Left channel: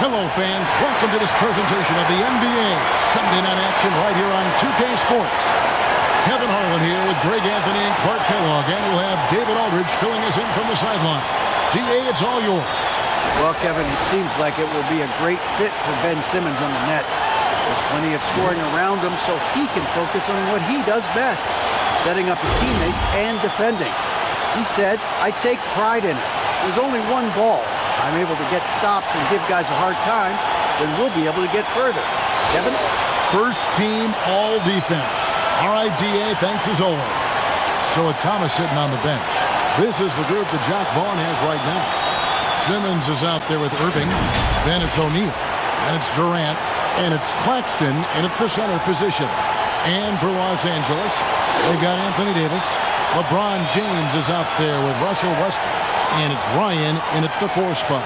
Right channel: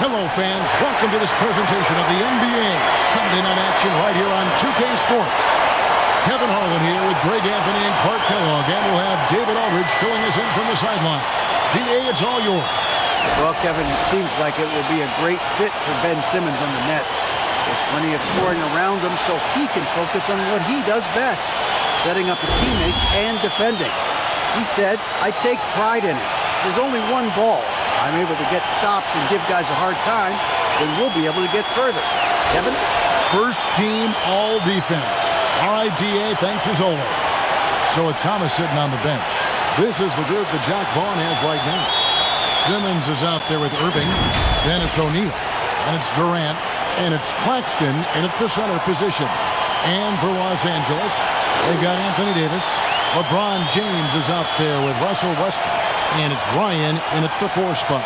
Hello, fans. Welcome to this presentation of the NBA Sunday Night Action right here on 2K Sports. Kevin Harlan here with Greg Anthony and Clark Kellogg, and we'll have David Aldridge filling us in from the sideline. DA, it's all yours. Well, Kevin, it seems like it will be a great fit for Ben Simmons on the Nets. There's plenty of scoring around him, so he can focus on what he does best, setting up his teammates and defending. He said, "I take pride in it. There's only one ball. If I'm able to get stops and give guys a hard time, then we'll be able to get further." Kevin? First team all defense. All right, DA, thanks as always. So with Thomas sitting on the bench, this is the group that Jack Vaughn has right now. Simmons is out there with Irving. Then it's O'Neal. And it's Durant. And it's Claxton in at the center position. And for Los Angeles, they've got Anthony Davis. LeBron James is out there with Russell Westbrook. And it's Ryan in at the 4 spot.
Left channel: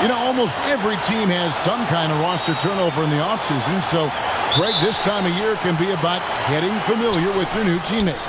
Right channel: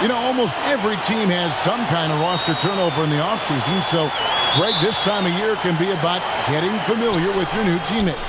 You know, almost every team has some kind of roster turnover in the offseason. So, Greg, this time of year can be about getting familiar with your new teammates.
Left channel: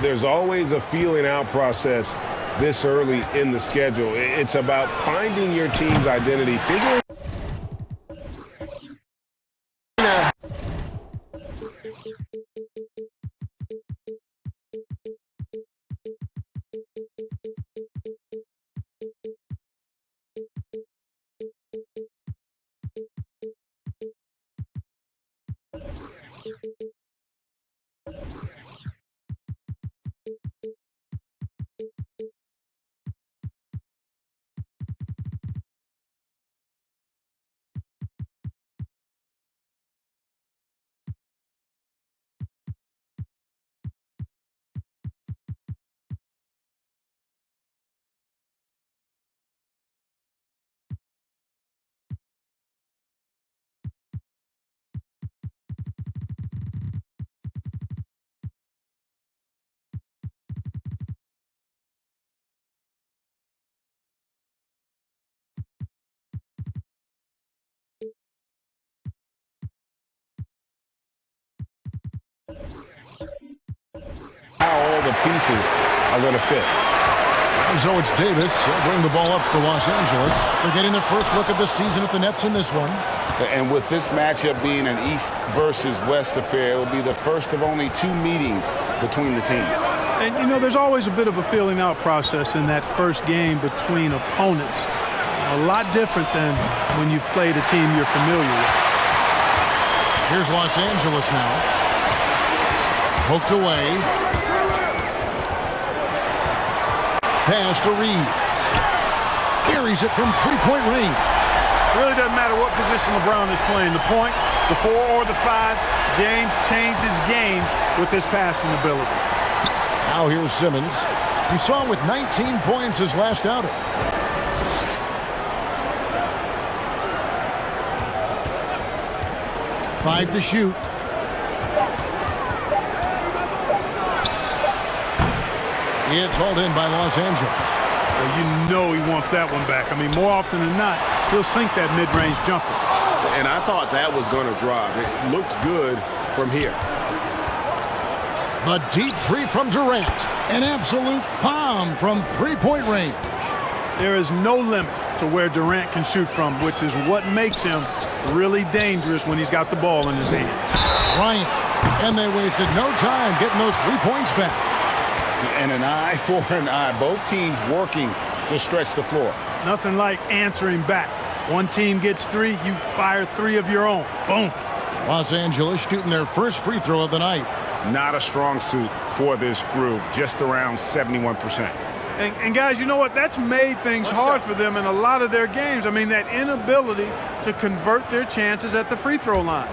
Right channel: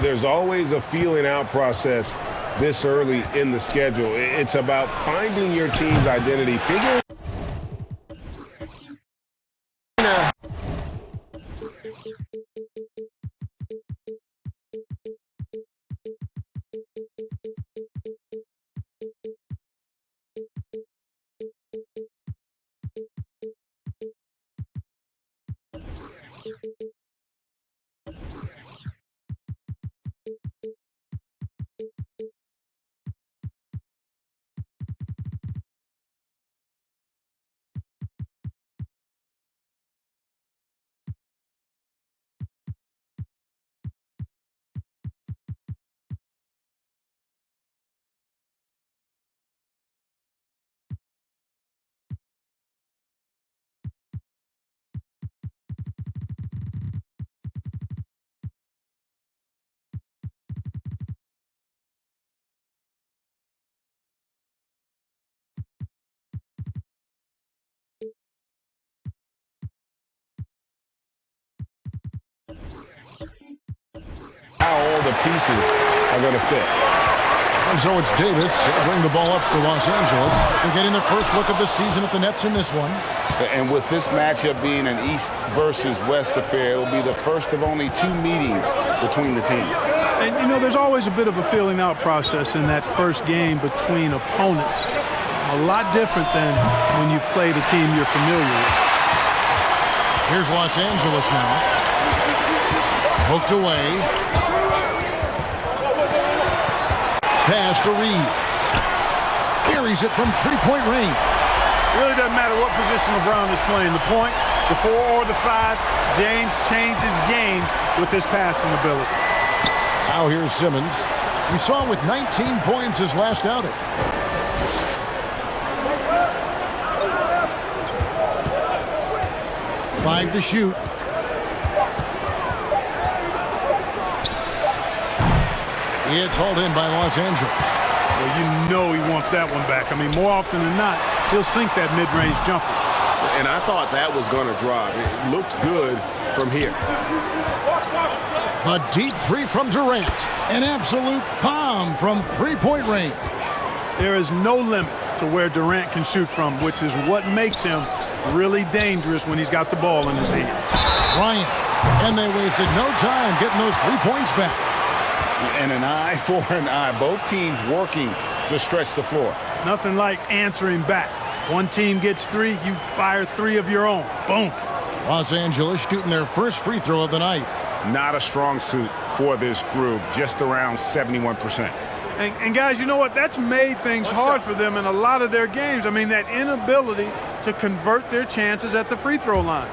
There's always a feeling out process this early in the schedule. It's about finding your team's identity, figuring out. How all the pieces are going to fit. And so it's Davis. He'll bring the ball up for Los Angeles. They're getting their first look of the season at the Nets in this one. And with this matchup being an East versus West affair, it'll be the first of only 2 meetings between the teams. And, you know, there's always a bit of a feeling out process in that first game between opponents. A lot different than when you've played a team you're familiar with. Here's Los Angeles now. Hooked away. Pass to Reeves. Carries it from 3-point range. Really doesn't matter what position LeBron is playing, the point, the 4 or the 5, James changes games with his passing ability. Now here's Simmons. We saw him with 19 points his last outing. Five to shoot. It's hauled in by Los Angeles. Well, you know he wants that one back. I mean, more often than not, he'll sink that mid-range jumper. And I thought that was going to drop. It looked good from here. The deep three from Durant. An absolute bomb from 3-point range. There is no limit to where Durant can shoot from, which is what makes him really dangerous when he's got the ball in his hand. Ryan. And they wasted no time getting those 3 points back. And an eye for an eye. Both teams working to stretch the floor. Nothing like answering back. One team gets 3, you fire 3 of your own. Boom. Los Angeles shooting their first free throw of the night. Not a strong suit for this group, just around 71%. And guys, you know what? That's made things hard for them in a lot of their games. I mean, that inability to convert their chances at the free throw line.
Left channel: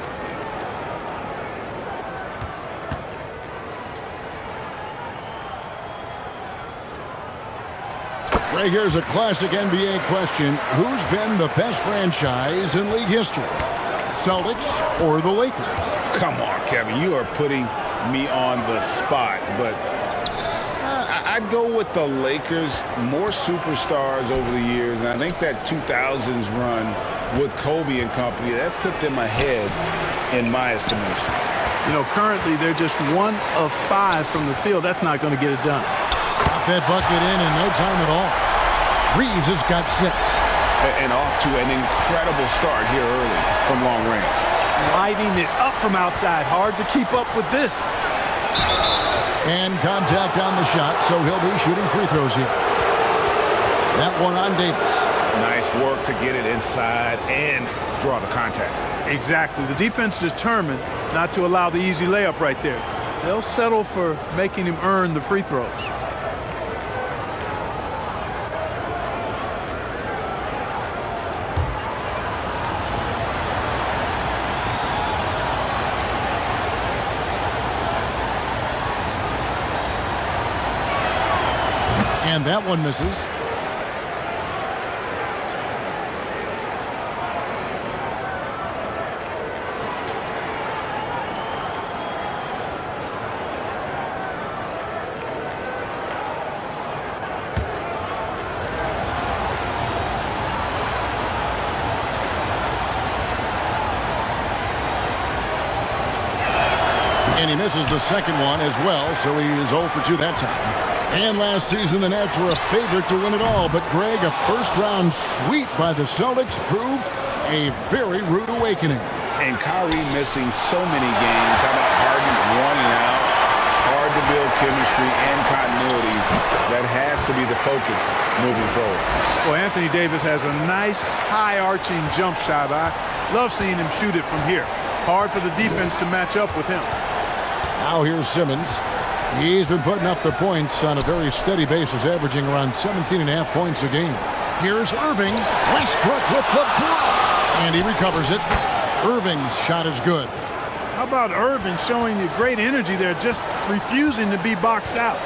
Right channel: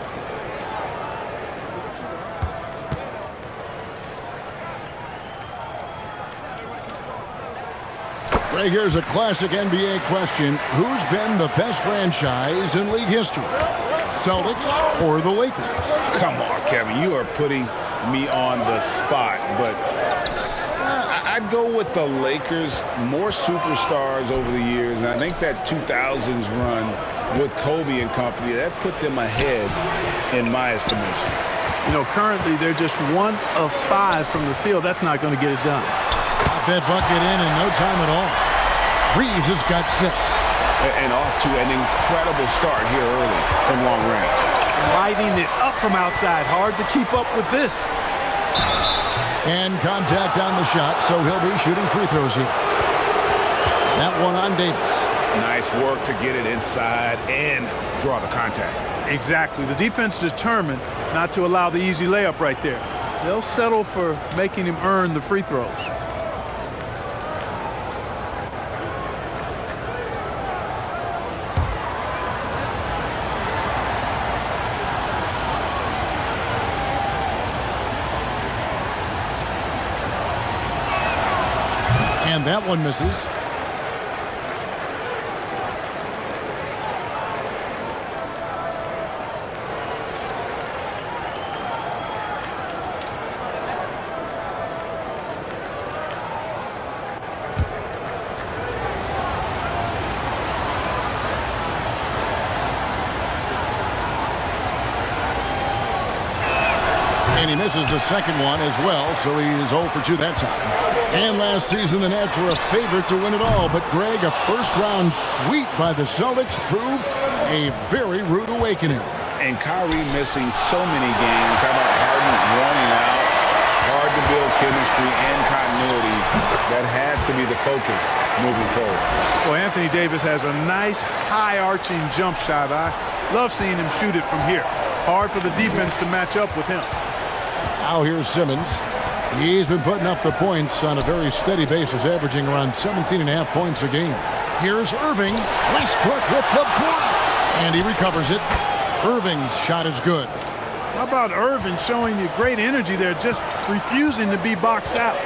Right, here's a classic NBA question. Who's been the best franchise in league history? Celtics or the Lakers? Come on, Kevin, you are putting me on the spot, but I'd go with the Lakers. More superstars over the years, and I think that 2000s run with Kobe and company, that put them ahead in my estimation. You know, currently they're just 1 of 5 from the field. That's not going to get it done. Got that bucket in no time at all. Reeves has got 6. And off to an incredible start here early from long range. Lighting it up from outside. Hard to keep up with this. And contact on the shot, so he'll be shooting free throws here. That one on Davis. Nice work to get it inside and draw the contact. Exactly. The defense determined not to allow the easy layup right there. They'll settle for making him earn the free throws. And that one misses. And he misses the second one as well, so he is 0 for 2 that time. And last season, the Nets were a favorite to win it all. But, Greg, a first-round sweep by the Celtics proved a very rude awakening. And Kyrie missing so many games. How about Harden wanting out? Hard to build chemistry and continuity. That has to be the focus moving forward. Well, Anthony Davis has a nice high-arching jump shot. I love seeing him shoot it from here. Hard for the defense to match up with him. Now here's Simmons. He's been putting up the points on a very steady basis, averaging around 17.5 points a game. Here's Irving. Westbrook with the block. And he recovers it. Irving's shot is good. How about Irving showing you great energy there, just refusing to be boxed out?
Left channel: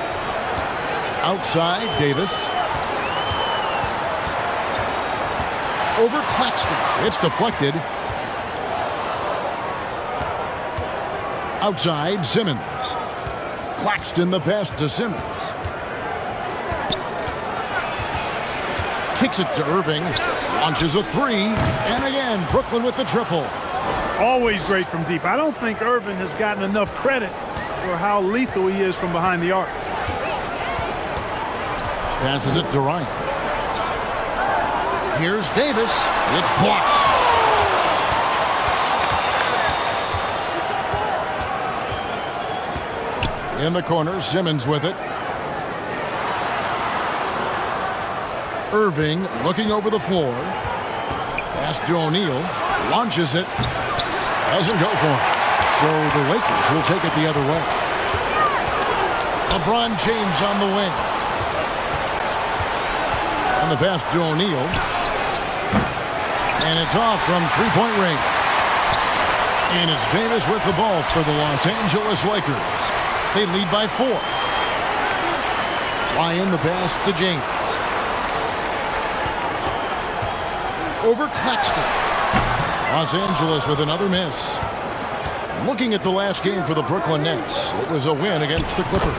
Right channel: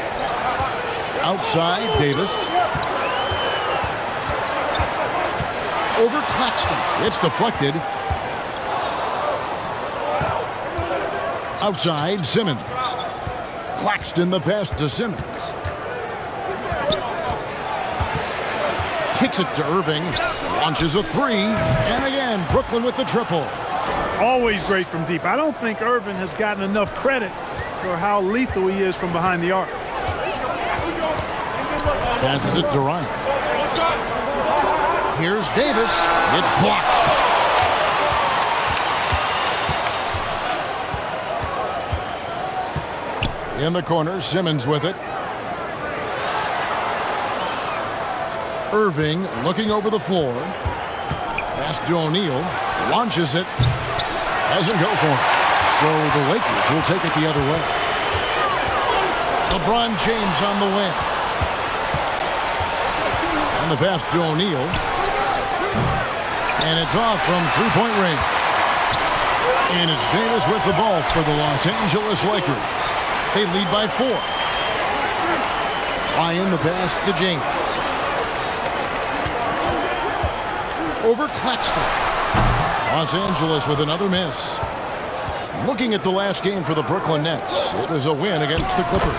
Outside, Davis. Over Claxton. It's deflected. Outside, Simmons. Claxton the pass to Simmons. Kicks it to Irving. Launches a 3. And again, Brooklyn with the triple. Always great from deep. I don't think Irving has gotten enough credit for how lethal he is from behind the arc. Passes it to Durant. Here's Davis. It's blocked. In the corner, Simmons with it. Irving looking over the floor. Pass to O'Neal. Launches it. Doesn't go for it. So the Lakers will take it the other way. LeBron James on the wing. And the pass to O'Neal. And it's off from three-point range. And it's Davis with the ball for the Los Angeles Lakers. They lead by 4. Ryan the pass to James. Over Claxton. Los Angeles with another miss. Looking at the last game for the Brooklyn Nets, it was a win against the Clippers.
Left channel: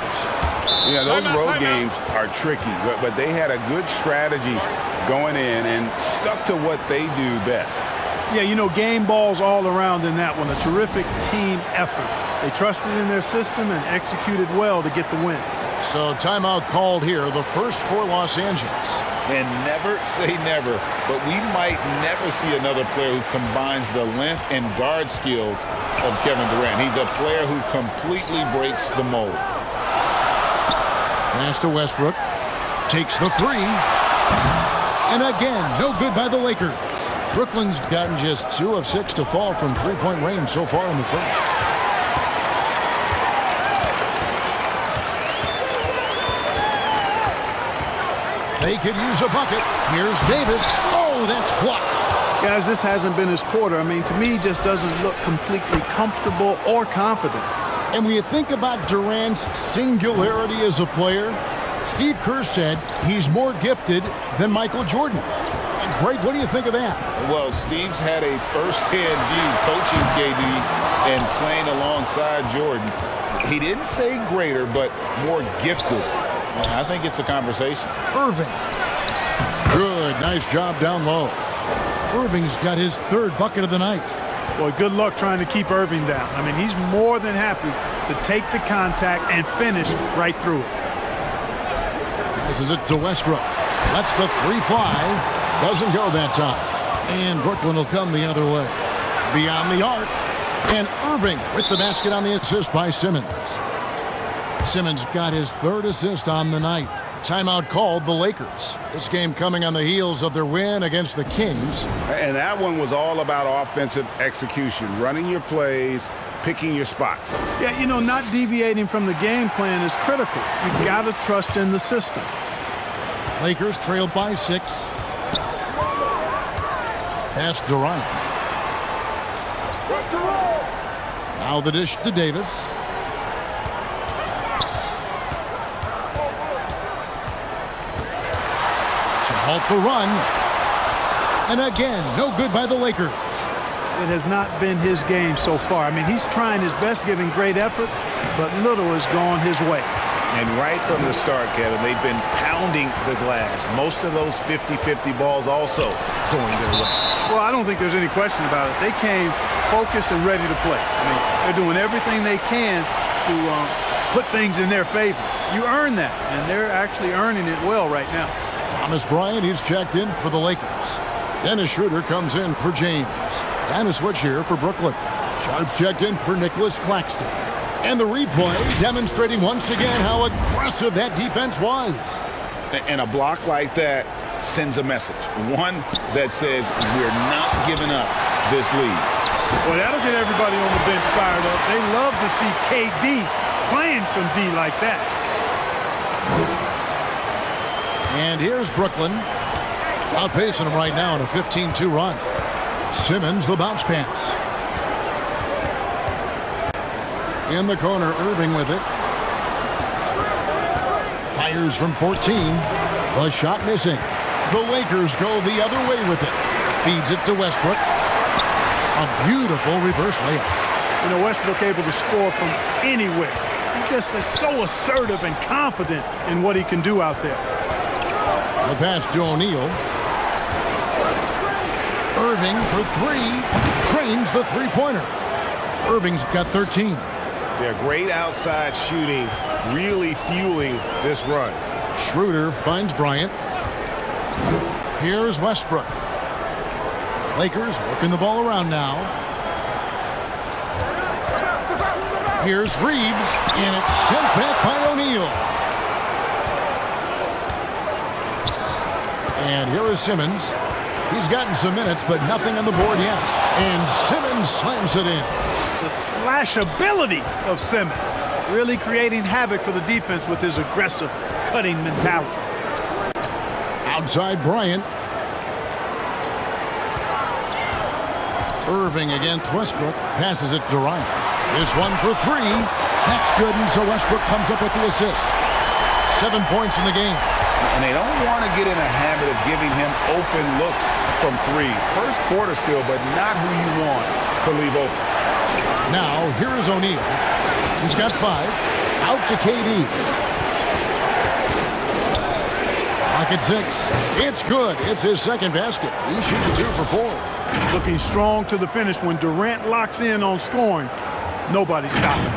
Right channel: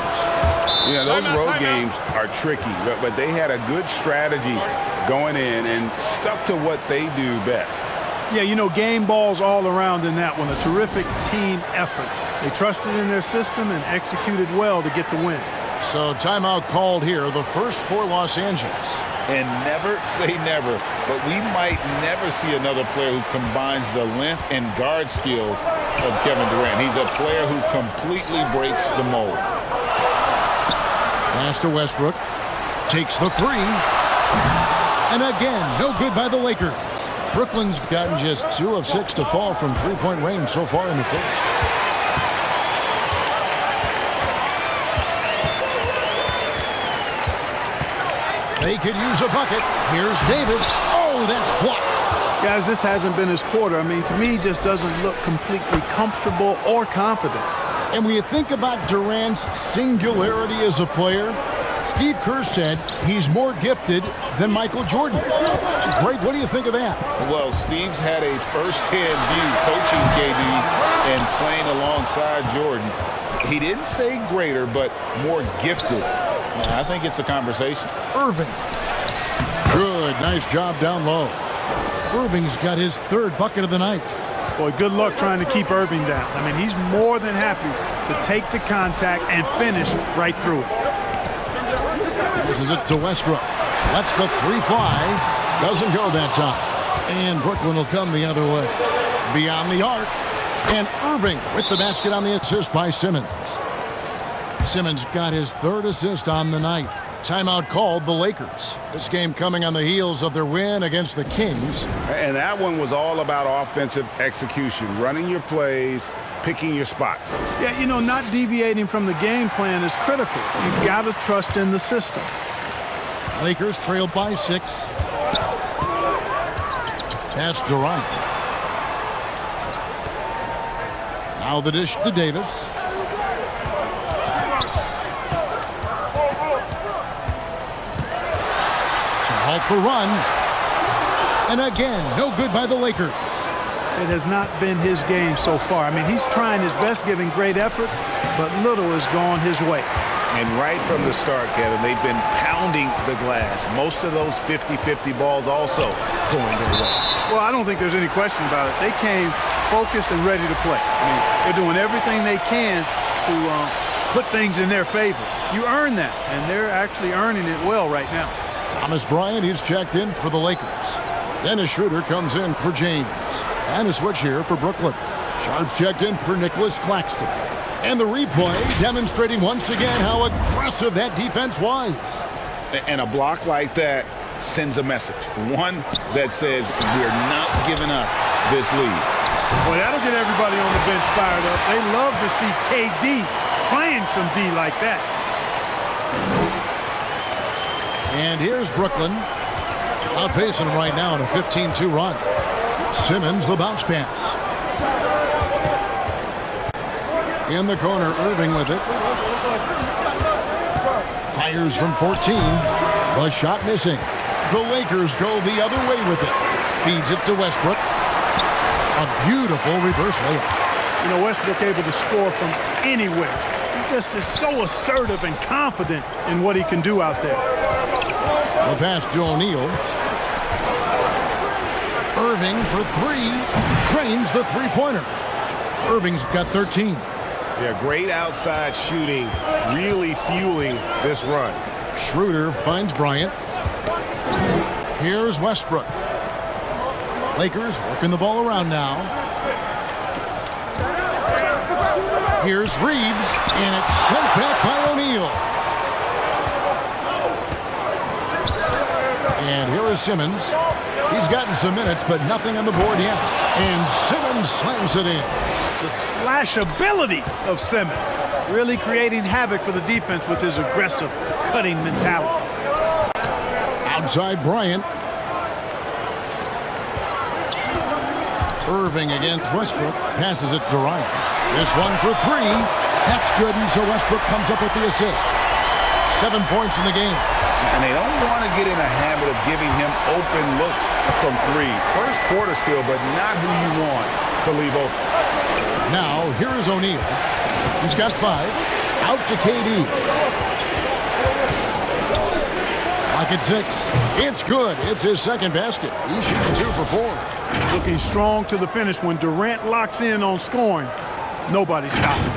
Yeah, those road games are tricky, but they had a good strategy going in and stuck to what they do best. Yeah, you know, game balls all around in that one. A terrific team effort. They trusted in their system and executed well to get the win. So timeout called here, the first for Los Angeles. And never say never, but we might never see another player who combines the length and guard skills of Kevin Durant. He's a player who completely breaks the mold. Pass to Westbrook. Takes the 3. And again, no good by the Lakers. Brooklyn's gotten just 2 of 6 to fall from three-point range so far in the first. They could use a bucket. Here's Davis. Oh, that's blocked. Guys, this hasn't been his quarter. I mean, to me, he just doesn't look completely comfortable or confident. And when you think about Durant's singularity as a player, Steve Kerr said he's more gifted than Michael Jordan. Greg, what do you think of that? Well, Steve's had a first-hand view coaching KD and playing alongside Jordan. He didn't say greater, but more gifted. And I think it's a conversation. Irving. Good. Nice job down low. Irving's got his 3rd bucket of the night. Boy, good luck trying to keep Irving down. I mean, he's more than happy to take the contact and finish right through it. Passes it to Westbrook. Lets the 3 fly. Doesn't go that time. And Brooklyn will come the other way. Beyond the arc. And Irving with the basket on the assist by Simmons. Simmons got his 3rd assist on the night. Timeout called the Lakers. This game coming on the heels of their win against the Kings. And that one was all about offensive execution, running your plays, picking your spots. Yeah, you know, not deviating from the game plan is critical. You've got to trust in the system. Lakers trailed by 6. Pass Durant. Now the dish to Davis. To halt the run. And again, no good by the Lakers. It has not been his game so far. I mean, he's trying his best, giving great effort, but little has gone his way. And right from the start, Kevin, they've been pounding the glass. Most of those 50-50 balls also going their way. Well, I don't think there's any question about it. They came focused and ready to play. I mean, they're doing everything they can to put things in their favor. You earn that, and they're actually earning it well right now. Thomas Bryant, he's checked in for the Lakers. Dennis Schroeder comes in for James. And a switch here for Brooklyn. Sharp's checked in for Nicholas Claxton. And the replay demonstrating once again how aggressive that defense was. And a block like that sends a message. One that says we're not giving up this lead. Well, that'll get everybody on the bench fired up. They love to see KD playing some D like that. And here's Brooklyn. Outpacing them right now in a 15-2 run. Simmons, the bounce pass. In the corner, Irving with it. Fires from 14. The shot missing. The Lakers go the other way with it. Feeds it to Westbrook. A beautiful reverse layup. You know, Westbrook able to score from anywhere. He just is so assertive and confident in what he can do out there. The pass to O'Neal. Irving for 3. Trains the three-pointer. Irving's got 13. Yeah, great outside shooting, really fueling this run. Schroeder finds Bryant. Here's Westbrook. Lakers working the ball around now. Here's Reeves, and it's sent back by O'Neal. And here is Simmons. He's gotten some minutes, but nothing on the board yet. And Simmons slams it in. The slash ability of Simmons, really creating havoc for the defense with his aggressive cutting mentality. Outside Bryant. Irving against Westbrook. Passes it to Ryan. This one for 3. That's good, and so Westbrook comes up with the assist. 7 points in the game. And they don't want to get in a habit of giving him open looks from 3. First quarter still, but not who you want to leave open. Now, here is O'Neal. He's got 5. Out to KD. Lock at 6. It's good. It's his second basket. He's shooting 2 for 4. Looking strong to the finish. When Durant locks in on scoring, nobody's stopping.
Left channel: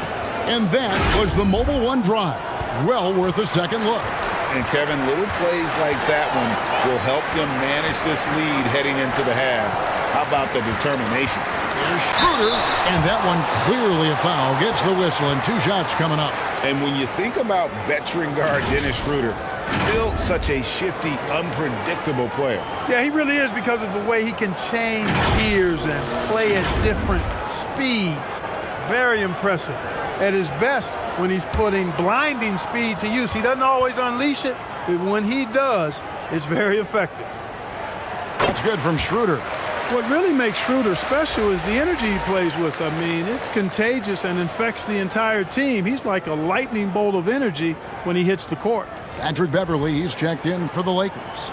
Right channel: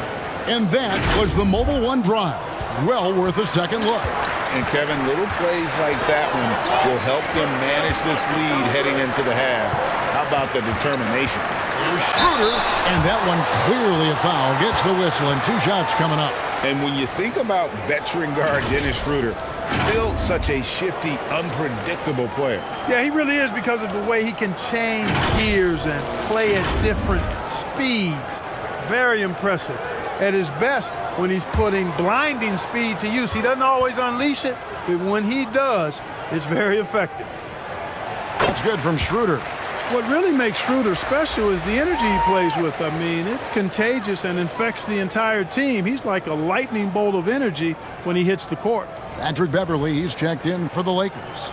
And that was the Mobile One drive. Well worth a second look. And Kevin, little plays like that one will help them manage this lead heading into the half. How about the determination? Here's Schroeder, and that one clearly a foul. Gets the whistle, and 2 shots coming up. And when you think about veteran guard Dennis Schroeder, still such a shifty, unpredictable player. Yeah, he really is because of the way he can change gears and play at different speeds. Very impressive. At his best when he's putting blinding speed to use. He doesn't always unleash it, but when he does, it's very effective. That's good from Schroeder. What really makes Schroeder special is the energy he plays with. I mean, it's contagious and infects the entire team. He's like a lightning bolt of energy when he hits the court. Patrick Beverley, he's checked in for the Lakers.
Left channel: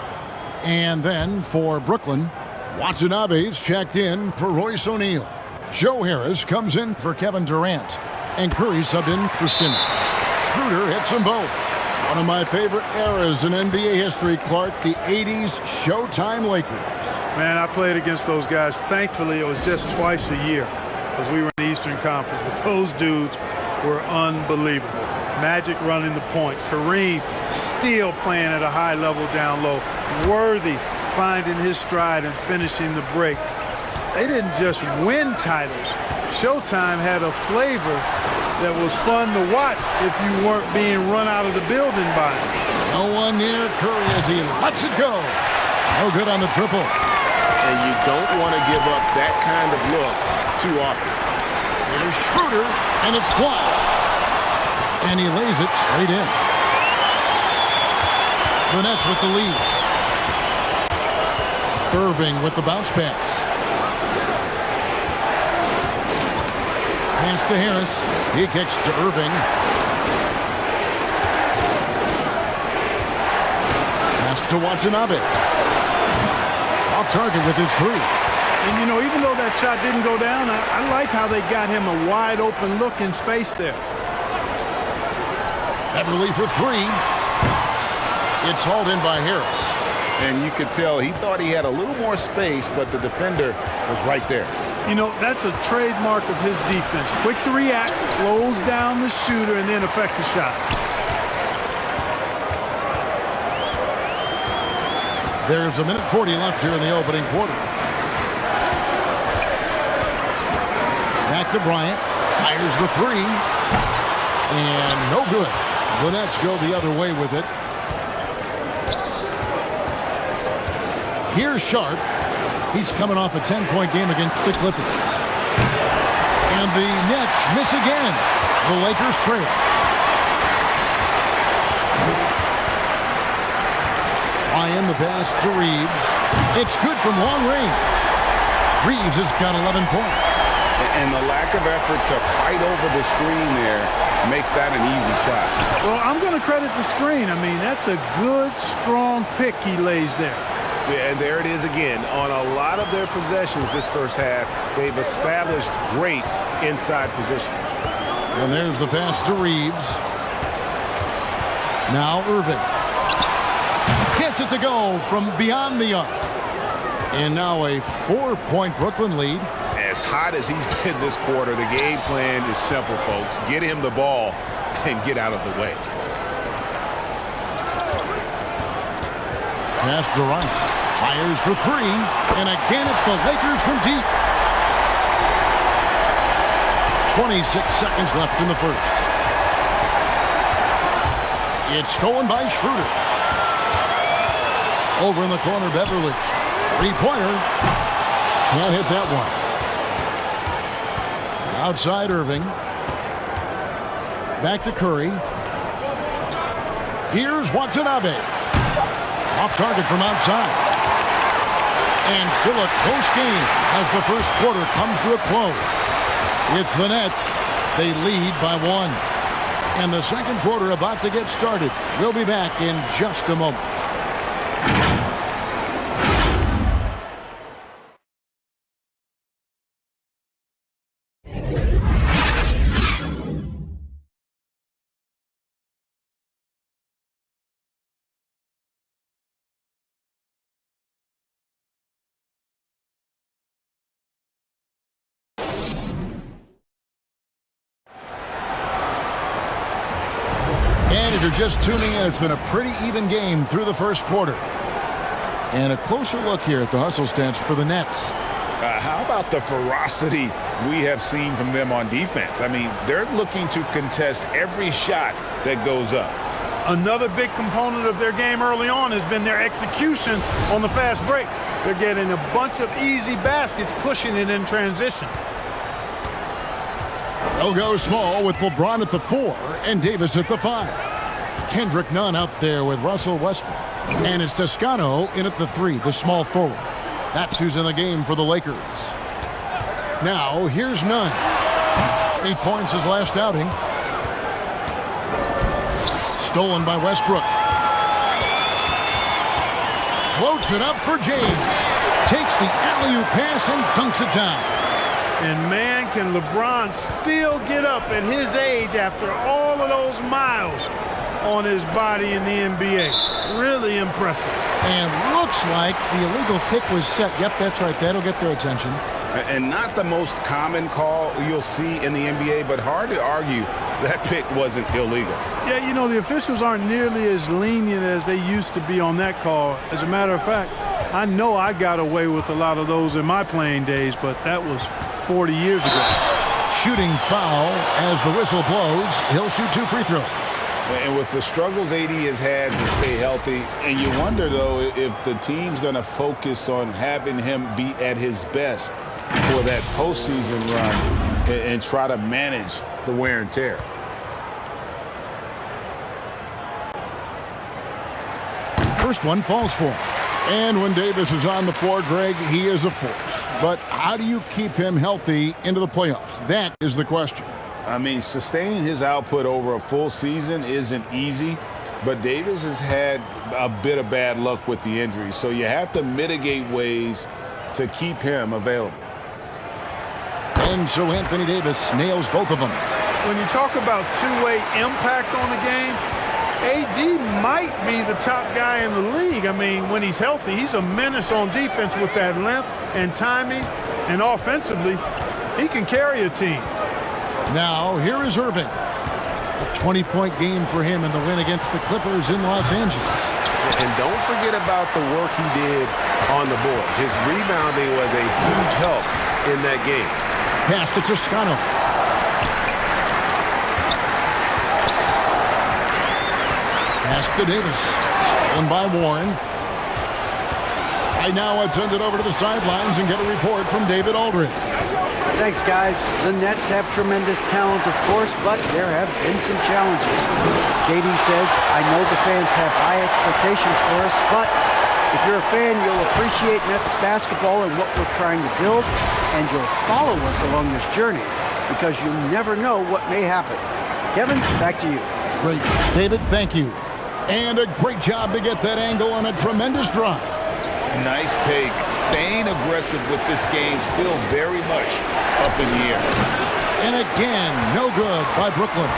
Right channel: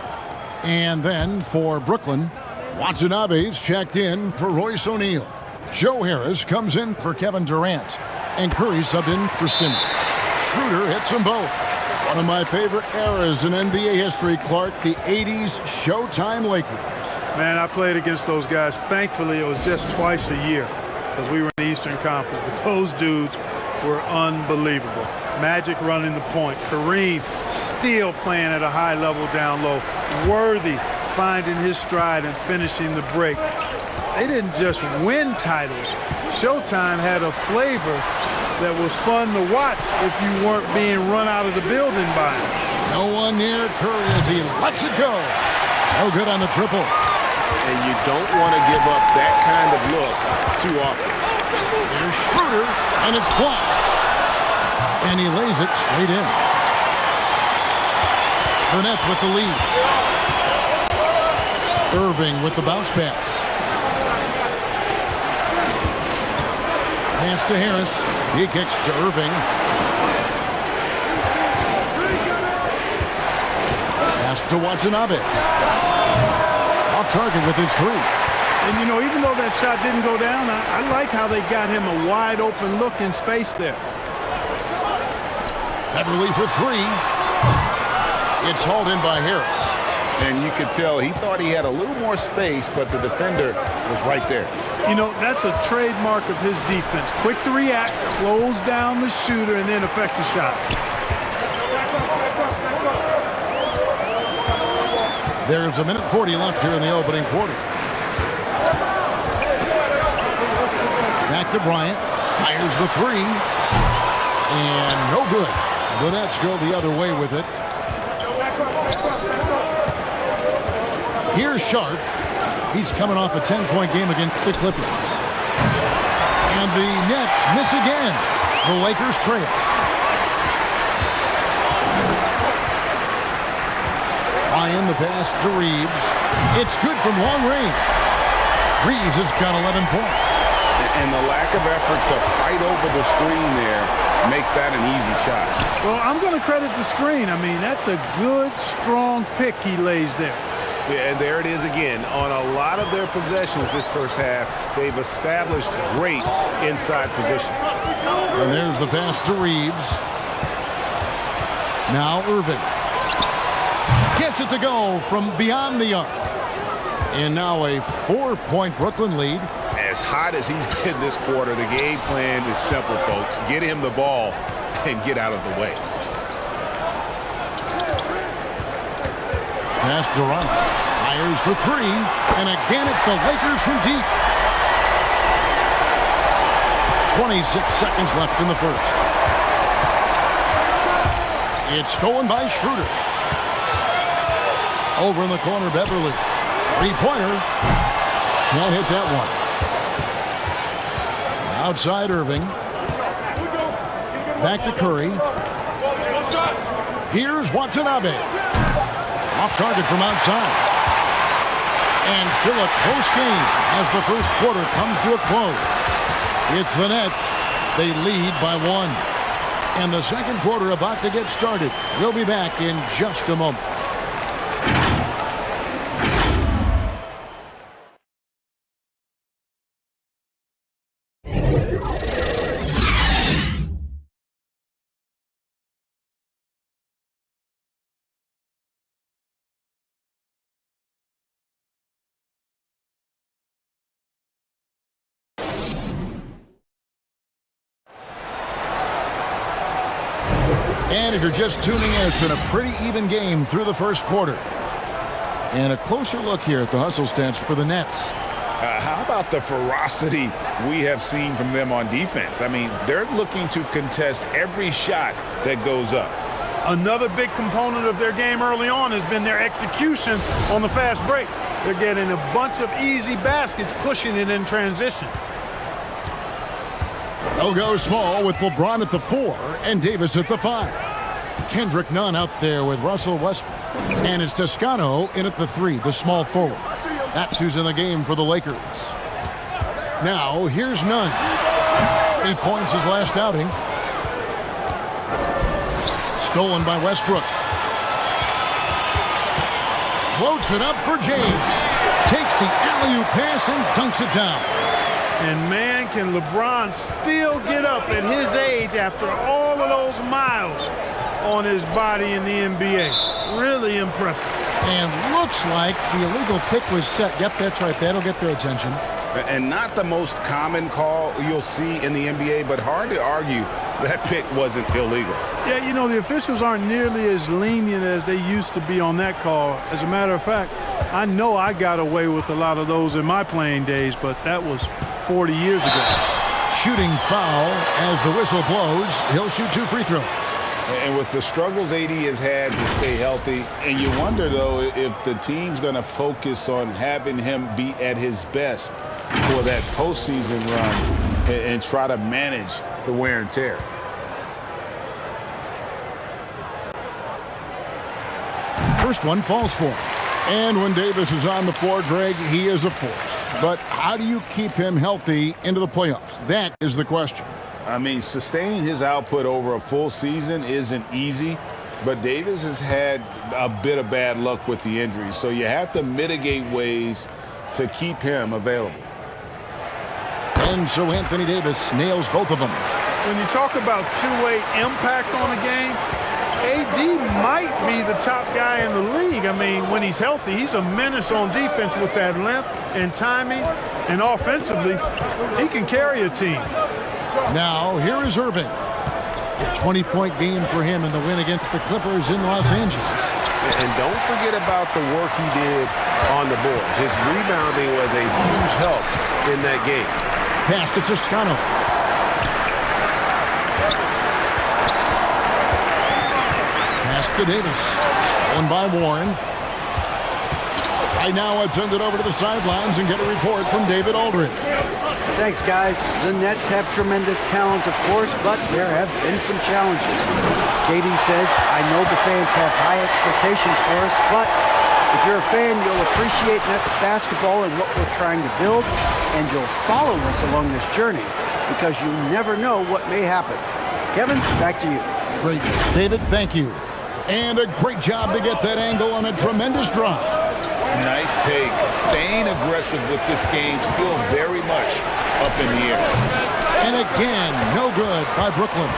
And then for Brooklyn, Watanabe's checked in for Royce O'Neal. Joe Harris comes in for Kevin Durant. And Curry subbed in for Simmons. Schroeder hits them both. One of my favorite eras in NBA history, Clark, the 80s Showtime Lakers. Man, I played against those guys. Thankfully, it was just twice a year because we were in the Eastern Conference. But those dudes were unbelievable. Magic running the point. Kareem still playing at a high level down low. Worthy finding his stride and finishing the break. They didn't just win titles. Showtime had a flavor that was fun to watch if you weren't being run out of the building by him. No one near Curry as he lets it go. No good on the triple. And you don't want to give up that kind of look too often. Here's Schroeder, and it's blocked. And he lays it straight in. The Nets with the lead. Irving with the bounce pass. Pass to Harris. He kicks to Irving. Pass to Watanabe. Off target with his three. And, you know, even though that shot didn't go down, I like how they got him a wide open look in space there. Beverley for three. It's hauled in by Harris. And you could tell he thought he had a little more space, but the defender was right there. You know, that's a trademark of his defense. Quick to react, close down the shooter, and then affect the shot. There's 1:40 left here in the opening quarter. Back to Bryant. Fires the three. And no good. The Nets go the other way with it. Here's Sharp. He's coming off a 10-point game against the Clippers. And the Nets miss again. The Lakers trail. Ryan the pass to Reeves. It's good from long range. Reeves has got 11 points. And the lack of effort to fight over the screen there makes that an easy shot. Well, I'm going to credit the screen. I mean, that's a good, strong pick he lays there. Yeah, and there it is again. On a lot of their possessions this first half, they've established great inside position. And there's the pass to Reeves. Now Irving. Gets it to go from beyond the arc. And now a 4-point Brooklyn lead. As hot as he's been this quarter, the game plan is simple, folks. Get him the ball and get out of the way. Pass Durant. Fires for three. And again, it's the Lakers from deep. 26 seconds left in the first. It's stolen by Schroeder. Over in the corner, Beverley. Three-pointer. Can't hit that one. Outside Irving. Back to Curry. Here's Watanabe. Off target from outside. And still a close game as the first quarter comes to a close. It's the Nets. They lead by 1. And the second quarter about to get started. We'll be back in just a moment. And if you're just tuning in, it's been a pretty even game through the first quarter. And a closer look here at the hustle stats for the Nets. How about the ferocity we have seen from them on defense? I mean, they're looking to contest every shot that goes up. Another big component of their game early on has been their execution on the fast break. They're getting a bunch of easy baskets, pushing it in transition. They'll go small with LeBron at the 4 and Davis at the 5. Kendrick Nunn out there with Russell Westbrook. And it's Toscano in at the 3, the small forward. That's who's in the game for the Lakers. Now, here's Nunn. 8 points his last outing. Stolen by Westbrook. Floats it up for James. Takes the alley-oop pass and dunks it down. And man, can LeBron still get up at his age after all of those miles on his body in the NBA. Really impressive. And looks like the illegal kick was set. Yep, that's right. That'll get their attention. And not the most common call you'll see in the NBA, but hard to argue that pick wasn't illegal. Yeah, you know, the officials aren't nearly as lenient as they used to be on that call. As a matter of fact, I know I got away with a lot of those in my playing days, but that was 40 years ago. Shooting foul as the whistle blows. He'll shoot 2 free throws. And with the struggles AD has had to stay healthy, and you wonder, though, if the team's going to focus on having him be at his best for that postseason run and try to manage the wear and tear. First one falls for him. And when Davis is on the floor, Greg, he is a force. But how do you keep him healthy into the playoffs? That is the question. I mean, sustaining his output over a full season isn't easy, but Davis has had a bit of bad luck with the injuries, so you have to mitigate ways to keep him available. And so Anthony Davis nails both of them. When you talk about two-way impact on the game, AD might be the top guy in the league. I mean, when he's healthy, he's a menace on defense with that length and timing, and offensively, he can carry a team. Now, here is Irving. A 20-point game for him in the win against the Clippers in Los Angeles. And don't forget about the work he did on the boards. His rebounding was a huge help in that game. Pass to Toscano. Pass to Davis. Stolen by Warren. Right now, let's send it over to the sidelines and get a report from David Aldridge. Thanks, guys. The Nets have tremendous talent, of course, but there have been some challenges. Katie says, I know the fans have high expectations for us, but if you're a fan, you'll appreciate Nets basketball and what we're trying to build, and you'll follow us along this journey because you never know what may happen. Kevin, back to you. Great. David, thank you. And a great job to get that angle on a tremendous drive. Nice take. Staying aggressive with this game, still very much up in the air. And again, no good by Brooklyn.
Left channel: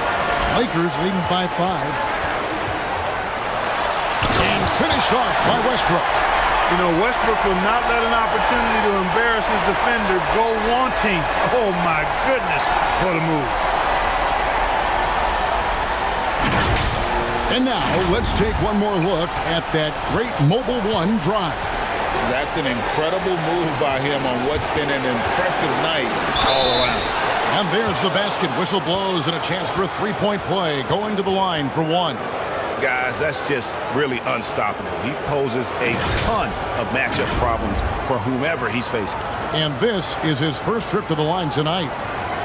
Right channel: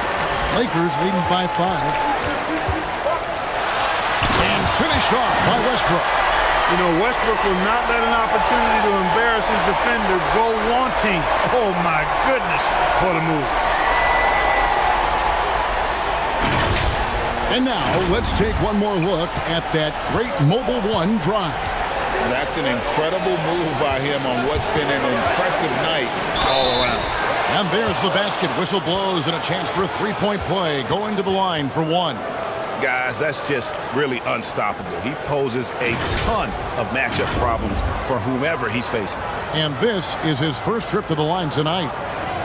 Lakers leading by 5. And finished off by Westbrook. You know, Westbrook will not let an opportunity to embarrass his defender go wanting. Oh, my goodness, what a move. And now, let's take one more look at that great Mobile One drive. That's an incredible move by him on what's been an impressive night all around. And there's the basket. Whistle blows and a chance for a three-point play. Going to the line for 1. Guys, that's just really unstoppable. He poses a ton of matchup problems for whomever he's facing. And this is his first trip to the line tonight.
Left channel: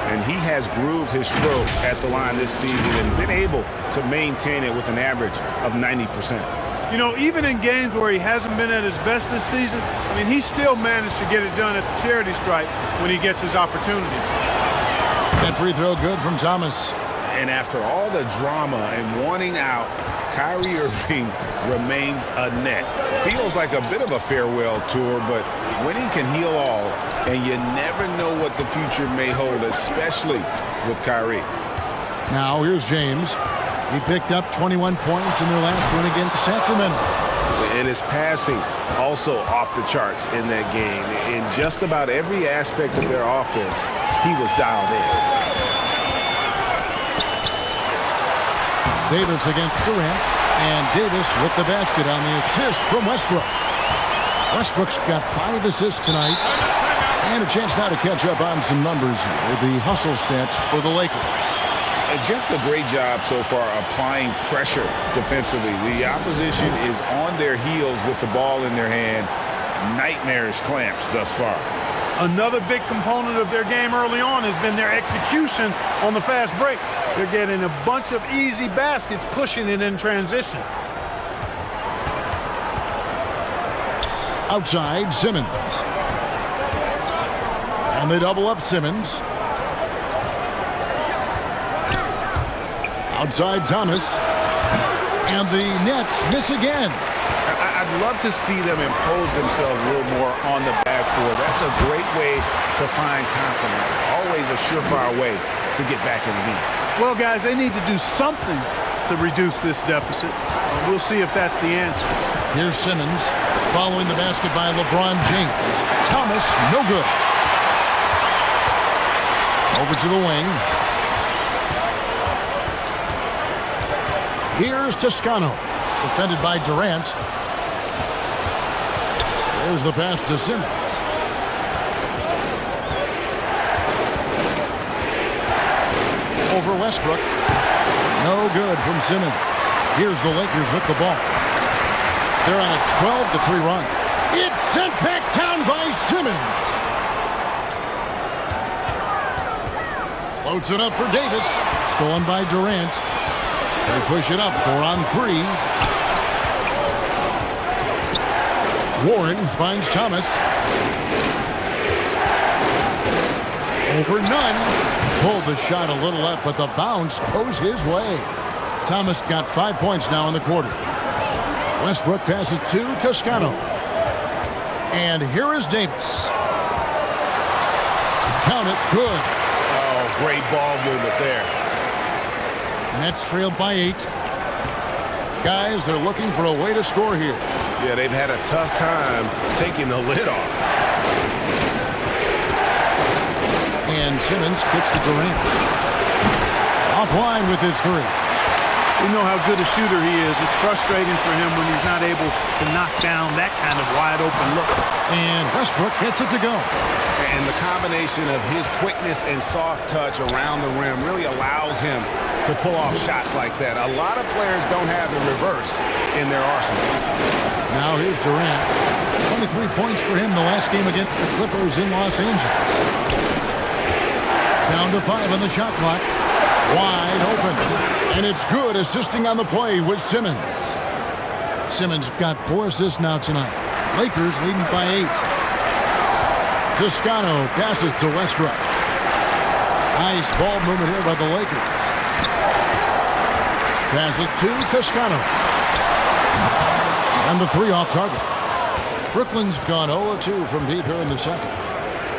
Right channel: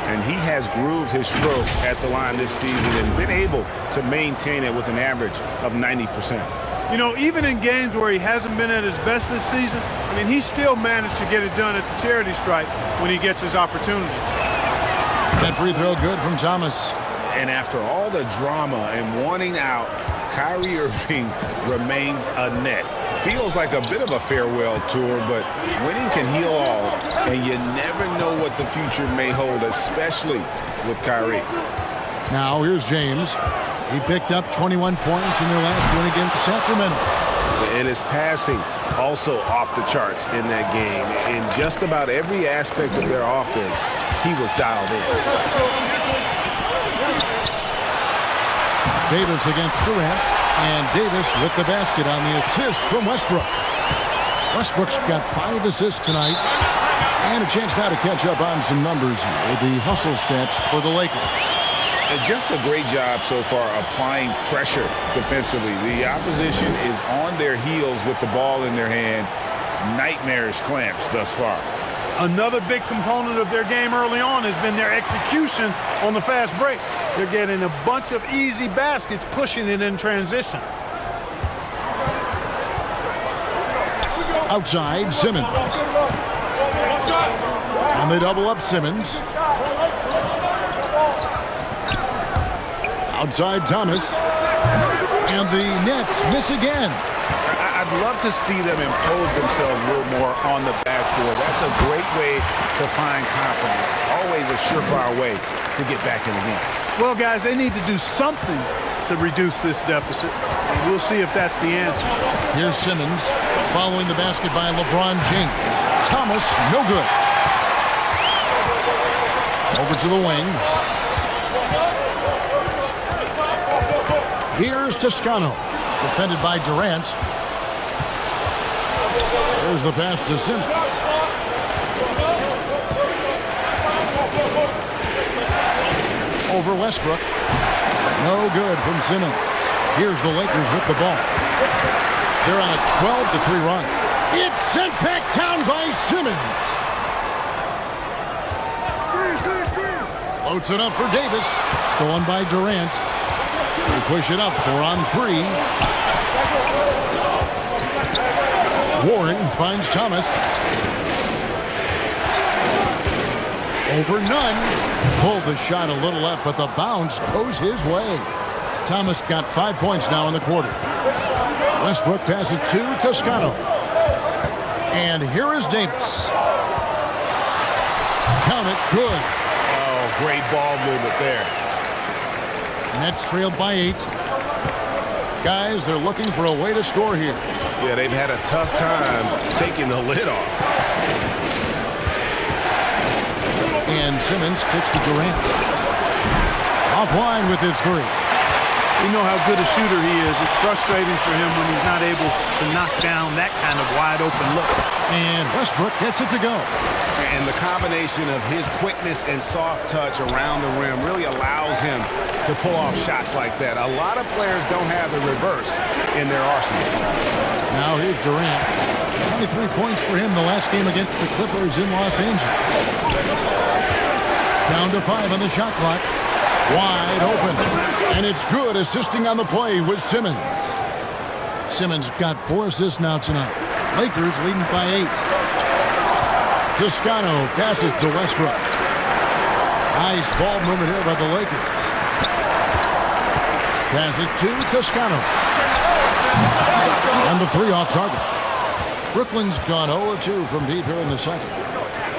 And he has grooved his stroke at the line this season and been able to maintain it with an average of 90%. You know, even in games where he hasn't been at his best this season, I mean, he still managed to get it done at the charity stripe when he gets his opportunities. That free throw good from Thomas. And after all the drama and wanting out, Kyrie Irving remains a net. Feels like a bit of a farewell tour, but winning can heal all, and you never know what the future may hold, especially with Kyrie. Now here's James. He picked up 21 points in their last win against Sacramento. And his passing also off the charts in that game. In just about every aspect of their offense, he was dialed in. Davis against Durant, and Davis with the basket on the assist from Westbrook. Westbrook's got 5 assists tonight, and a chance now to catch up on some numbers here. The hustle stats for the Lakers. Just a great job so far applying pressure defensively. The opposition is on their heels with the ball in their hand. Nightmarish clamps thus far. Another big component of their game early on has been their execution on the fast break. They're getting a bunch of easy baskets, pushing it in transition. Outside, Simmons. And they double up Simmons. Outside Thomas. And the Nets miss again. I'd love to see them impose themselves a little more on the backboard. That's a great way to find confidence. Always a surefire way to get back in the game. Well, guys, they need to do something to reduce this deficit. We'll see if that's the answer. Here's Simmons following the basket by LeBron James. Thomas, no good. Over to the wing. Here's Toscano, defended by Durant. There's the pass to Simmons. Over Westbrook. No good from Simmons. Here's the Lakers with the ball. They're on a 12-3 run. It's sent back down by Simmons. Floats it up for Davis. Stolen by Durant. They push it up 4-on-3. Warren finds Thomas. Over none. Pulled the shot a little up, but the bounce goes his way. Thomas got 5 points now in the quarter. Westbrook passes to Toscano. And here is Davis. Count it, good. Oh, great ball movement there. Nets trailed by 8. Guys, they're looking for a way to score here. Yeah, they've had a tough time taking the lid off. And Simmons kicks to Durant. Offline with his 3. We know how good a shooter he is. It's frustrating for him when he's not able to knock down that kind of wide open look. And Westbrook gets it to go. And the combination of his quickness and soft touch around the rim really allows him to pull off shots like that. A lot of players don't have the reverse in their arsenal. Now here's Durant. 23 points for him the last game against the Clippers in Los Angeles. Down to 5 on the shot clock. Wide open. And it's good, assisting on the play with Simmons. Simmons got 4 assists now tonight. Lakers leading by 8. Toscano passes to Westbrook. Nice ball movement here by the Lakers. Passes to Toscano. And the 3 off target. Brooklyn's gone 0-2 from deep here in the second.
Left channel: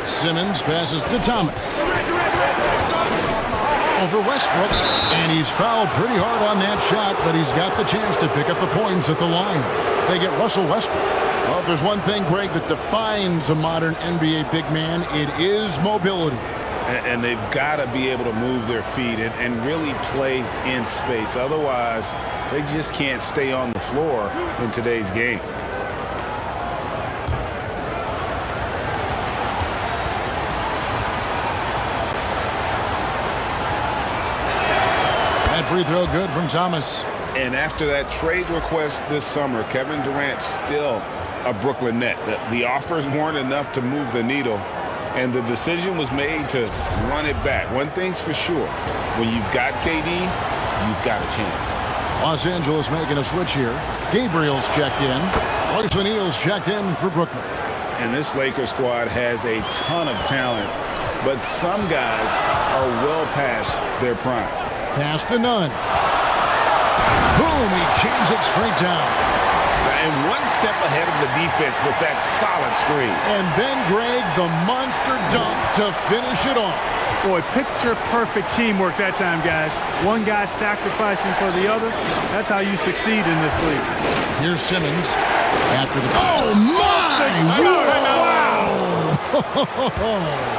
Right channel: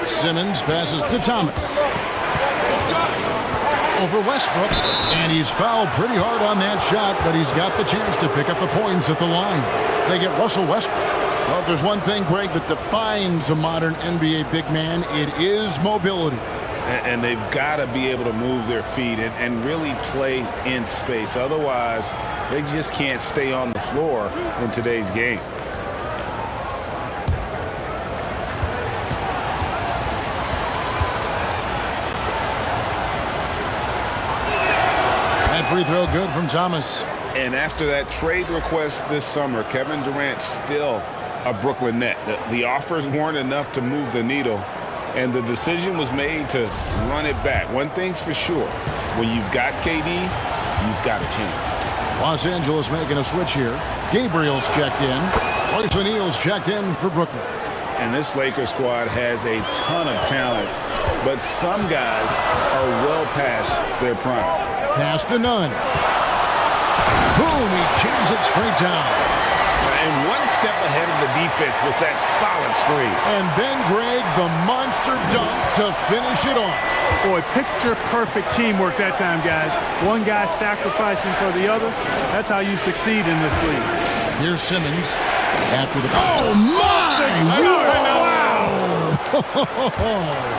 Simmons passes to Thomas. Over Westbrook. And he's fouled pretty hard on that shot, but he's got the chance to pick up the points at the line. They get Russell Westbrook. Well, if there's one thing, Greg, that defines a modern NBA big man, it is mobility. And they've got to be able to move their feet and really play in space. Otherwise, they just can't stay on the floor in today's game. That free throw good from Thomas. And after that trade request this summer, Kevin Durant still a Brooklyn Net. The offers weren't enough to move the needle, and the decision was made to run it back. One thing's for sure, when you've got KD, you've got a chance. Los Angeles making a switch here. Gabriel's checked in. Royce O'Neal's checked in for Brooklyn. And this Lakers squad has a ton of talent, but some guys are well past their prime. Pass to Nunn. Boom, he jams it straight down. And one step ahead of the defense with that solid screen. And then, Greg, the monster dunk to finish it off. Boy, picture-perfect teamwork that time, guys. One guy sacrificing for the other. That's how you succeed in this league. Here's Simmons after the... Oh, my! Wow!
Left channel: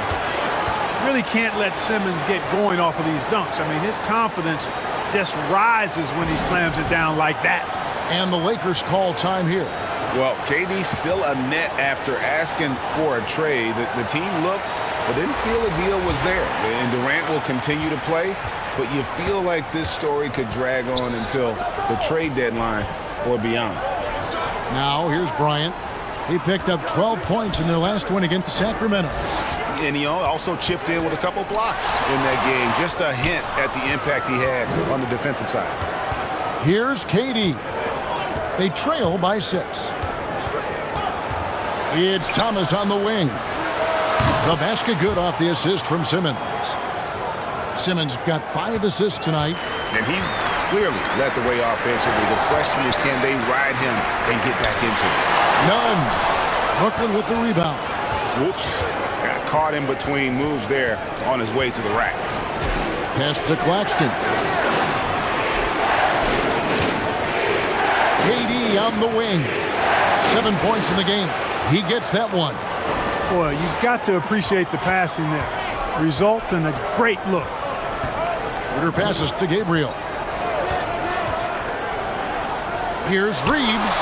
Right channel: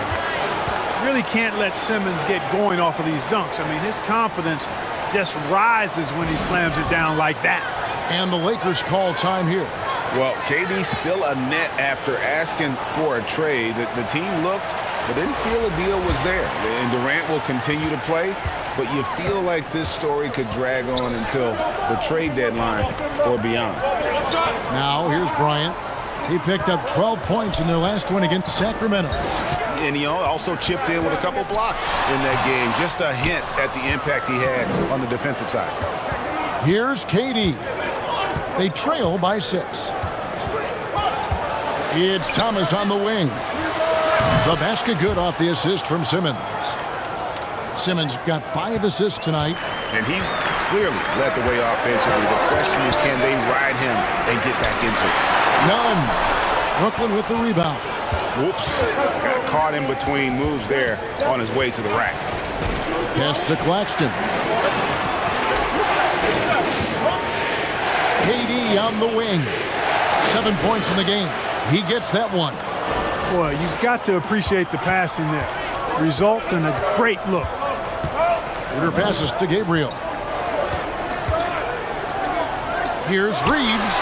Really can't let Simmons get going off of these dunks. I mean, his confidence just rises when he slams it down like that. And the Lakers call time here. Well, KD's still a net after asking for a trade. The team looked but didn't feel a deal was there. And Durant will continue to play, but you feel like this story could drag on until the trade deadline or beyond. Now here's Bryant. He picked up 12 points in their last win against Sacramento. And he also chipped in with a couple blocks in that game. Just a hint at the impact he had on the defensive side. Here's KD. They trail by 6. It's Thomas on the wing. The basket good off the assist from Simmons. Simmons got 5 assists tonight. And he's clearly led the way offensively. The question is, can they ride him and get back into it? None. Brooklyn with the rebound. Whoops. Got caught in between moves there on his way to the rack. Pass to Claxton. KD on the wing. 7 points in the game. He gets that one. Boy, you've got to appreciate the passing there. Results in a great look. Schroeder passes to Gabriel. Here's Reeves.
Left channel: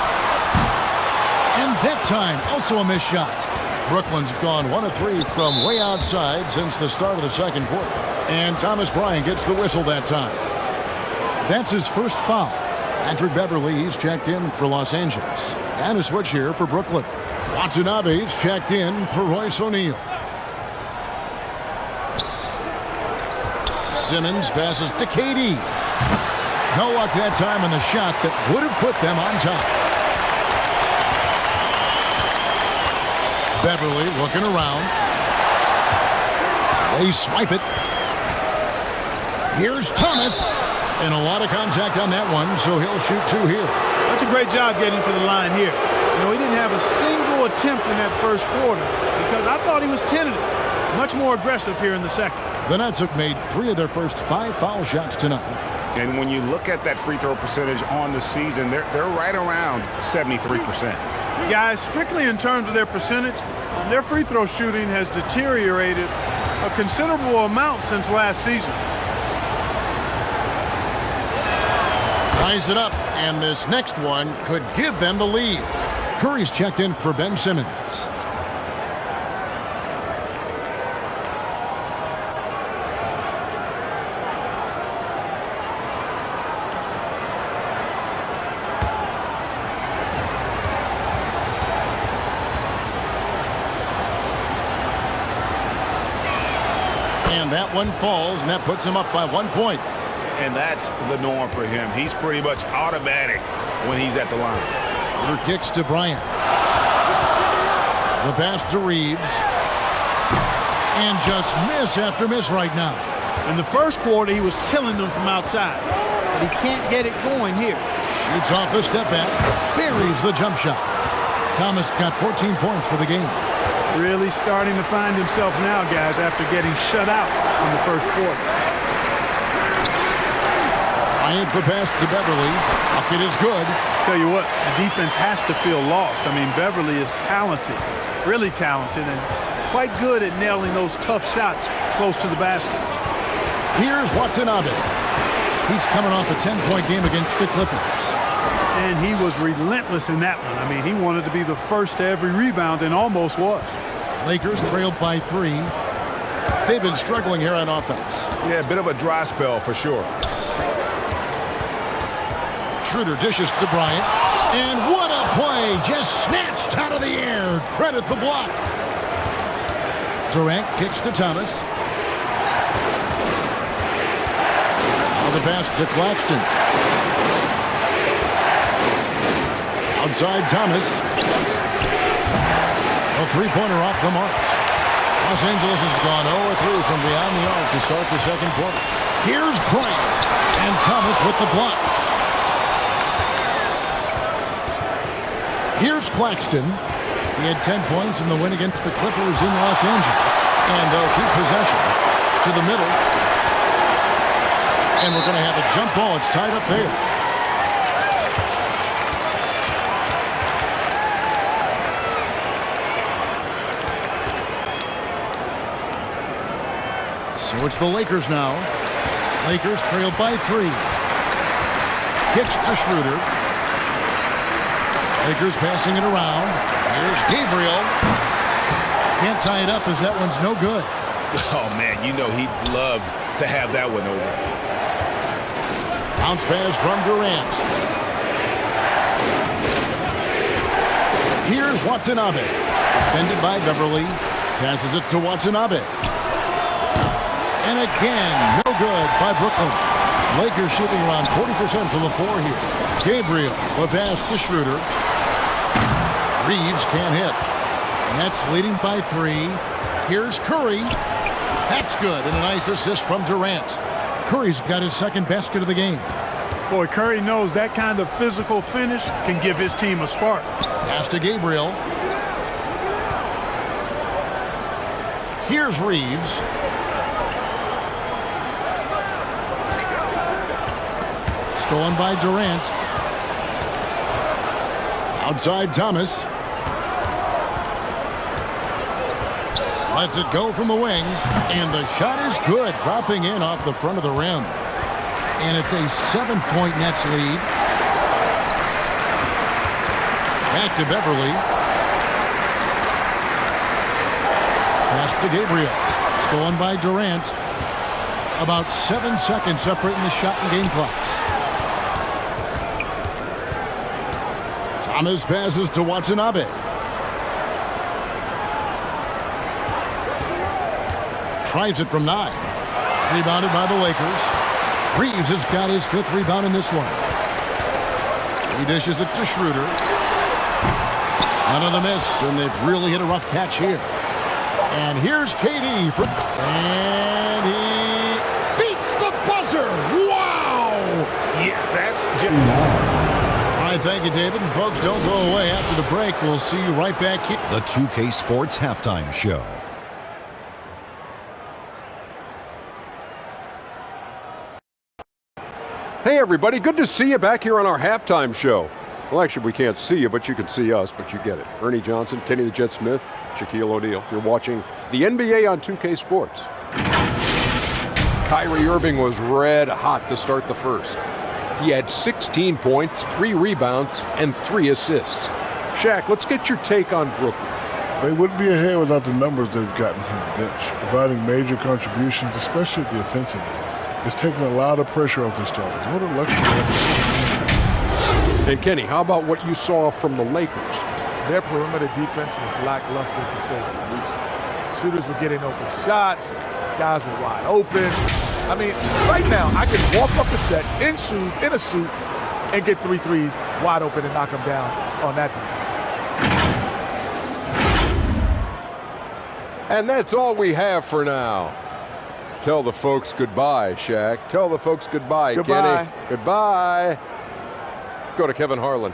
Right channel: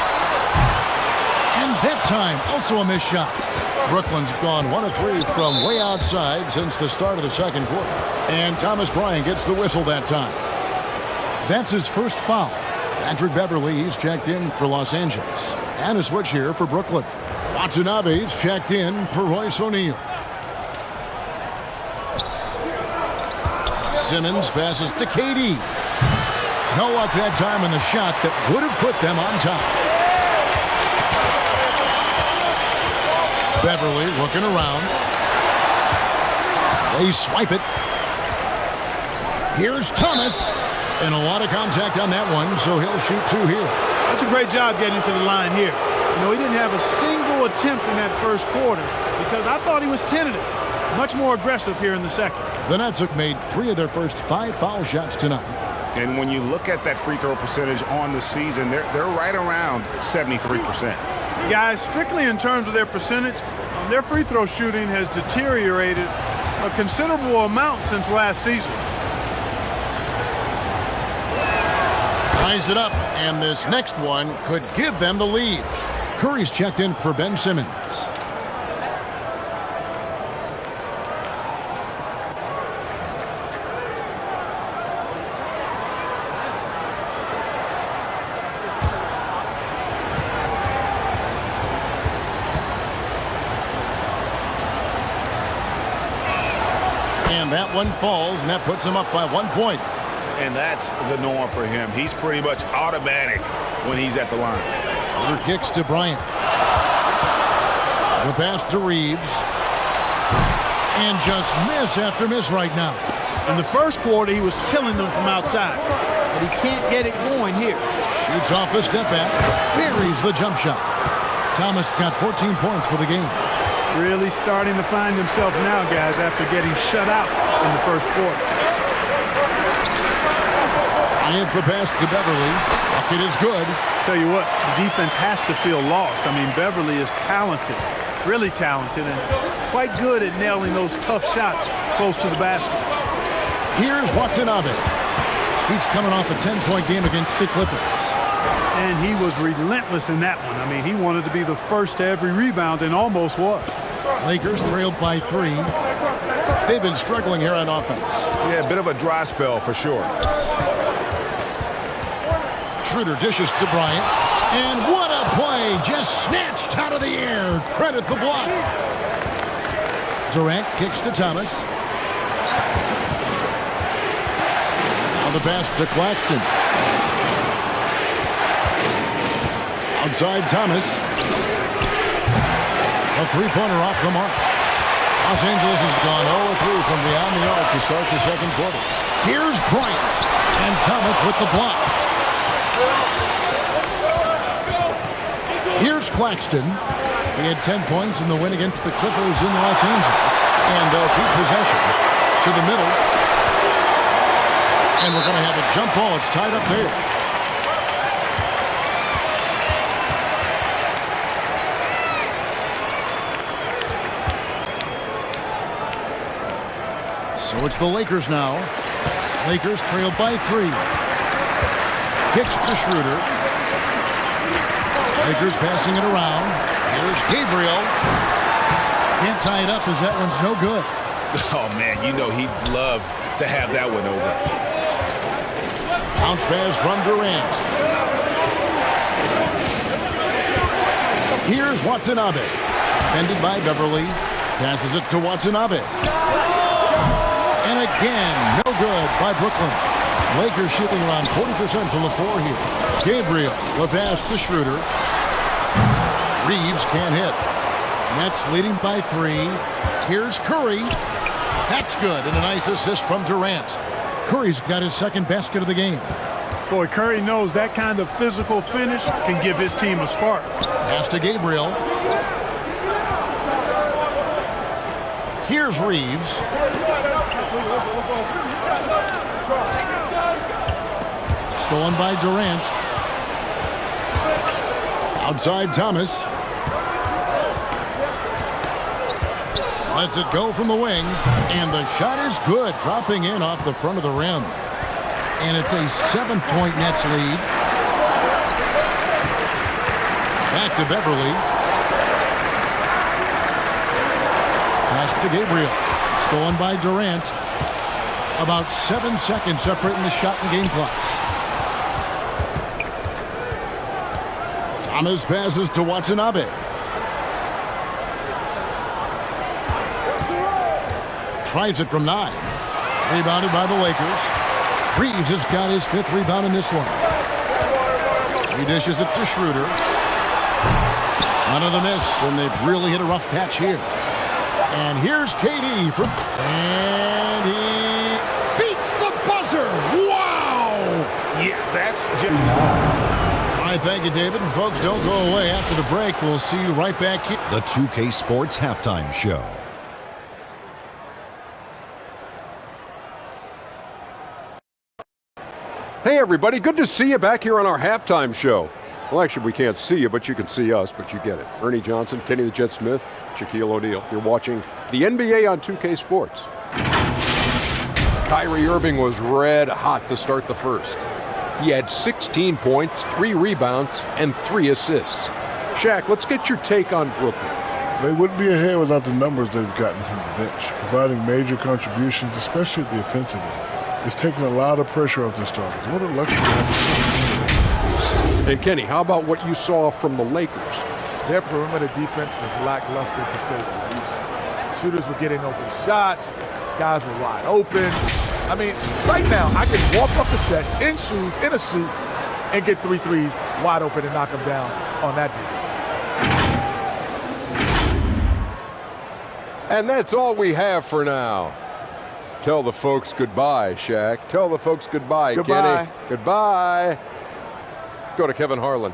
And that time, also a missed shot. Brooklyn's gone 1 of 3 from way outside since the start of the second quarter. And Thomas Bryant gets the whistle that time. That's his first foul. Patrick Beverley, he's checked in for Los Angeles. And a switch here for Brooklyn. Watanabe's checked in for Royce O'Neal. Simmons passes to KD. No luck that time on the shot that would have put them on top. Beverley looking around. They swipe it. Here's Thomas. And a lot of contact on that one, so he'll shoot 2 here. That's a great job getting to the line here. You know, he didn't have a single attempt in that first quarter because I thought he was tentative. Much more aggressive here in the second. The Nets have made 3 of their first 5 foul shots tonight. And when you look at that free throw percentage on the season, they're right around 73%. Guys, strictly in terms of their percentage, their free throw shooting has deteriorated a considerable amount since last season. Ties it up, and this next one could give them the lead. Curry's checked in for Ben Simmons. And that one falls, and that puts him up by 1 point. And that's the norm for him. He's pretty much automatic when he's at the line. Schroeder kicks to Bryant. The pass to Reeves. And just miss after miss right now. In the first quarter, he was killing them from outside. But he can't get it going here. Shoots off the step back. Buries the jump shot. Thomas got 14 points for the game. Really starting to find himself now, guys, after getting shut out in the first quarter. Bryant the pass to Beverley. Bucket is good. Tell you what, the defense has to feel lost. I mean, Beverley is talented, really talented, and quite good at nailing those tough shots close to the basket. Here's Watanabe. He's coming off a 10-point game against the Clippers. And he was relentless in that one. I mean, he wanted to be the first to every rebound and almost was. Lakers trailed by 3. They've been struggling here on offense. Yeah, a bit of a dry spell for sure. Schroeder dishes to Bryant. And what a play! Just snatched out of the air. Credit the block. Durant kicks to Thomas. Now the pass to Claxton. Outside Thomas. A three-pointer off the mark. Los Angeles has gone 0-3 from beyond the arc to start the second quarter. Here's Bryant. And Thomas with the block. Here's Claxton. He had 10 points in the win against the Clippers in Los Angeles. And they'll keep possession to the middle. And we're going to have a jump ball. It's tied up there. So it's the Lakers now. Lakers trail by 3. Kicks to Schroeder. Lakers passing it around. Here's Gabriel. Can't tie it up as that one's no good. Oh, man, you know he'd love to have that one over. Bounce pass from Durant. Here's Watanabe. Defended by Beverly. Passes it to Watanabe. And again, no good by Brooklyn. Lakers shooting around 40% from the floor here. Gabriel, the pass to Schroeder. Reeves can't hit. Nets leading by 3. Here's Curry. That's good, and a nice assist from Durant. Curry's got his second basket of the game. Boy, Curry knows that kind of physical finish can give his team a spark. Pass to Gabriel. Here's Reeves. Stolen by Durant. Outside Thomas. Lets it go from the wing. And the shot is good, dropping in off the front of the rim. And it's a 7-point Nets lead. Back to Beverly. Pass to Gabriel. Stolen by Durant. About 7 seconds separating the shot and game clocks. Thomas passes to Watanabe. Tries it from 9. Rebounded by the Lakers. Reeves has got his 5th rebound in this one. He dishes it to Schroeder. Another miss, and they've really hit a rough patch here. And here's KD from... And he beats the buzzer! Wow! Yeah, that's just... All right, thank you, David. And folks, don't go away after the break. We'll see you right back here. The 2K Sports Halftime Show. Hey, everybody. Good to see you back here on our halftime show. Well, actually, we can't see you, but you can see us, but you get it. Ernie Johnson, Kenny the Jet Smith, Shaquille O'Neal. You're watching the NBA on 2K Sports. Kyrie Irving was red hot to start the first. He had 16 points, 3 rebounds, and 3 assists. Shaq, let's get your take on Brooklyn. They wouldn't be ahead without the numbers they've gotten from the bench, providing major contributions, especially at the offensive end. It's taken a lot of pressure off their starters. What a luxury to have a... And Kenny, how about what you saw from the Lakers? Their perimeter defense was lackluster, to say the least. Shooters were getting open shots. Guys were wide open. I mean, right now, I can walk up the set in shoes, in a suit, and get 3 threes wide open and knock them down on that defense. And that's all we have for now. Tell the folks goodbye, Shaq. Tell the folks goodbye, Goodbye. Kenny. Goodbye. Go to Kevin Harlan.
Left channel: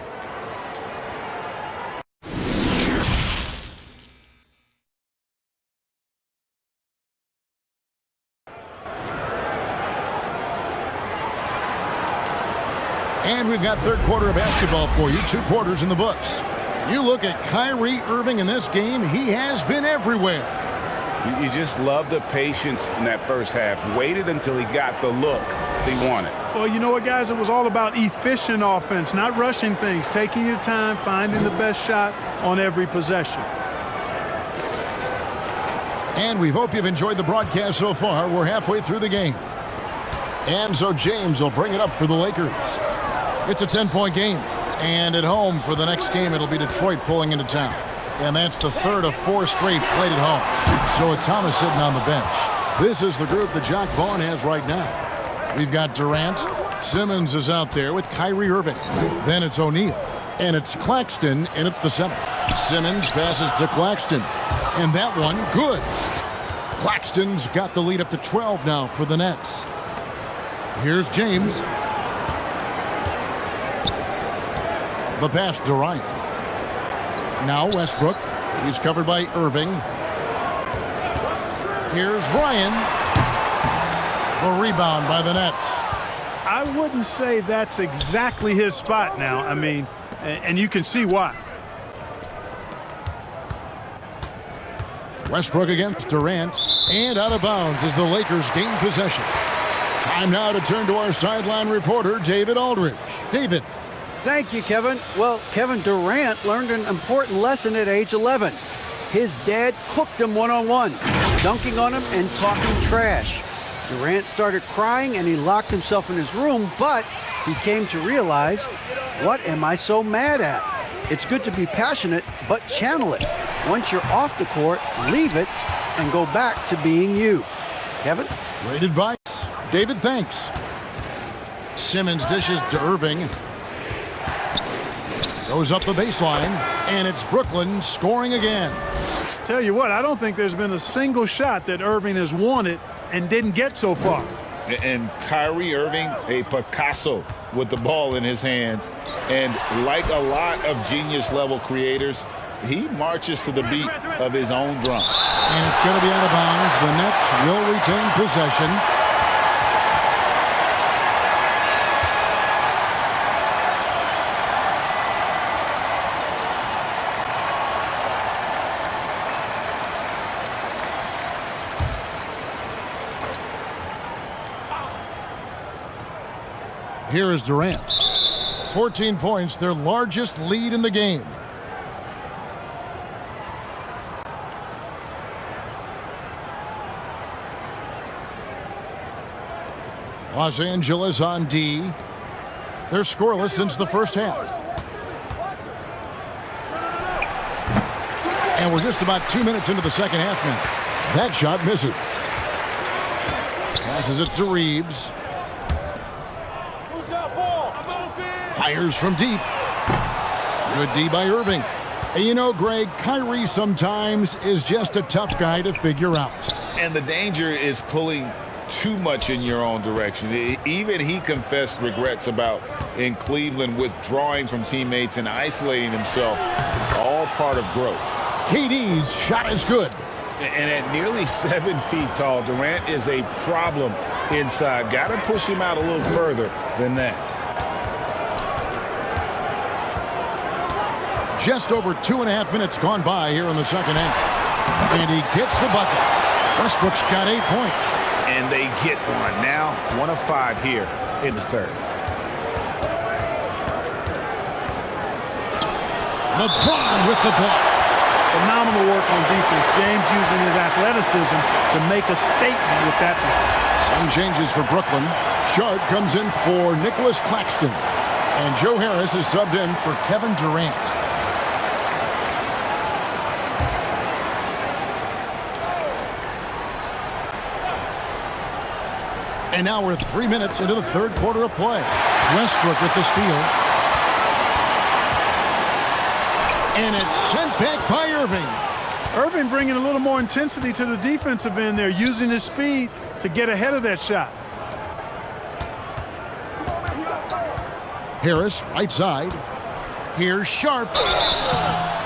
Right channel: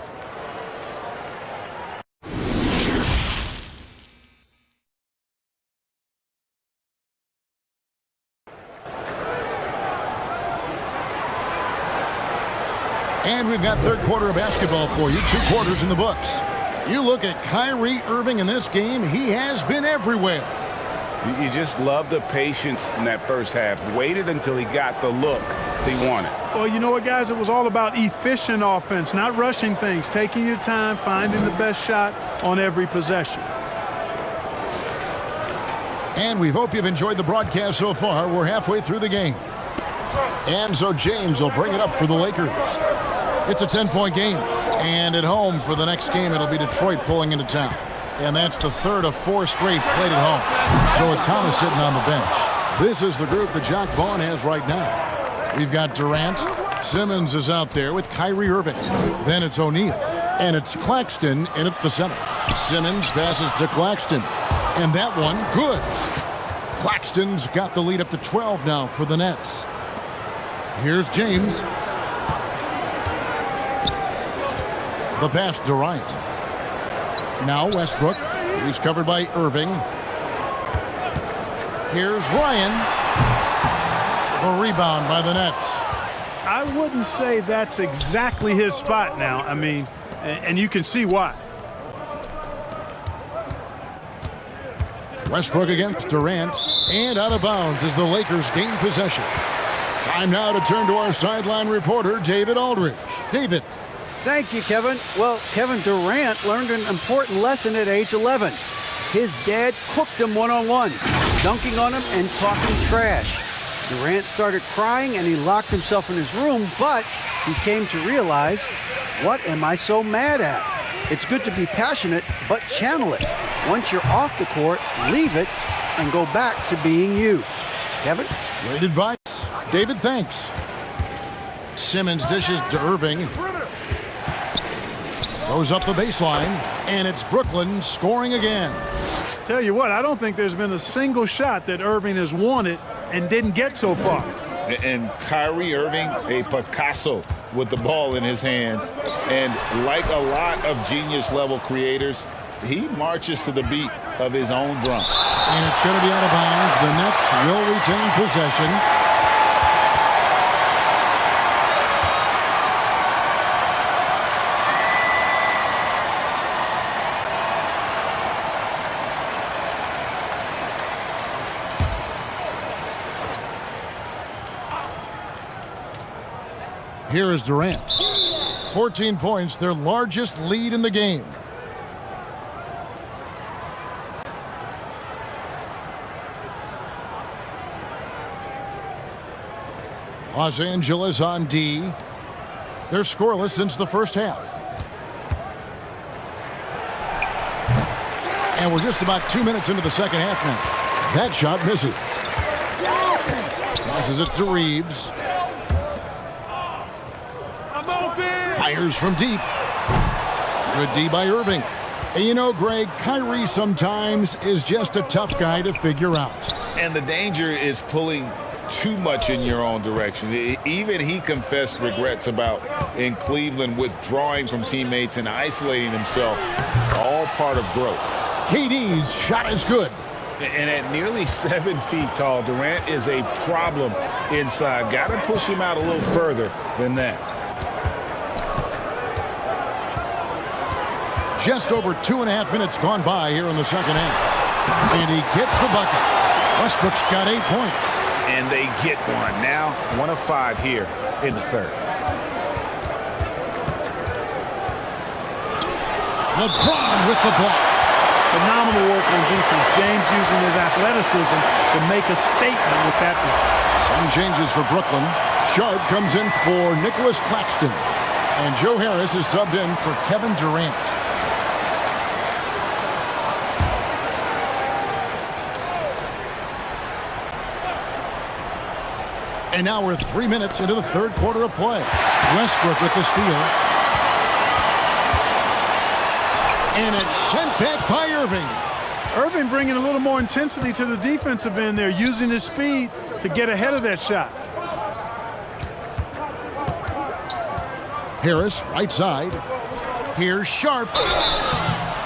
And we've got third quarter of basketball for you. 2 quarters in the books. You look at Kyrie Irving in this game, he has been everywhere. You just love the patience in that first half. Waited until he got the look he wanted. Well, you know what, guys? It was all about efficient offense, not rushing things, taking your time, finding the best shot on every possession. And we hope you've enjoyed the broadcast so far. We're halfway through the game. And so James will bring it up for the Lakers. It's a 10-point game. And at home for the next game, it'll be Detroit pulling into town. And that's the 3rd of 4 straight played at home. So with Thomas sitting on the bench, this is the group that Jack Vaughn has right now. We've got Durant. Simmons is out there with Kyrie Irving. Then it's O'Neal. And it's Claxton in at the center. Simmons passes to Claxton. And that one, good. Claxton's got the lead up to 12 now for the Nets. Here's James. The pass to Ryan. Now Westbrook. He's covered by Irving. Here's Ryan. The rebound by the Nets. I wouldn't say that's exactly his spot now. I mean, and you can see why. Westbrook against Durant. And out of bounds as the Lakers gain possession. Time now to turn to our sideline reporter, David Aldridge. David. Thank you, Kevin. Well, Kevin Durant learned an important lesson at age 11. His dad cooked him one-on-one, dunking on him and talking trash. Durant started crying and he locked himself in his room, but he came to realize, what am I so mad at? It's good to be passionate, but channel it. Once you're off the court, leave it and go back to being you. Kevin? Great advice. David, thanks. Simmons dishes to Irving. Goes up the baseline, and it's Brooklyn scoring again. Tell you what, I don't think there's been a single shot that Irving has wanted and didn't get so far. And Kyrie Irving, a Picasso with the ball in his hands. And like a lot of genius-level creators, he marches to the beat of his own drum. And it's going to be out of bounds. The Nets will retain possession. Here is Durant. 14 points, their largest lead in the game. Los Angeles on D. They're scoreless since the first half. And we're just about 2 minutes into the second half now. That shot misses. Passes it to Reeves. Fires from deep. Good D by Irving. And you know, Greg, Kyrie sometimes is just a tough guy to figure out. And the danger is pulling too much in your own direction. Even he confessed regrets about in Cleveland withdrawing from teammates and isolating himself. All part of growth. KD's shot is good. And at nearly 7 feet tall, Durant is a problem inside. Got to push him out a little further than that. Just over 2.5 minutes gone by here in the second half. And he gets the bucket. Westbrook's got 8 points. And they get one. Now 1 of 5 here in the third. LeBron with the block. Phenomenal work on defense. James using his athleticism to make a statement with that block. Some changes for Brooklyn. Sharp comes in for Nicholas Claxton. And Joe Harris is subbed in for Kevin Durant. And now we're 3 minutes into the third quarter of play. Westbrook with the steal. And it's sent back by Irving. Irving bringing a little more intensity to the defensive end there, using his speed to get ahead of that shot. Harris, right side. Here's Sharp.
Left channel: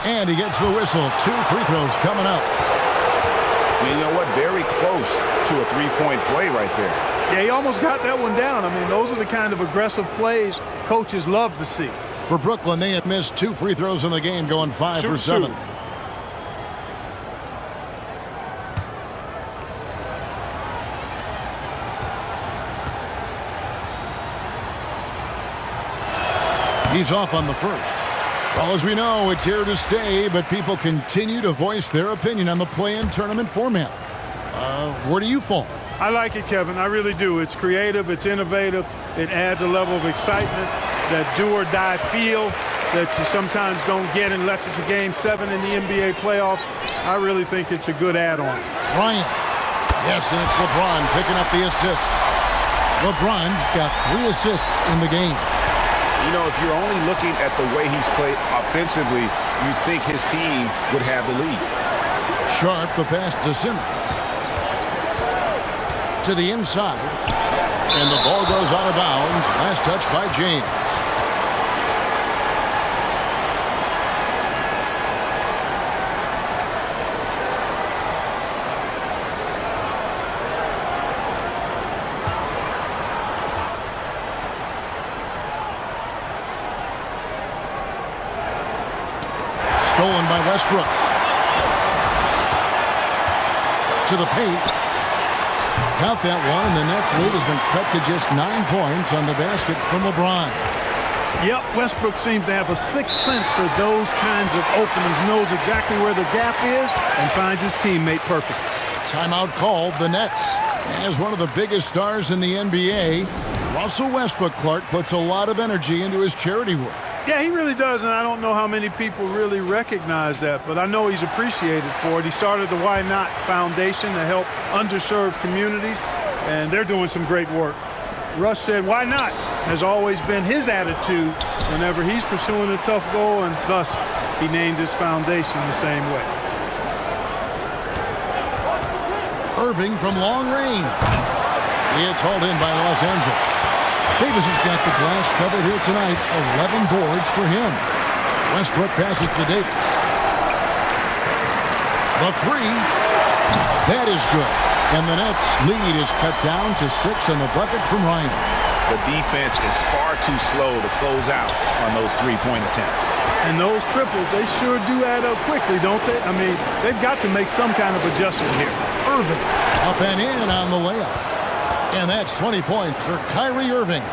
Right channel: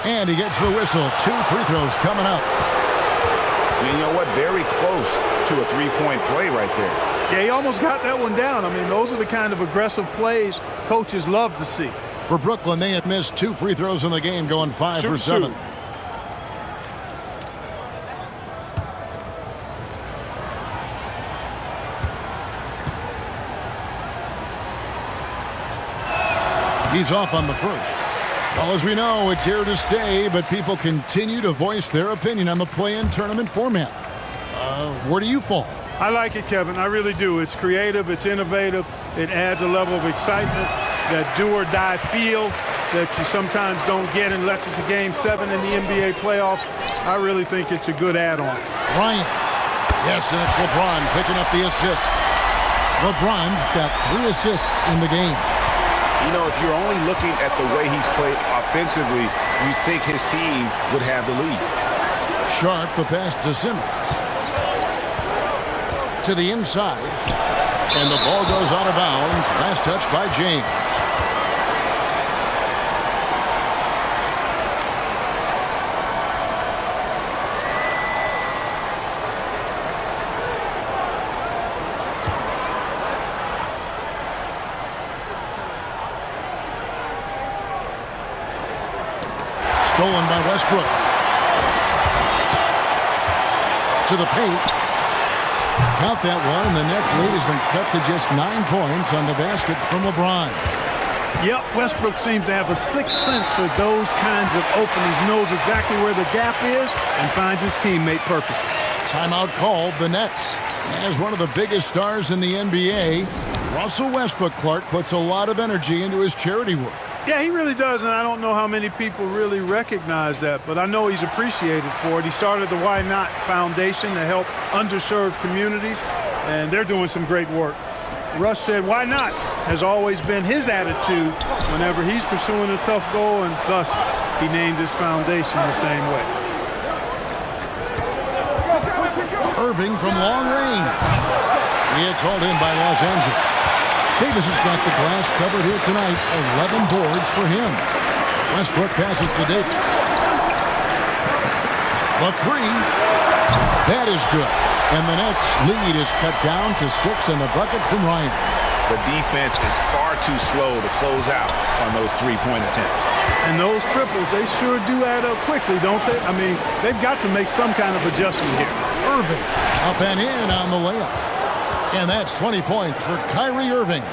And he gets the whistle. 2 free throws coming up. And you know what? Very close to a three-point play right there. Yeah, he almost got that one down. I mean, those are the kind of aggressive plays coaches love to see. For Brooklyn, they have missed 2 free throws in the game, going 5 for 7. He's off on the first. Well, as we know, it's here to stay, but people continue to voice their opinion on the play-in tournament format. Where do you fall? I like it, Kevin. I really do. It's creative. It's innovative. It adds a level of excitement, that do-or-die feel that you sometimes don't get unless it's a Game 7 in the NBA playoffs. I really think it's a good add-on. Bryant. Yes, and it's LeBron picking up the assist. LeBron's got 3 assists in the game. You know, if you're only looking at the way he's played offensively, you think his team would have the lead. Sharp, the pass to Simmons. To the inside. And the ball goes out of bounds. Last touch by James. Stolen by Westbrook. To the paint. Count that one, and the Nets lead has been cut to just 9 points on the basket from LeBron. Yep, Westbrook seems to have a sixth sense for those kinds of openings, knows exactly where the gap is, and finds his teammate perfectly. Timeout called. The Nets. As one of the biggest stars in the NBA, Russell Westbrook, Clark, puts a lot of energy into his charity work. Yeah, he really does, and I don't know how many people really recognize that, but I know he's appreciated for it. He started the Why Not Foundation to help underserved communities, and they're doing some great work. Russ said, why not, has always been his attitude whenever he's pursuing a tough goal, and thus he named his foundation the same way. Irving from long range. It's hauled in by Los Angeles. Davis has got the glass covered here tonight. 11 boards for him. Westbrook passes to Davis. The three. That is good. And the Nets' lead is cut down to 6 in the bucket from Ryan. The defense is far too slow to close out on those three-point attempts. And those triples, they sure do add up quickly, don't they? I mean, they've got to make some kind of adjustment here. Irving up and in on the layup. And that's 20 points for Kyrie Irving.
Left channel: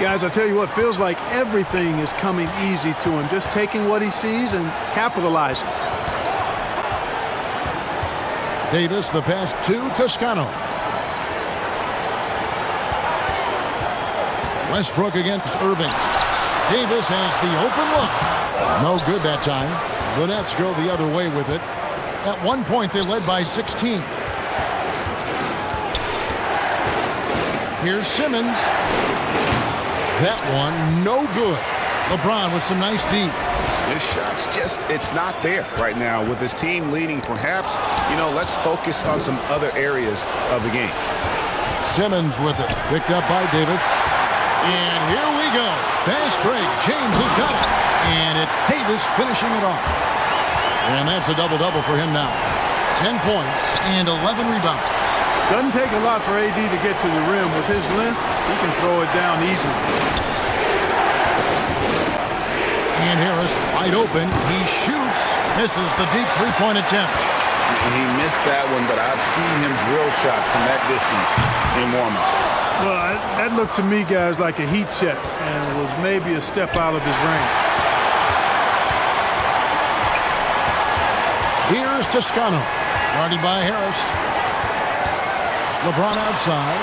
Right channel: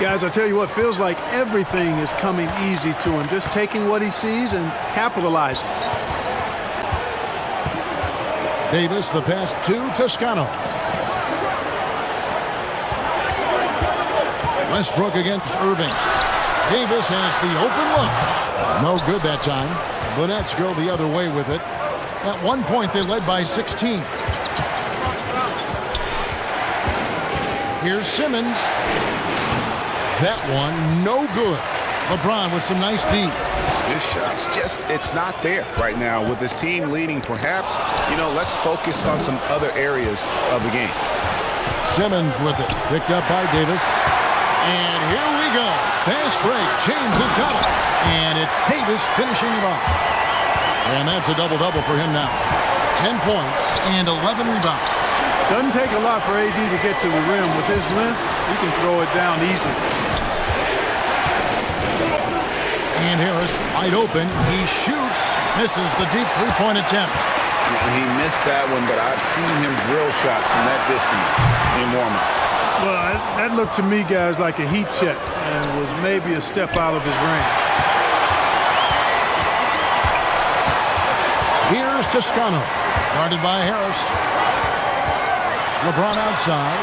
Guys, I tell you what, feels like everything is coming easy to him. Just taking what he sees and capitalizing. Davis, the pass to Toscano. Westbrook against Irving. Davis has the open look. No good that time. The Nets go the other way with it. At one point, they led by 16. Here's Simmons. That one, no good. LeBron with some nice D. His shot's just, it's not there right now. With his team leading, perhaps, let's focus on some other areas of the game. Simmons with it. Picked up by Davis. And here we go. Fast break. James has got it. And it's Davis finishing it off. And that's a double-double for him now. 10 points and 11 rebounds. Doesn't take a lot for AD to get to the rim. With his length, he can throw it down easily. And Harris wide open. He shoots. Misses the deep three-point attempt. And he missed that one, but I've seen him drill shots from that distance in warm-up. Well, that looked to me, guys, like a heat check and was maybe a step out of his range. Here's Toscano. Guarded by Harris. LeBron outside.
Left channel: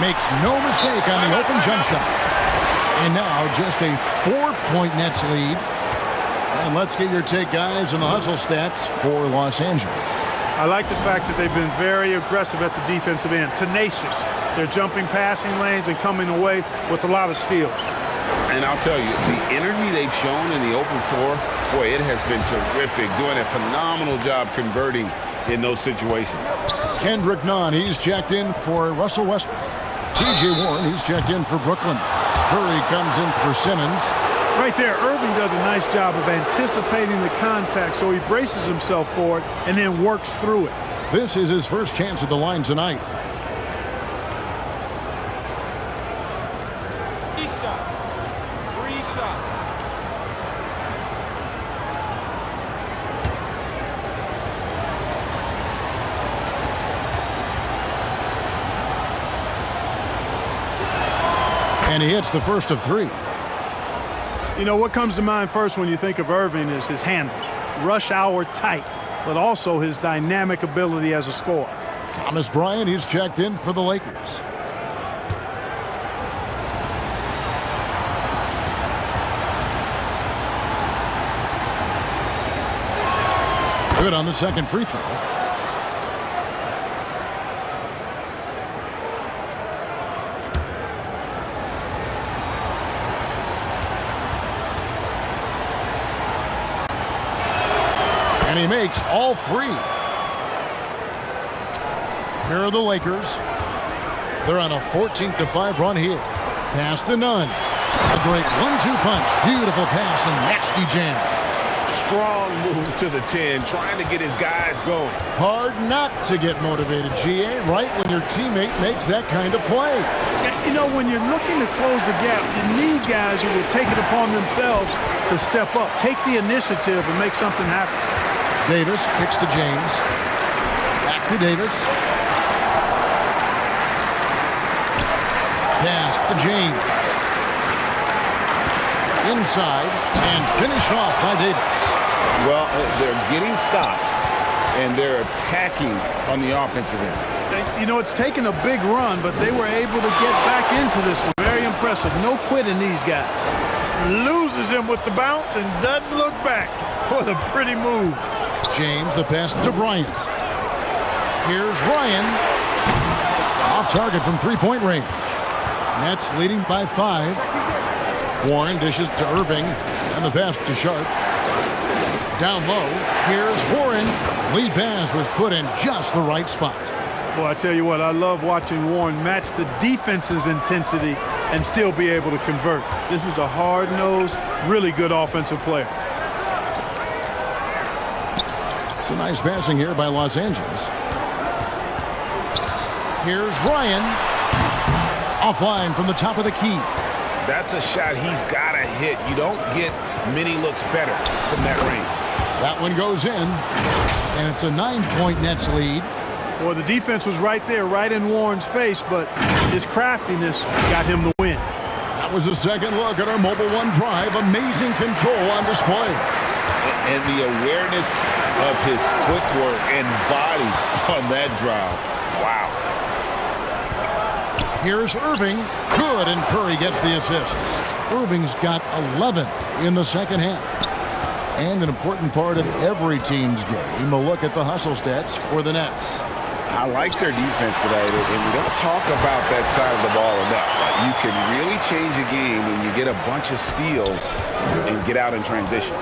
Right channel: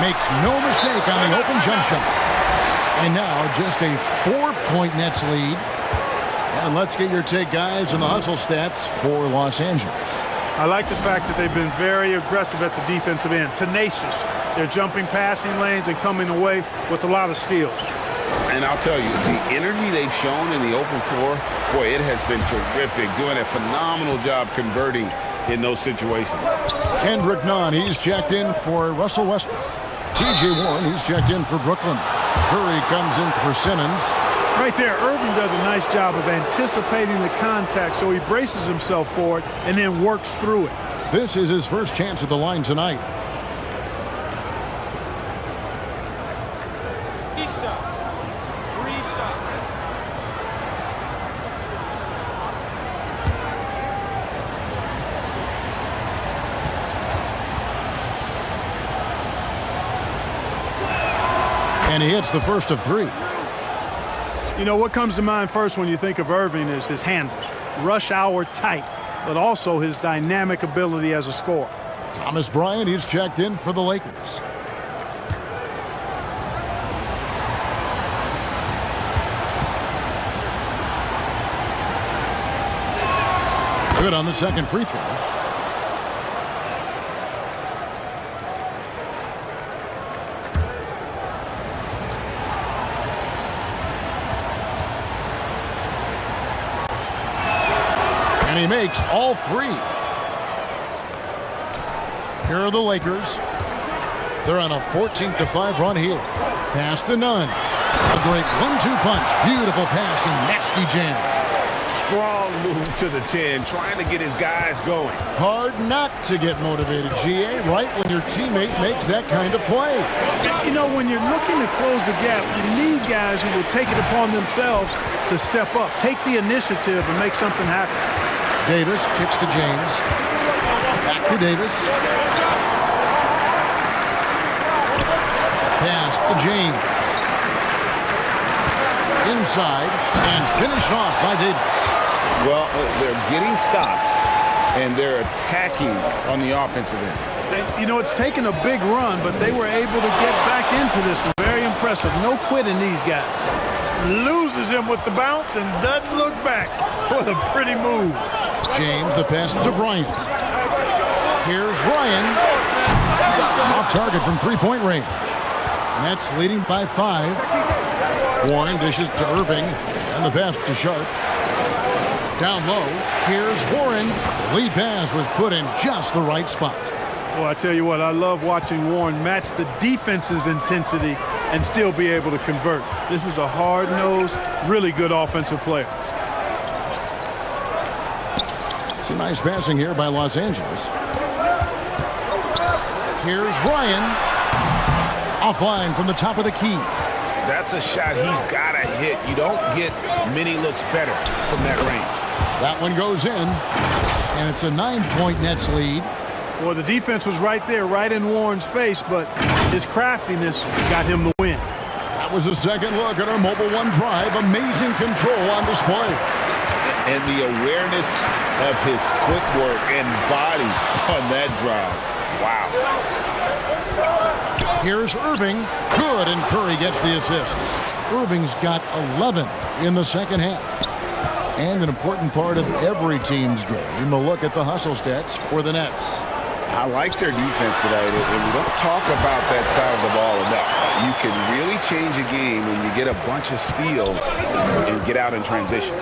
Makes no mistake on the open jump shot. And now just a 4-point Nets lead. And let's get your take, guys, on the hustle stats for Los Angeles. I like the fact that they've been very aggressive at the defensive end. Tenacious. They're jumping passing lanes and coming away with a lot of steals. And I'll tell you, the energy they've shown in the open floor, boy, it has been terrific. Doing a phenomenal job converting in those situations. Kendrick Nunn, he's checked in for Russell Westbrook. T.J. Warren, he's checked in for Brooklyn. Curry comes in for Simmons. Right there, Irving does a nice job of anticipating the contact, so he braces himself for it and then works through it. This is his first chance at the line tonight. Three shots. And he hits the first of 3. You know, what comes to mind first when you think of Irving is his handles. Rush hour tight, but also his dynamic ability as a scorer. Thomas Bryant, he's checked in for the Lakers. Good on the second free throw. And he makes all 3. Here are the Lakers. They're on a 14-5 run here. Pass to Nunn. A great 1-2 punch. Beautiful pass and nasty jam. Strong move to the 10, trying to get his guys going. Hard not to get motivated, GA, right when your teammate makes that kind of play. You know, when you're looking to close the gap, you need guys who will take it upon themselves to step up, take the initiative, and make something happen. Davis kicks to James. Back to Davis. Pass to James. Inside and finished off by Davis. Well, they're getting stops, and they're attacking on the offensive end. You know, it's taken a big run, but they were able to get back into this one. Very impressive. No quitting these guys. Loses him with the bounce and doesn't look back. What a pretty move. James, the pass to Bryant. Here's Ryan. Off target from three-point range. Nets leading by 5. Warren dishes to Irving, and the pass to Sharp. Down low, here's Warren. The lead pass was put in just the right spot. Well, I tell you what, I love watching Warren match the defense's intensity and still be able to convert. This is a hard-nosed, really good offensive player. Some nice passing here by Los Angeles. Here's Ryan. Offline from the top of the key. That's a shot he's got to hit. You don't get many looks better from that range. That one goes in, and it's a 9-point Nets lead. Well, the defense was right there, right in Warren's face, but his craftiness got him the win. That was a second look at our Mobile One drive. Amazing control on display. And the awareness of his footwork and body on that drive. Wow. Here's Irving. Good, and Curry gets the assist. Irving's got 11 in the second half. And an important part of every team's game, a look at the hustle stats for the Nets. I like their defense today, and we don't talk about that side of the ball enough. You can really change a game when you get a bunch of steals and get out in transition.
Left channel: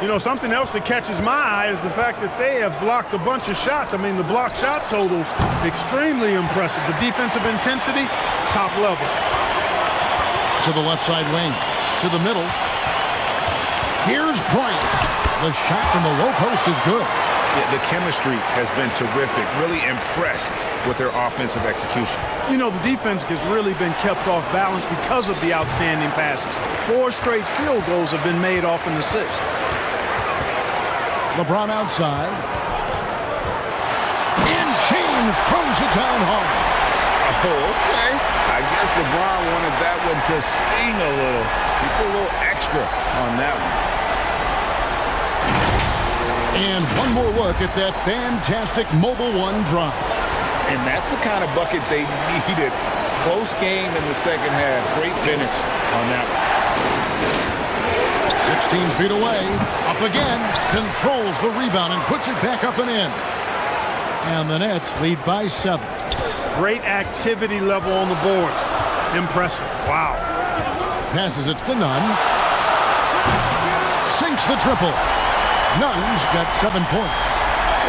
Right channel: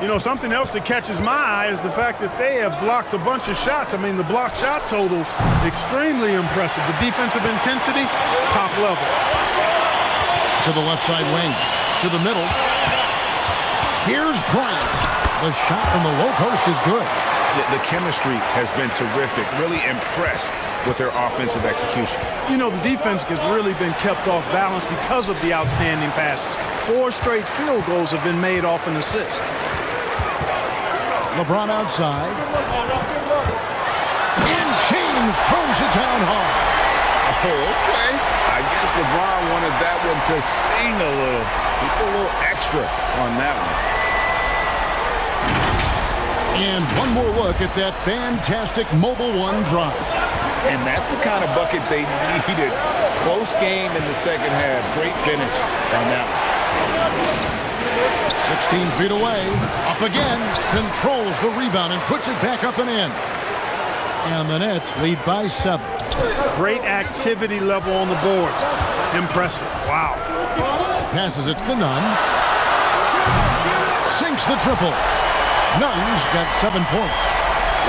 You know, something else that catches my eye is the fact that they have blocked a bunch of shots. I mean, the block shot totals, extremely impressive. The defensive intensity, top level. To the left side wing, to the middle. Here's Bryant. The shot from the low post is good. Yeah, the chemistry has been terrific. Really impressed with their offensive execution. You know, the defense has really been kept off balance because of the outstanding passes. 4 straight field goals have been made off an assist. LeBron outside. And James throws it down hard. Oh, okay. I guess LeBron wanted that one to sting a little. He put a little extra on that one. And one more look at that fantastic Mobile One drive. And that's the kind of bucket they needed. Close game in the second half. Great finish on that one. 16 feet away. Up again. Controls the rebound and puts it back up and in. And the Nets lead by 7. Great activity level on the boards. Impressive. Wow. Passes it to Nunn. Sinks the triple. Nunn's got 7 points.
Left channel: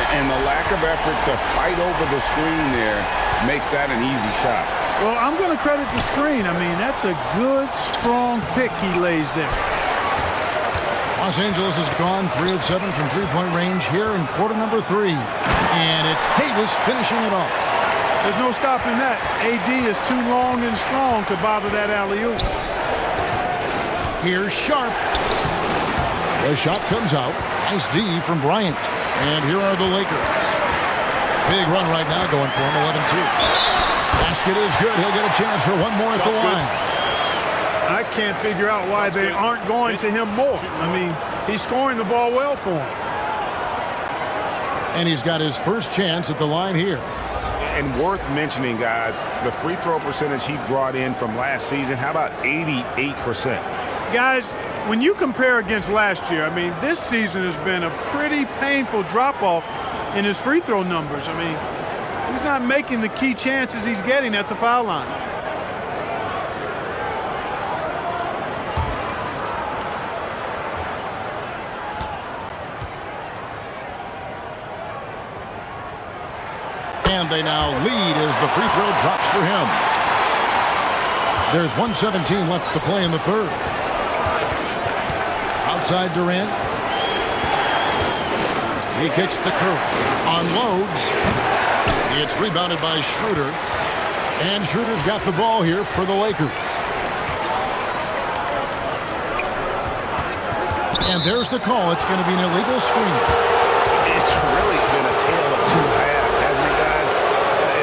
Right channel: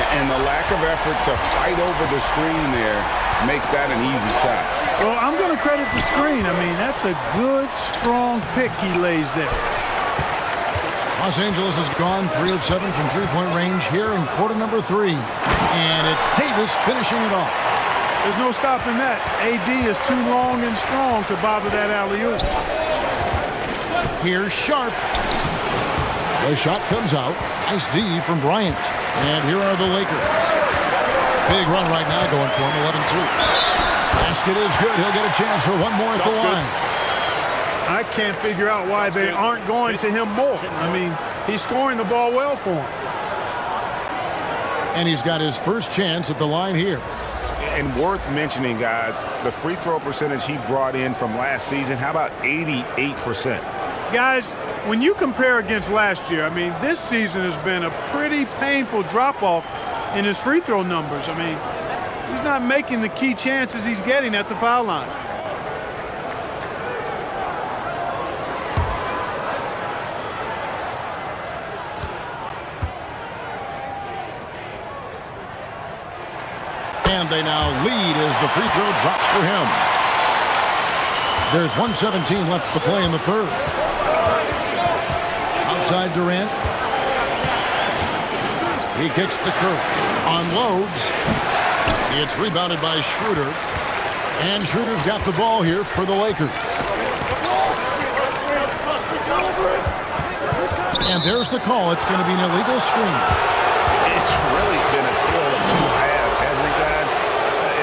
And the lack of effort to fight over the screen there makes that an easy shot. Well, I'm going to credit the screen. I mean, that's a good, strong pick he lays there. Los Angeles has gone 3 of 7 from three-point range here in quarter number 3. And it's Davis finishing it off. There's no stopping that. AD is too long and strong to bother that alley-oop. Here's Sharp. The shot comes out. Nice D from Bryant. And here are the Lakers. Big run right now going for him, 11-2. Basket is good. He'll get a chance for one more at the line. I can't figure out why they aren't going to him more. I mean, he's scoring the ball well for him. And he's got his first chance at the line here. And worth mentioning, guys, the free throw percentage he brought in from last season, how about 88%? Guys, when you compare against last year, I mean, this season has been a pretty painful drop-off in his free throw numbers. I mean, he's not making the key chances he's getting at the foul line. And they now lead as the free throw drops for him. There's 1:17 left to play in the third. Outside Durant. He kicks to Curry. Unloads. It's rebounded by Schroeder. And Schroeder's got the ball here for the Lakers. And there's the call. It's going to be an illegal screen. It's really been a tale of two halves, hasn't it, guys?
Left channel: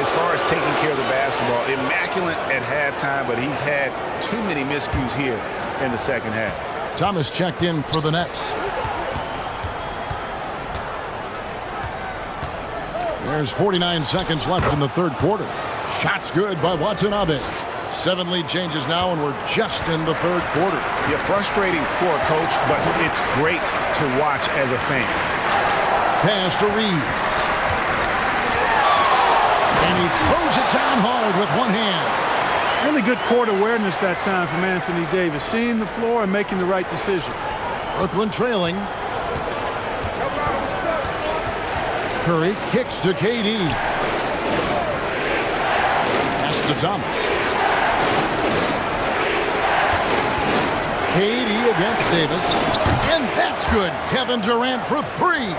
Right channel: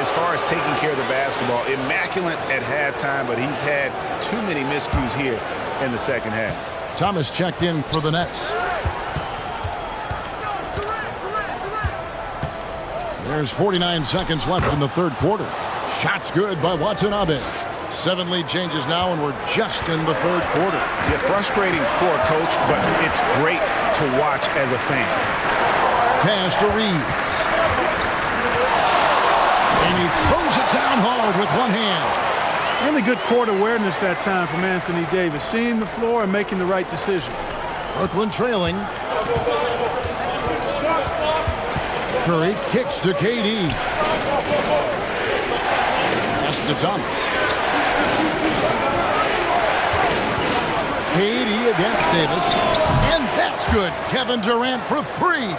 As far as taking care of the basketball, immaculate at halftime, but he's had too many miscues here in the second half. Thomas checked in for the Nets. There's 49 seconds left in the third quarter. Shot's good by Watanabe. 7 lead changes now, and we're just in the third quarter. Yeah, frustrating for a coach, but it's great to watch as a fan. Pass to Reeves. And he throws it down hard with one hand. Really good court awareness that time from Anthony Davis, seeing the floor and making the right decision. Brooklyn trailing. Curry kicks to KD. Pass to Thomas. KD against Davis. And that's good. Kevin Durant for 3.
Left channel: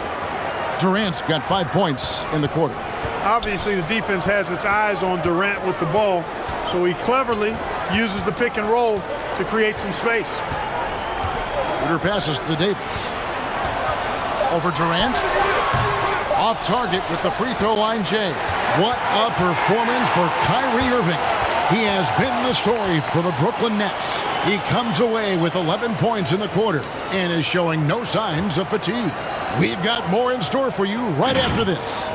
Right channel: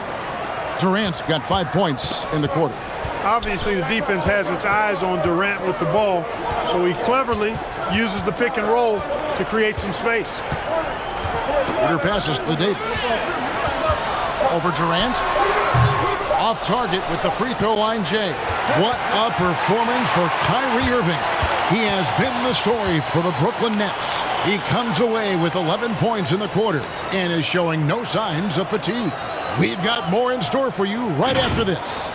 Durant's got 5 points in the quarter. Obviously, the defense has its eyes on Durant with the ball, so he cleverly uses the pick and roll to create some space. Shooter passes to Davis. Over Durant. Off target with the free throw line, Jay. What a performance for Kyrie Irving. He has been the story for the Brooklyn Nets. He comes away with 11 points in the quarter and is showing no signs of fatigue. We've got more in store for you right after this.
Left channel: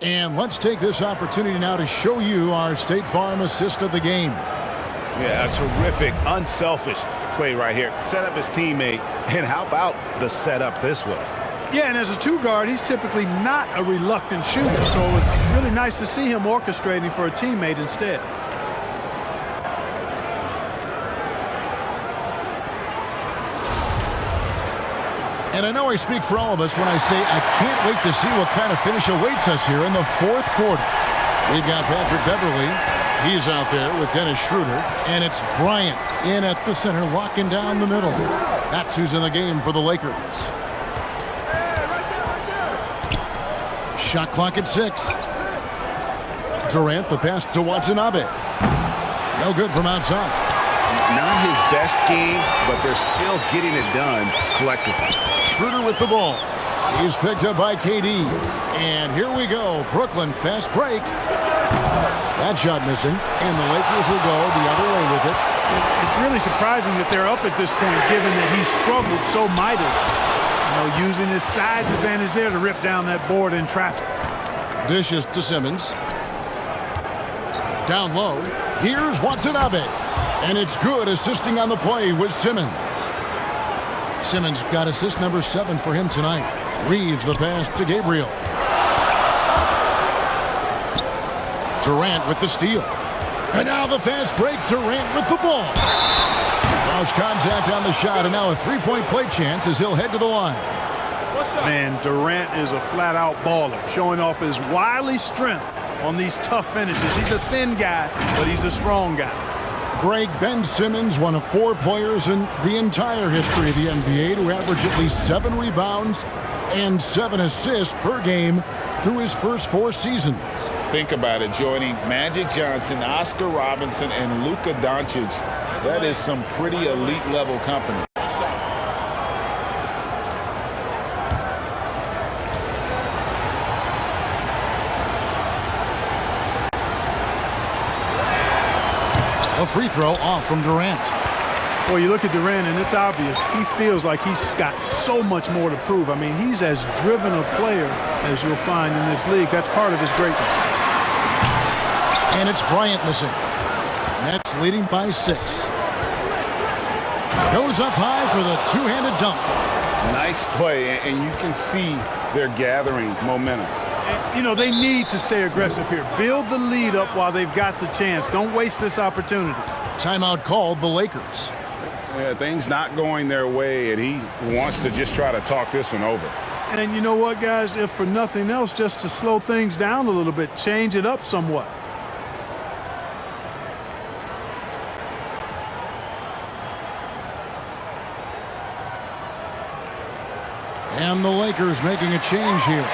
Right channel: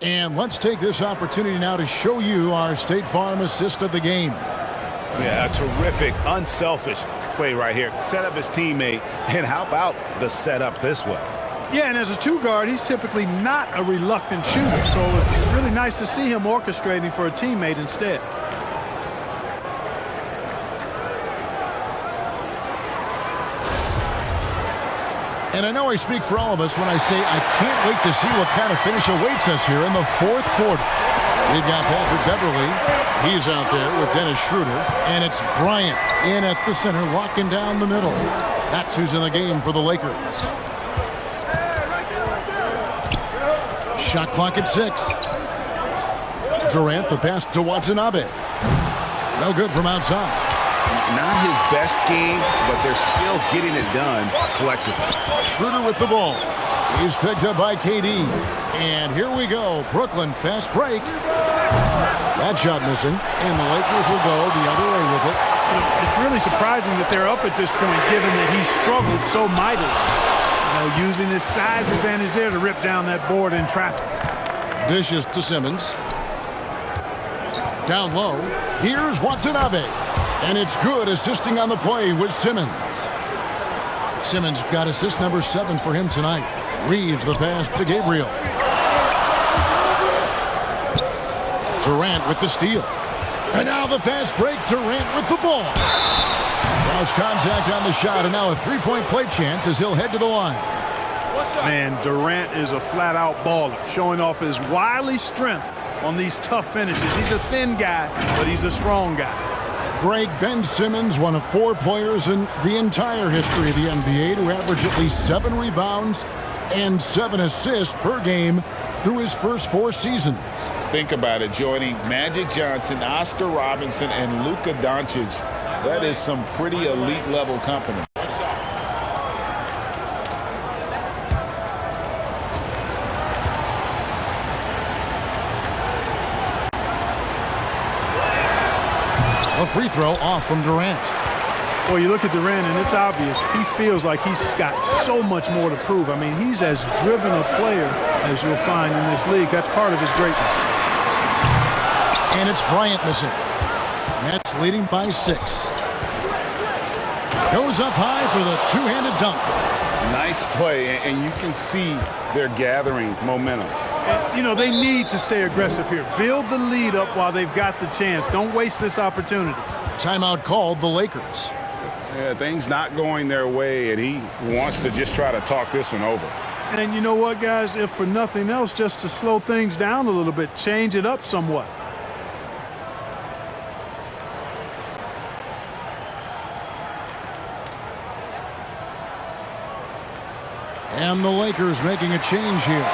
And let's take this opportunity now to show you our State Farm assist of the game. Yeah, a terrific, unselfish play right here. Set up his teammate, and how about the setup this was? Yeah, and as a 2-guard, he's typically not a reluctant shooter, so it was really nice to see him orchestrating for a teammate instead. And I know I speak for all of us when I say I can't wait to see what kind of finish awaits us here in the fourth quarter. We've got Patrick Beverly. He's out there with Dennis Schroeder. And it's Bryant in at the center, locking down the middle. That's who's in the game for the Lakers. Shot clock at 6. Durant, the pass to Watanabe. No good from outside. Not his best game, but they're still getting it done collectively. Schroeder with the ball. He's picked up by KD. And here we go. Brooklyn fast break. That shot missing. And the Lakers will go the other way with it. You know, it's really surprising that they're up at this point, given that he struggled so mightily. You know, using his size advantage there to rip down that board in traffic. Dishes to Simmons. Down low. Here's Watanabe. And it's good, assisting on the play with Simmons. Simmons got assist number 7 for him tonight. Reeves the pass to Gabriel. Durant with the steal. And now the fast break. Durant with the ball. Draws contact on the shot, and now a 3-point play chance as he'll head to the line. Man, Durant is a flat-out baller, showing off his wily strength on these tough finishes. He's a thin guy, but he's a strong guy. Greg, Ben Simmons, one of 4 players in the entire history of the NBA to average at least 7 rebounds and 7 assists per game through his first 4 seasons. Think about it, joining Magic Johnson, Oscar Robinson, and Luka Doncic. That is some pretty elite level company. A free throw off from Durant. Well, you look at Durant, and it's obvious. He feels like he's got so much more to prove. I mean, he's as driven a player as you'll find in this league. That's part of his greatness. And it's Bryant missing. Nets leading by 6. Goes up high for the 2-handed dunk. Nice play, and you can see they're gathering momentum. You know, they need to stay aggressive here. Build the lead up while they've got the chance. Don't waste this opportunity. Timeout called the Lakers. Yeah, things not going their way, and he wants to just try to talk this one over. And you know what, guys? If for nothing else, just to slow things down a little bit, change it up somewhat. And the Lakers making a change here.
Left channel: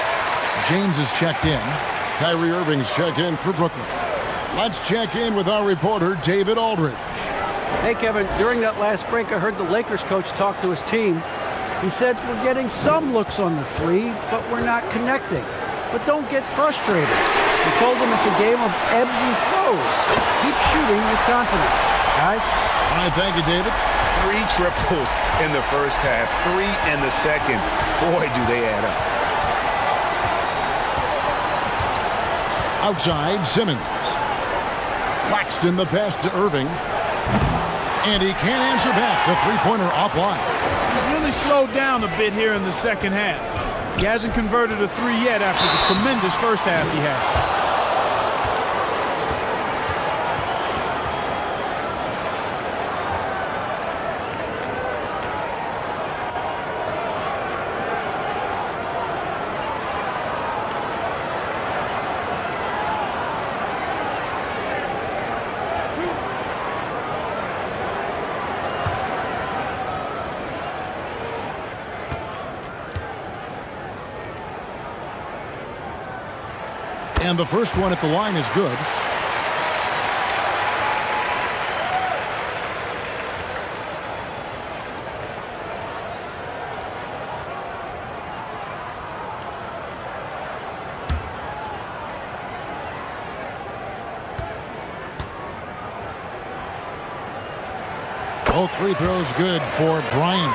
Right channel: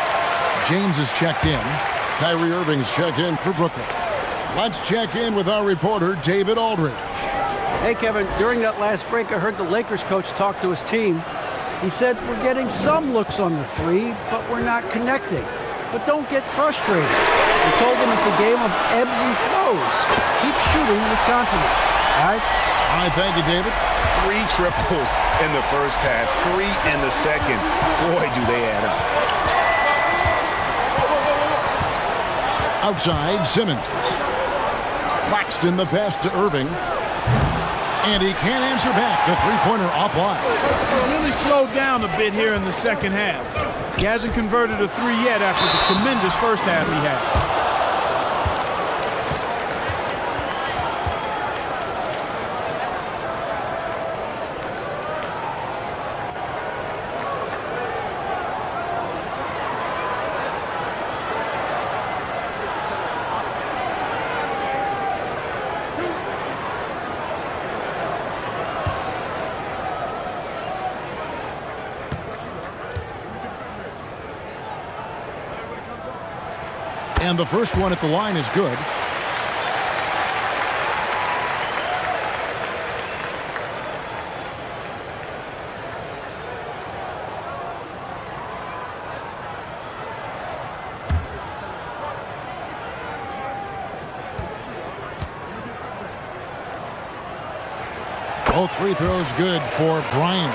James is checked in. Kyrie Irving's checked in for Brooklyn. Let's check in with our reporter, David Aldridge. Hey, Kevin, during that last break, I heard the Lakers coach talk to his team. He said, we're getting some looks on the three, but we're not connecting. But don't get frustrated. He told them it's a game of ebbs and flows. Keep shooting with confidence. Guys? All right, thank you, David. 3 triples in the first half, 3 in the second. Boy, do they add up. Outside, Simmons. Claxton the pass to Irving. And he can't answer back. The three-pointer offline. He's really slowed down a bit here in the second half. He hasn't converted a 3 yet after the tremendous first half he had. And the first one at the line is good. Both free throws good for Bryant.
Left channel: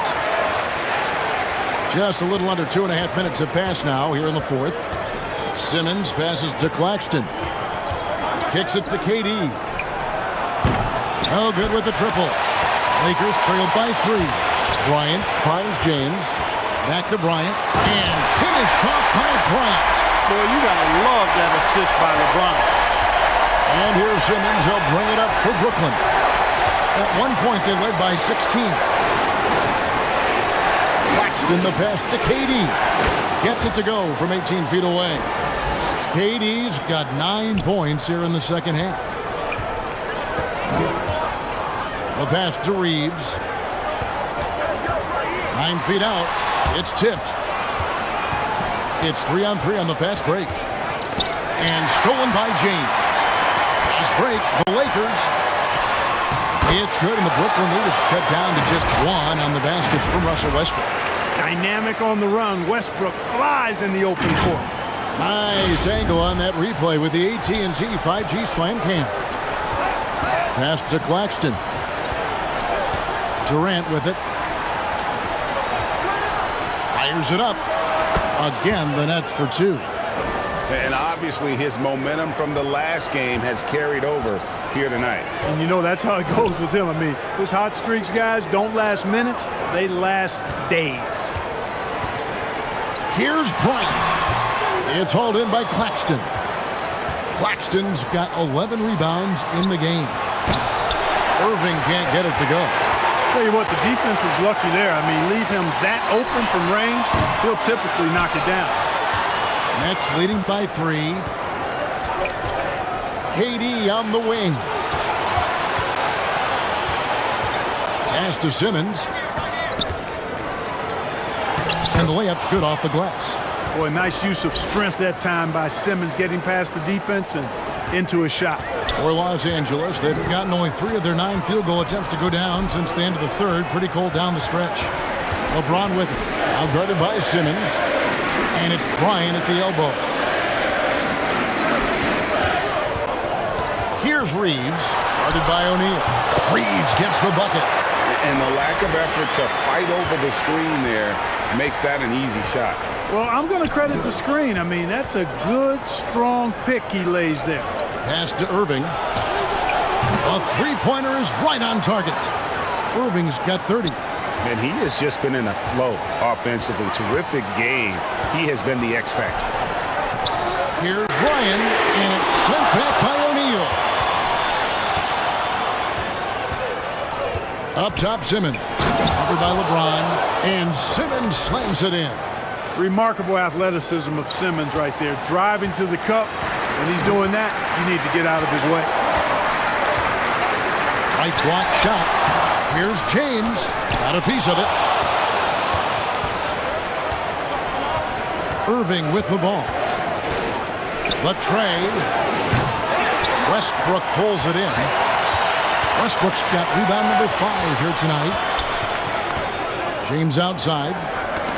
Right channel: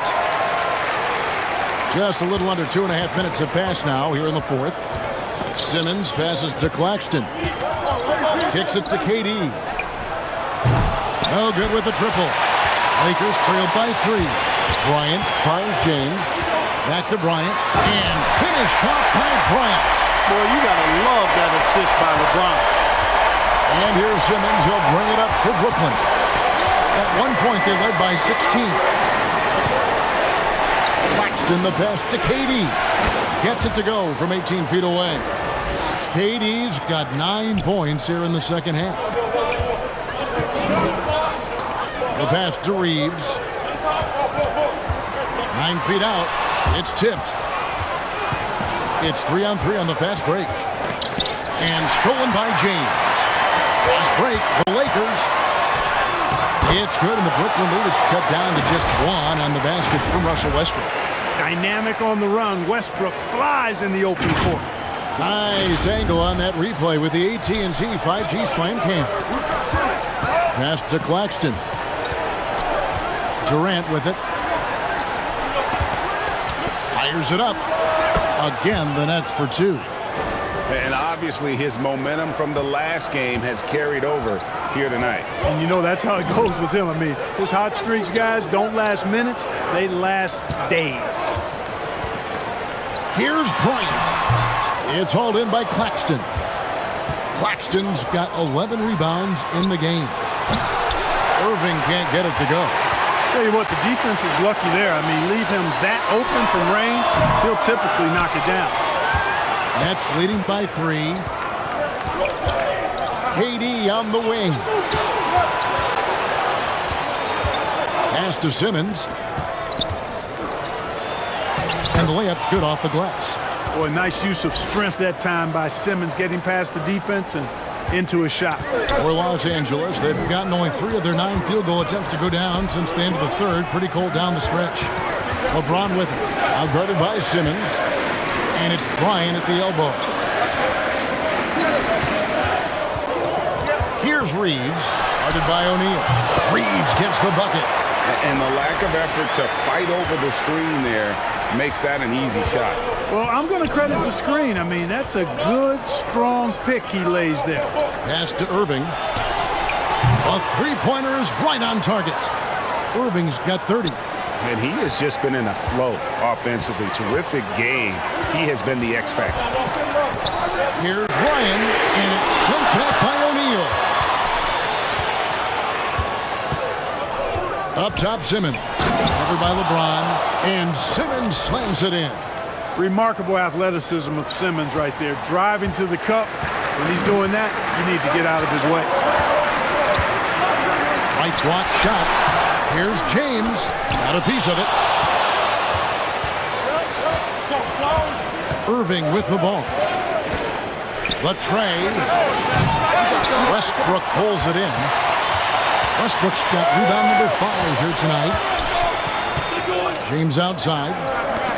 Just a little under 2.5 minutes have passed now here in the fourth. Simmons passes to Claxton. Kicks it to KD. No good with the triple. Lakers trail by 3. Bryant finds James. Back to Bryant. And finish off by Bryant. Boy, you got to love that assist by LeBron. And here's Simmons. He'll bring it up for Brooklyn. At one point, they led by 16. Claxton the pass to KD. Gets it to go from 18 feet away. KD's got 9 points here in the second half. The pass to Reeves. 9 feet out. It's tipped. It's 3-on-3 on the fast break. And stolen by James. Fast break, the Lakers. It's good, and the Brooklyn lead is cut down to just 1 on the baskets from Russell Westbrook. Dynamic on the run. Westbrook flies in the open court. Nice angle on that replay with the AT&T 5G Slam Cam. Pass to Claxton. Durant with it. Fires it up. Again, the Nets for 2. And obviously his momentum from the last game has carried over here tonight. And you know that's how it goes with him. I mean, his hot streaks, guys, don't last minutes. They last days. Here's Bryant. It's hauled in by Claxton. Claxton's got 11 rebounds in the game. Irving can't get it to go. Tell you what, the defense was lucky there. I mean, leave him that open from range, he'll typically knock it down. Nets leading by 3. KD on the wing. Pass to Simmons. And the layup's good off the glass. Boy, nice use of strength that time by Simmons, getting past the defense and into a shot. For Los Angeles, they've gotten only 3 of their 9 field goal attempts to go down since the end of the third. Pretty cold down the stretch. LeBron with it. Now guarded by Simmons. And it's Bryant at the elbow. Here's Reeves, guarded by O'Neal. Reeves gets the bucket. And the lack of effort to fight over the screen there makes that an easy shot. Well, I'm going to credit the screen. I mean, that's a good, strong pick he lays there. Pass to Irving. A three-pointer is right on target. Irving's got 30. And he has just been in a flow offensively. Terrific game. He has been the X factor. Here's Ryan, and it's sent back by O'Neal. Up top, Simmons. Covered by LeBron, and Simmons slams it in. Remarkable athleticism of Simmons right there. Driving to the cup. When he's doing that, you need to get out of his way. Right block shot. Here's James. Got a piece of it. Irving with the ball. The tray. Westbrook pulls it in. Westbrook's got rebound number 5 here tonight. James outside.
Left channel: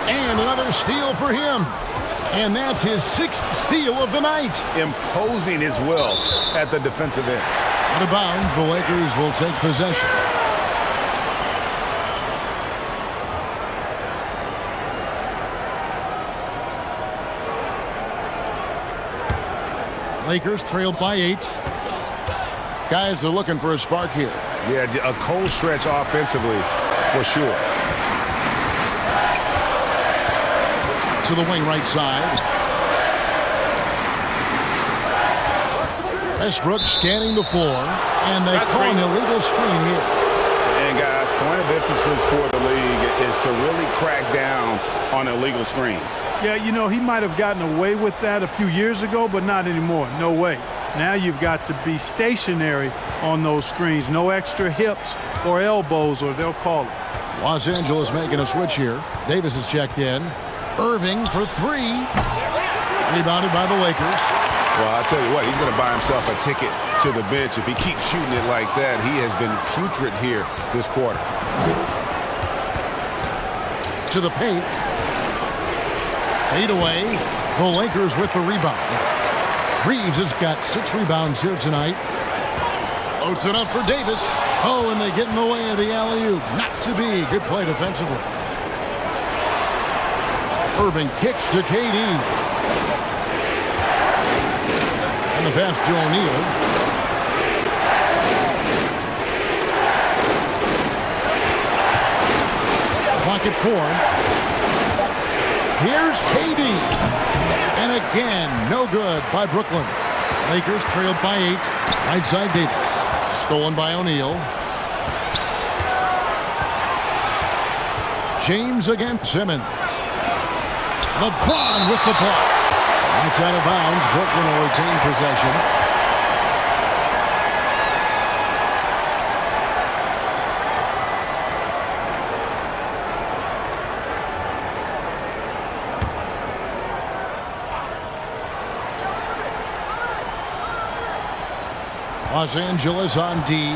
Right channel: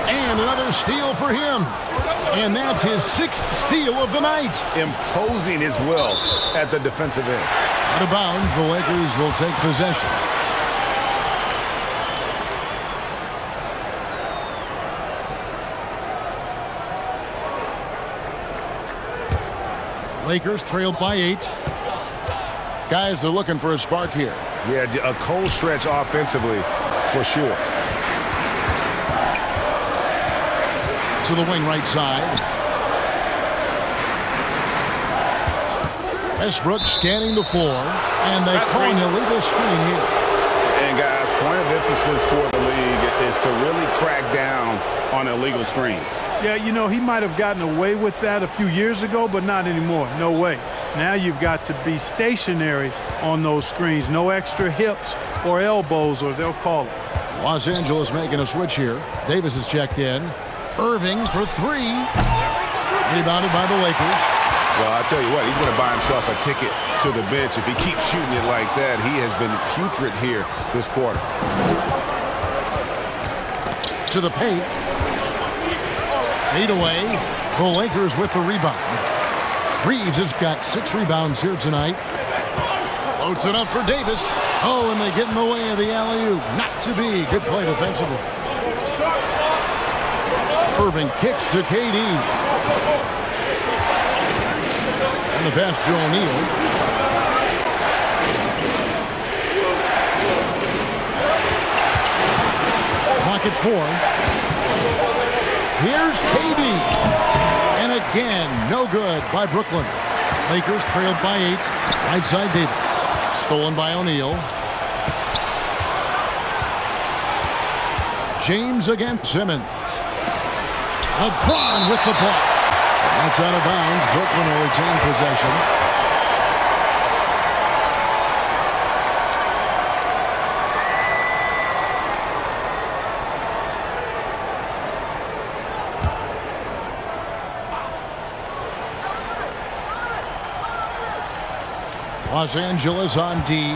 And another steal for him. And that's his 6th steal of the night. Imposing his will at the defensive end. Out of bounds, the Lakers will take possession. Lakers trailed by 8. Guys are looking for a spark here. Yeah, a cold stretch offensively for sure. To the wing right side. Westbrook scanning the floor, and they call an illegal screen here. And guys, point of emphasis for the league is to really crack down on illegal screens. Yeah, you know, he might have gotten away with that a few years ago, but not anymore. No way. Now you've got to be stationary on those screens. No extra hips or elbows, or they'll call it. Los Angeles making a switch here. Davis is checked in. Irving for 3. Rebounded by the Lakers. Well, I tell you what, he's going to buy himself a ticket to the bench. If he keeps shooting it like that, he has been putrid here this quarter. To the paint. Fade away. The Lakers with the rebound. Reeves has got 6 rebounds here tonight. Floats it up for Davis. Oh, and they get in the way of the alley-oop. Not to be. Good play defensively. Irving kicks to KD. And the pass to O'Neal. Clock at 4. Here's KD. And again, no good by Brooklyn. Lakers trailed by 8. Right side Davis. Stolen by O'Neal. James against Simmons. LeBron with the block. That's out of bounds. Brooklyn will retain possession. Los Angeles on D.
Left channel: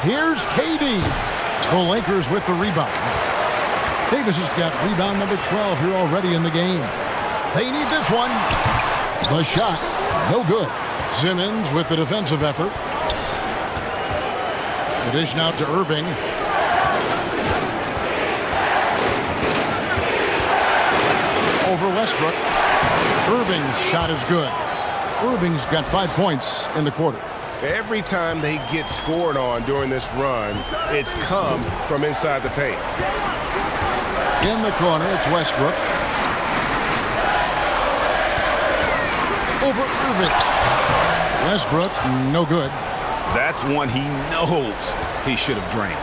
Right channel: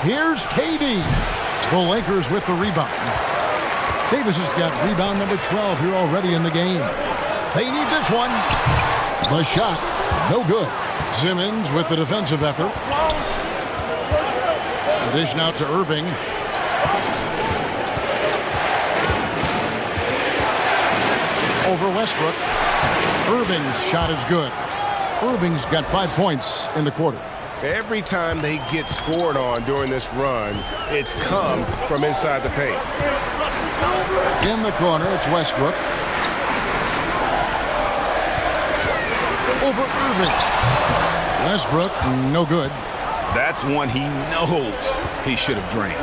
Here's KD. The Lakers with the rebound. Davis has got rebound number 12 here already in the game. They need this one. The shot, no good. Simmons with the defensive effort. The dish now to Irving. Over Westbrook. Irving's shot is good. Irving's got 5 points in the quarter. Every time they get scored on during this run, it's come from inside the paint. In the corner, it's Westbrook. Over Irving. Westbrook, no good. That's one he knows he should have drained.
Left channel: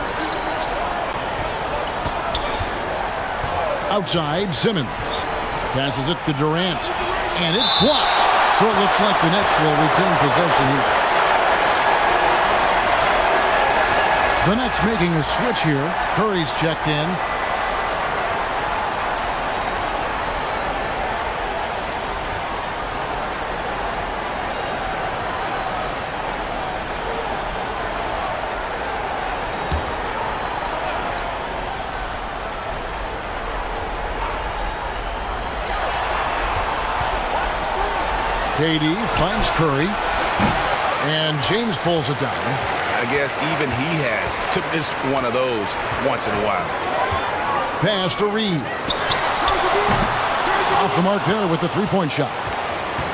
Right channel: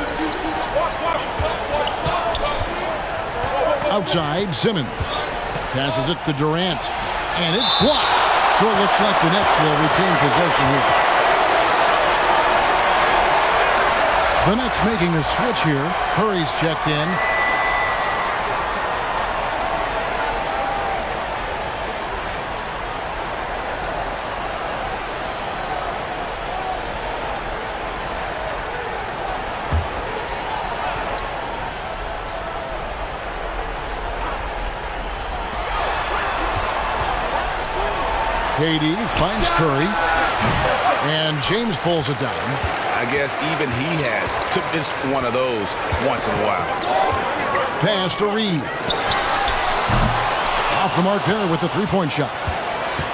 Outside, Simmons. Passes it to Durant. And it's blocked. So it looks like the Nets will retain possession here. The Nets making a switch here. Curry's checked in. KD finds Curry. And James pulls it down. I guess even he has to miss one of those once in a while. Pass to Reeves. Off the mark there with the three-point shot.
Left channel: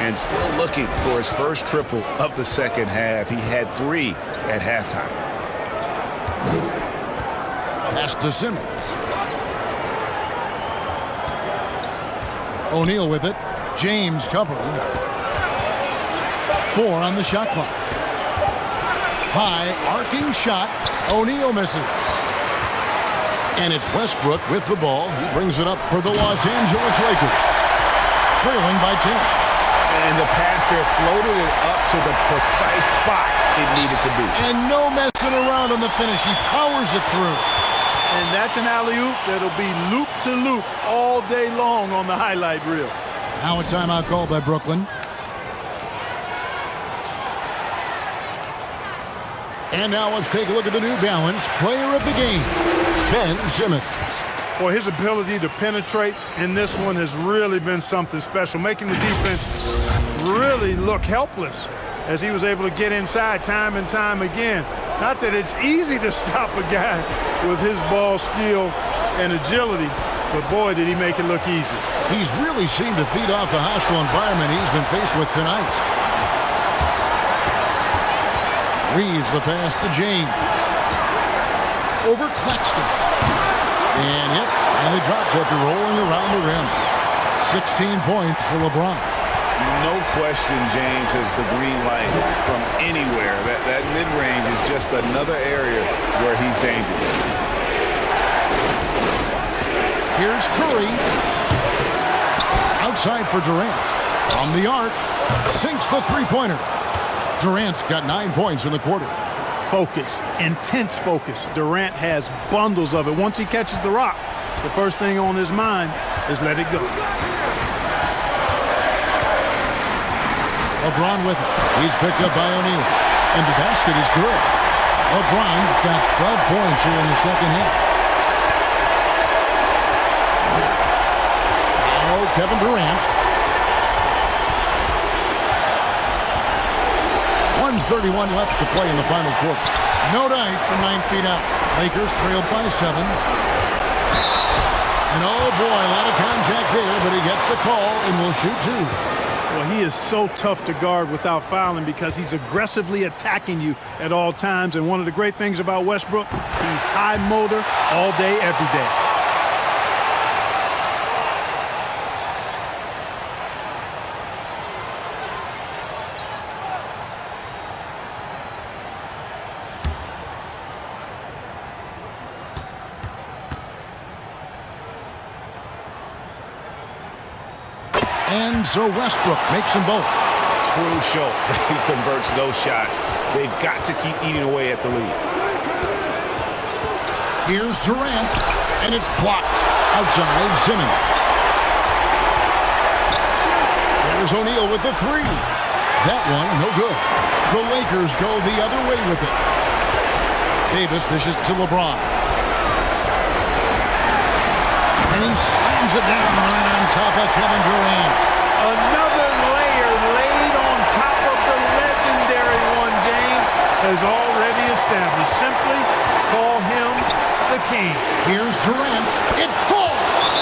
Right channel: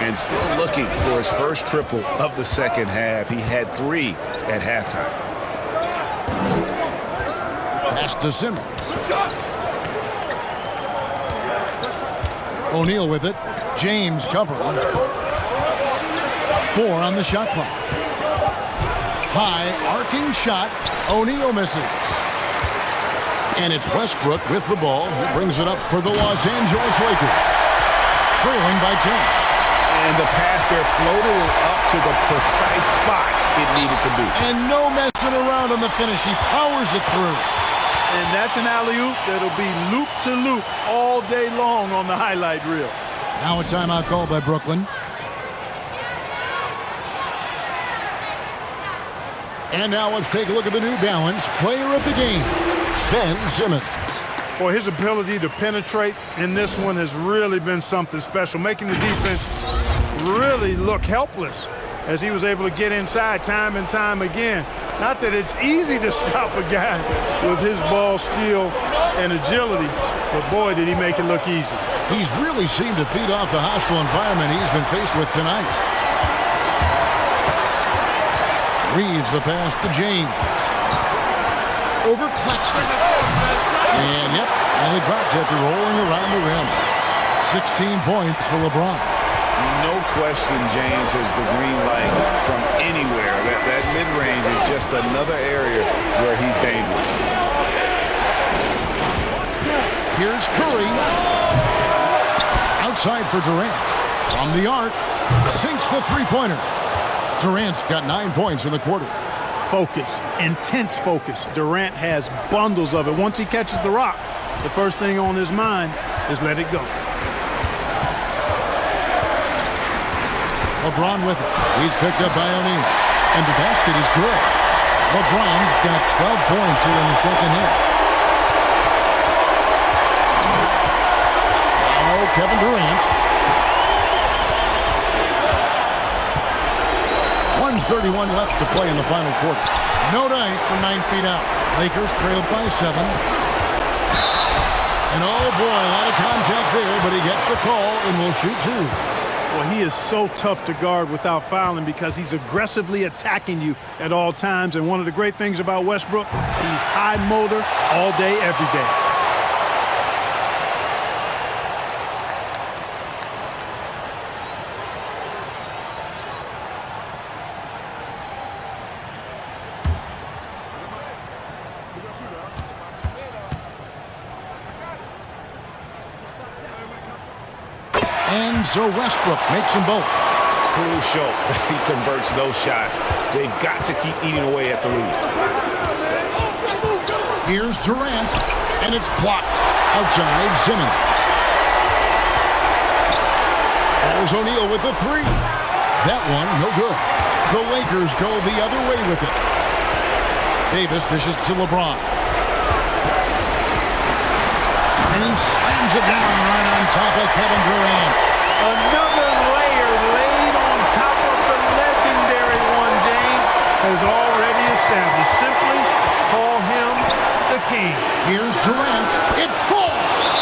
And still looking for his first triple of the second half. He had 3 at halftime. Pass to Simmons. O'Neal with it. James covering. 4 on the shot clock. High arcing shot. O'Neal misses. And it's Westbrook with the ball. He brings it up for the Los Angeles Lakers. Trailing by 10. And the pass there floated it up to the precise spot it needed to be. And no messing around on the finish. He powers it through. And that's an alley-oop that'll be loop to loop all day long on the highlight reel. Now a timeout called by Brooklyn. And now let's take a look at the New Balance Player of the Game, Ben Simmons. Boy, his ability to penetrate in this one has really been something special, making the defense really look helpless as he was able to get inside time and time again. Not that it's easy to stop a guy with his ball skill and agility, but boy, did he make it look easy. He's really seemed to feed off the hostile environment he's been faced with tonight. Reeves the pass to James. Over Claxton. And yep, finally drops after rolling around the rim. 16 points for LeBron. No question James has the green light from anywhere. That mid-range is just another area where he's dangerous. Here's Curry. Outside for Durant. From the arc. Sinks the three-pointer. Durant's got 9 points in the quarter. Focus, intense focus. Durant has bundles of it. Once he catches the rock, the first thing on his mind is let it go. LeBron with it. He's picked up by O'Neal. And the basket is good. LeBron's got 12 points here in the second half. Now Kevin Durant. 1:31 left to play in the final quarter. No dice from 9 feet out. Lakers trailed by 7. And oh boy, a lot of contact there, but he gets the call and will shoot 2. Well, he is so tough to guard without fouling because he's aggressively attacking you at all times. And one of the great things about Westbrook, he's high motor all day, every day. And so Westbrook makes them both. Crucial that he converts those shots. They've got to keep eating away at the lead. Here's Durant, and it's blocked. Outside, Simmons. There's O'Neal with the 3. That one, no good. The Lakers go the other way with it. Davis dishes to LeBron. And he slams it down right on top of Kevin Durant. Another layer laid on top of the legendary one James has already established. Simply call him the king. Here's Durant. It falls!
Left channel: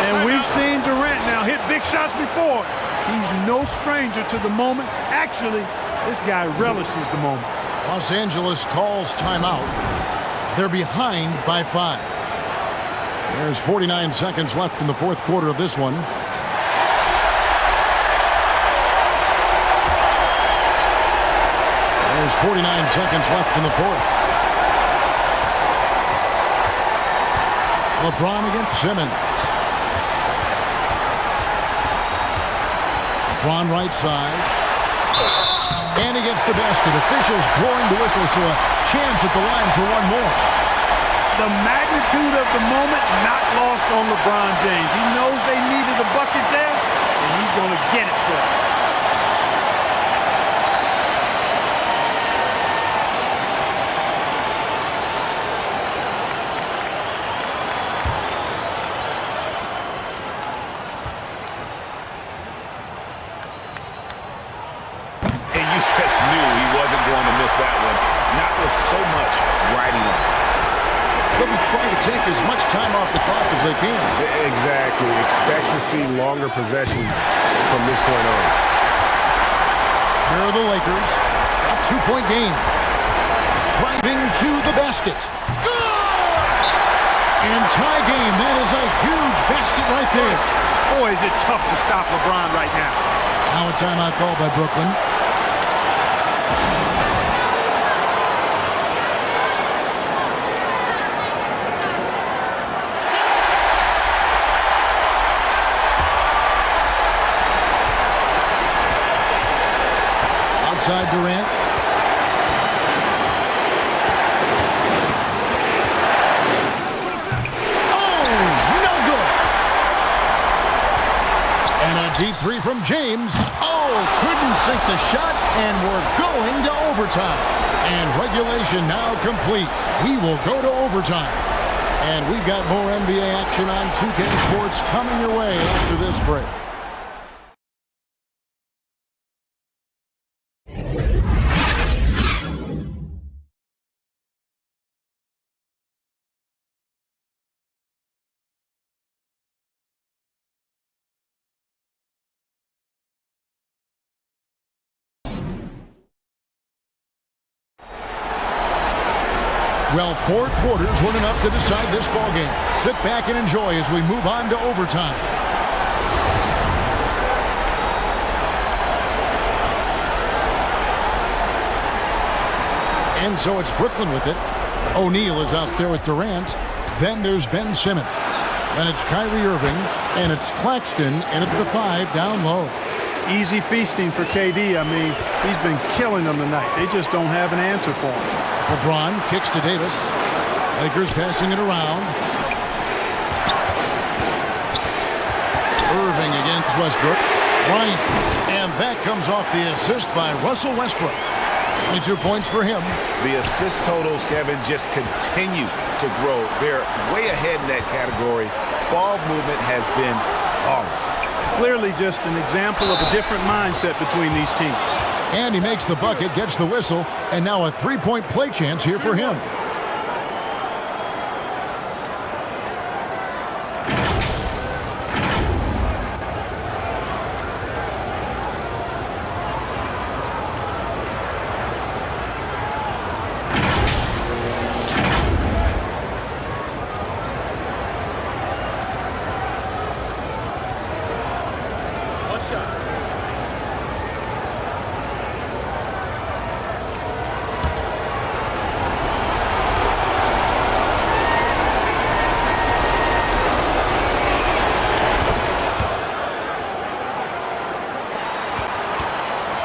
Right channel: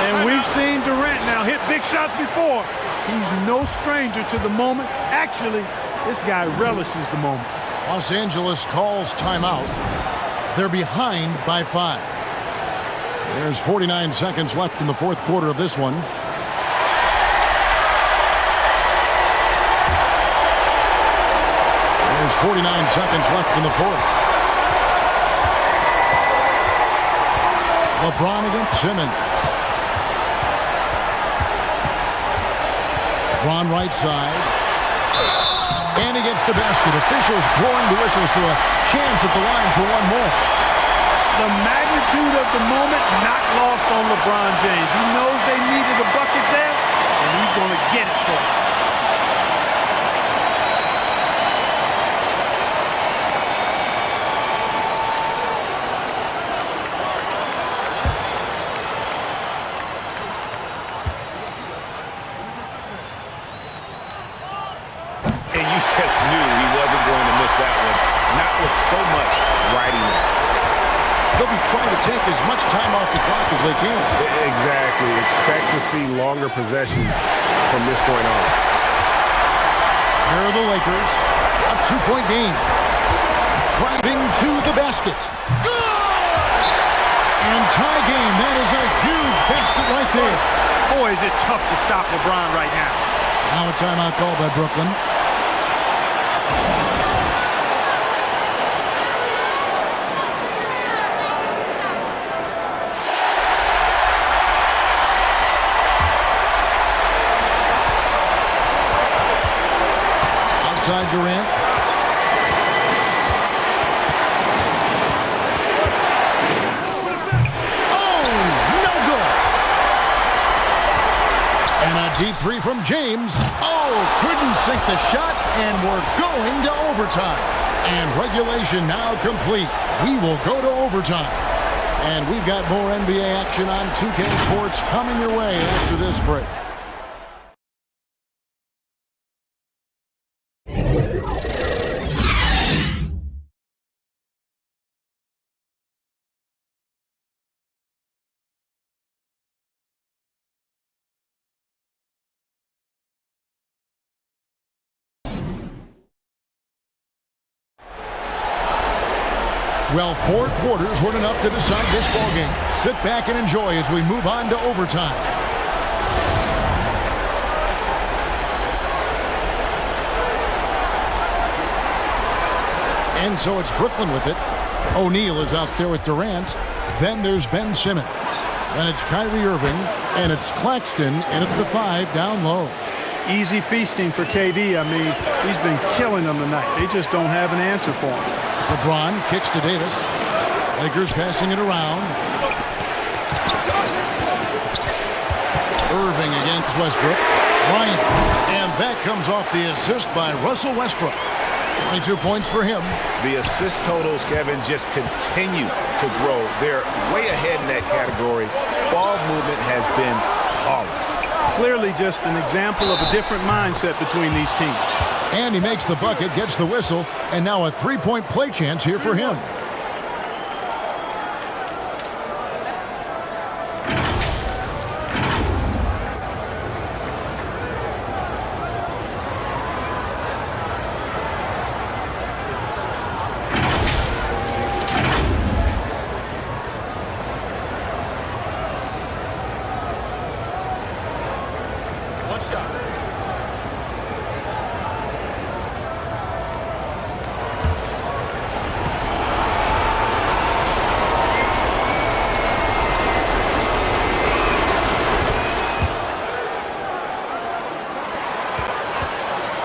And we've seen Durant now hit big shots before. He's no stranger to the moment. Actually, this guy relishes the moment. Los Angeles calls timeout. They're behind by 5. There's 49 seconds left in the fourth quarter of this one. There's 49 seconds left in the fourth. LeBron against Simmons. LeBron right side. And against the basket. Officials blowing the whistle, so a chance at the line for one more. The magnitude of the moment not lost on LeBron James. He knows they needed a bucket there, and he's going to get it for them. And you just knew he wasn't going to miss that one, not with so much riding on. They'll be trying to take as much time off the clock as they can. Exactly. Expect to see longer possessions from this point on. Here are the Lakers. A 2-point game. Driving to the basket. Good! And tie game. That is a huge basket right there. Boy, is it tough to stop LeBron right now. Now a timeout called by Brooklyn. Outside Durant. Oh, no good. And a deep 3 from James. Oh, couldn't sink the shot, and we're going to overtime. And regulation now complete. We will go to overtime. And we've got more NBA action on 2K Sports coming your way after this break. Well, 4 quarters weren't enough to decide this ballgame. Sit back and enjoy as we move on to overtime. And so it's Brooklyn with it. O'Neal is out there with Durant. Then there's Ben Simmons. Then it's Kyrie Irving. And it's Claxton in at the 5 down low. Easy feasting for KD. I mean, he's been killing them tonight. They just don't have an answer for him. LeBron kicks to Davis. Lakers passing it around. Irving against Westbrook. Bryant. And that comes off the assist by Russell Westbrook. 22 points for him. The assist totals, Kevin, just continue to grow. They're way ahead in that category. Ball movement has been flawless. Clearly just an example of a different mindset between these teams. And he makes the bucket, gets the whistle, and now a 3-point play chance here for him. One shot.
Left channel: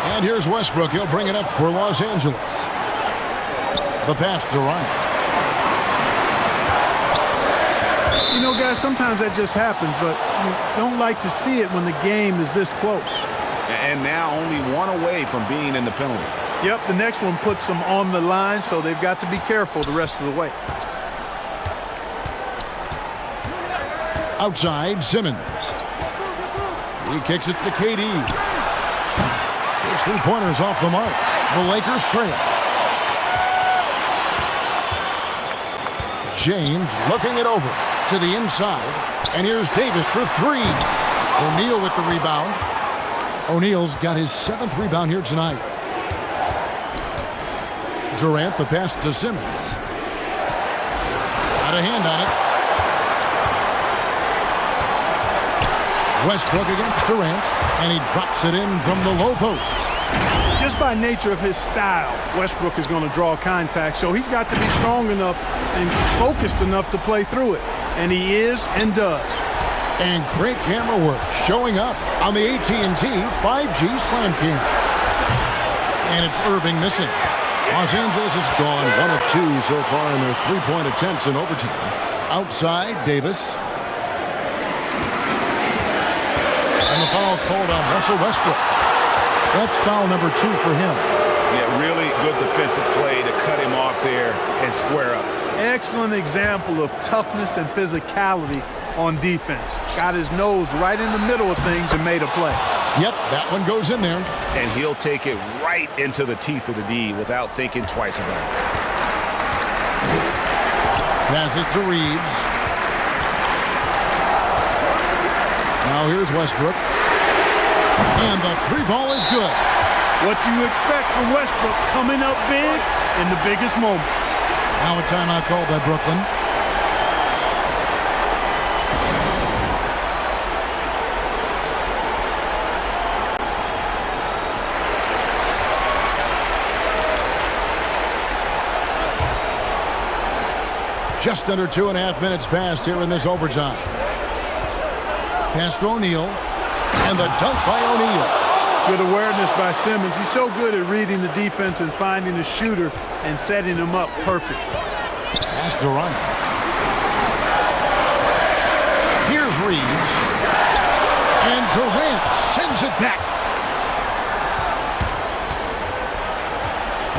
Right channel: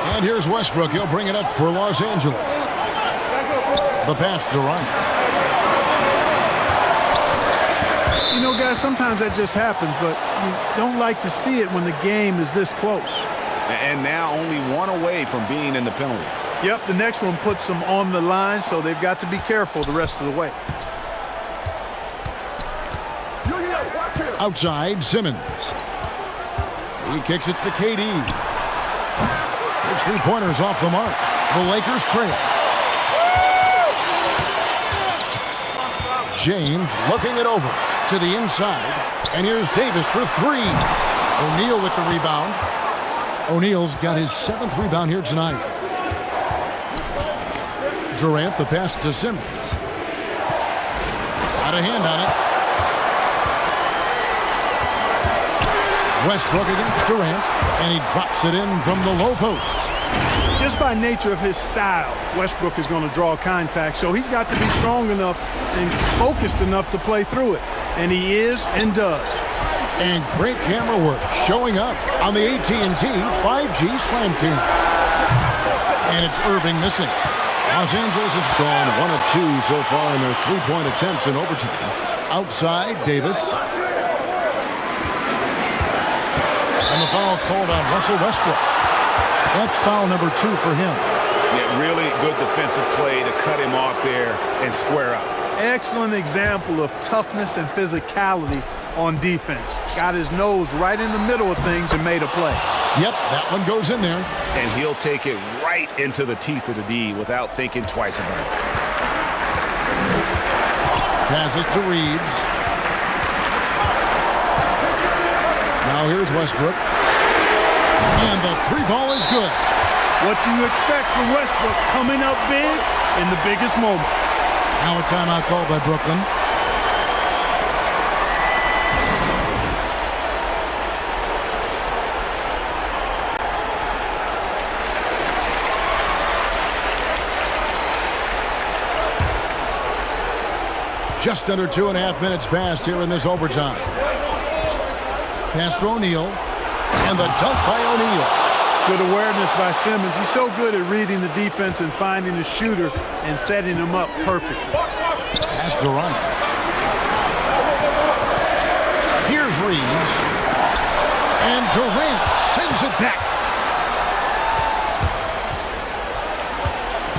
And here's Westbrook. He'll bring it up for Los Angeles. The pass to Durant. You know, guys, sometimes that just happens, but you don't like to see it when the game is this close. And now only one away from being in the penalty. Yep, the next one puts them on the line, so they've got to be careful the rest of the way. Outside, Simmons. He kicks it to KD. His 3-pointers off the mark. The Lakers trail. James looking it over to the inside. And here's Davis for 3. O'Neal with the rebound. O'Neal's got his 7th rebound here tonight. Durant, the pass to Simmons. Got a hand on it. Westbrook against Durant, and he drops it in from the low post. Just by nature of his style, Westbrook is going to draw contact, so he's got to be strong enough and focused enough to play through it. And he is and does. And great camera work showing up on the AT&T 5G Slam King. And it's Irving missing. Los Angeles has gone 1 of 2 so far in their 3-point attempts in overtime. Outside, Davis. And the foul called on Russell Westbrook. That's foul number 2 for him. Yeah, really good defensive play to cut him off there and square up. Excellent example of toughness and physicality on defense. Got his nose right in the middle of things and made a play. Yep, that one goes in there. And he'll take it right into the teeth of the D without thinking twice about it. Passes to Reeves. Now here's Westbrook. And the 3 ball is good. What you expect from Westbrook coming up big in the biggest moment. Now a timeout called by Brooklyn. Just under 2.5 minutes passed here in this overtime. Pass to O'Neal, and the dunk by O'Neal. Good awareness by Simmons. He's so good at reading the defense and finding the shooter and setting him up perfectly. Pass Durant. Here's Reeves. And Durant sends it back.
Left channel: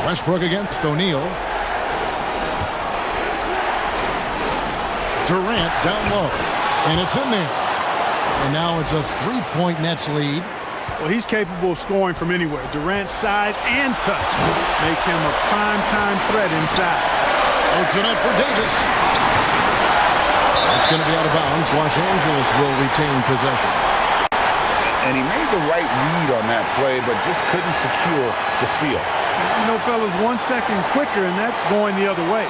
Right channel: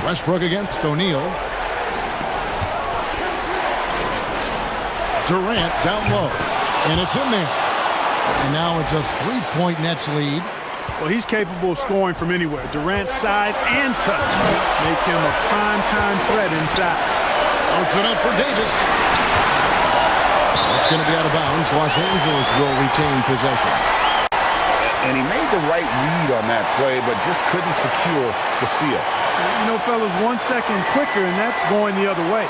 Westbrook against O'Neal. Durant down low. And it's in there. And now it's a 3-point Nets lead. Well, he's capable of scoring from anywhere. Durant's size and touch make him a prime-time threat inside. Puts it up for Davis. That's going to be out of bounds. Los Angeles will retain possession. And he made the right read on that play, but just couldn't secure the steal. You know, fellas, 1 second quicker, and that's going the other way.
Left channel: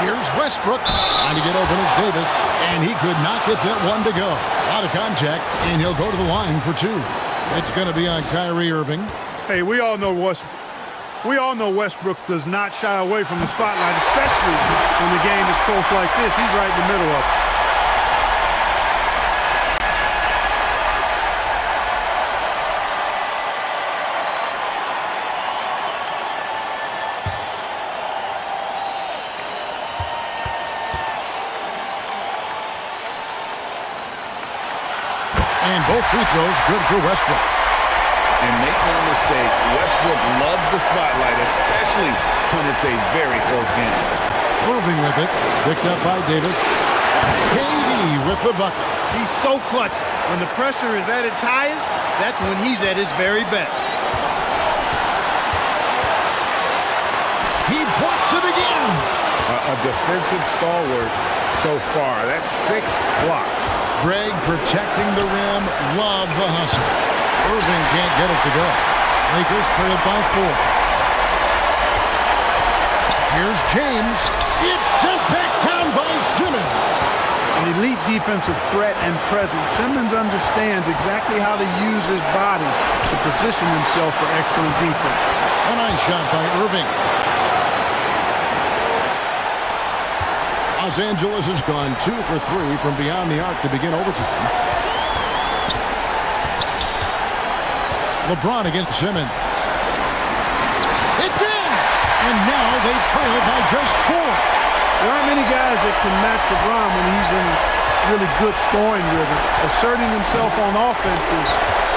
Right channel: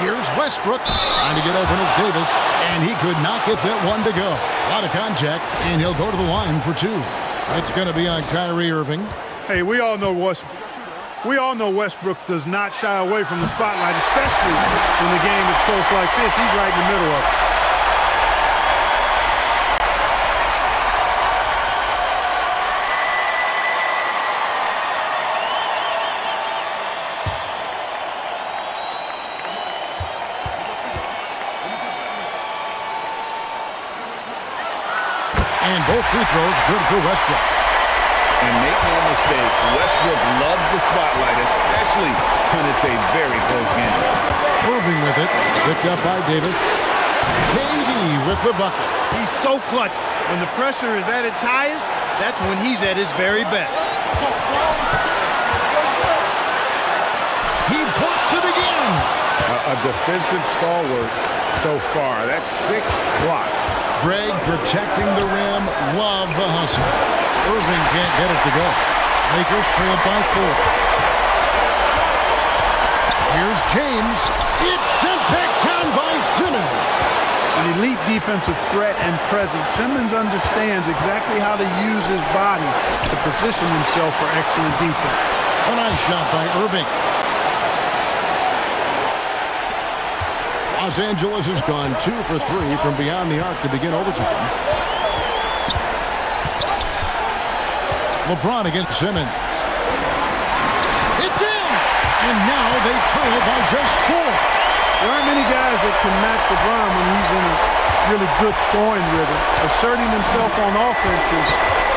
Here's Westbrook. Trying to get open is Davis, and he could not get that one to go. A lot of contact, and he'll go to the line for 2. It's going to be on Kyrie Irving. Hey, we all know Westbrook does not shy away from the spotlight, especially when the game is close like this. He's right in the middle of it. And both free throws good for Westbrook. And make no mistake, Westbrook loves the spotlight, especially when it's a very close game. Irving with it, picked up by Davis. KD with the bucket. He's so clutch. When the pressure is at its highest, that's when he's at his very best. He blocks it again. A defensive stalwart so far. That's 6 blocks. Greg protecting the rim. Love the hustle. Irving can't get it to go. Lakers trailed by 4. Here's James. It's sent back down by Simmons. An elite defensive threat and presence. Simmons understands exactly how to use his body to position himself for excellent defense. A nice shot by Irving. Los Angeles has gone 2 for 3 from beyond the arc to begin overtime. LeBron against Simmons. It's in! And now they trail by just 4. There aren't many guys that can match LeBron when he's in a really good scoring rhythm. Asserting himself on offense is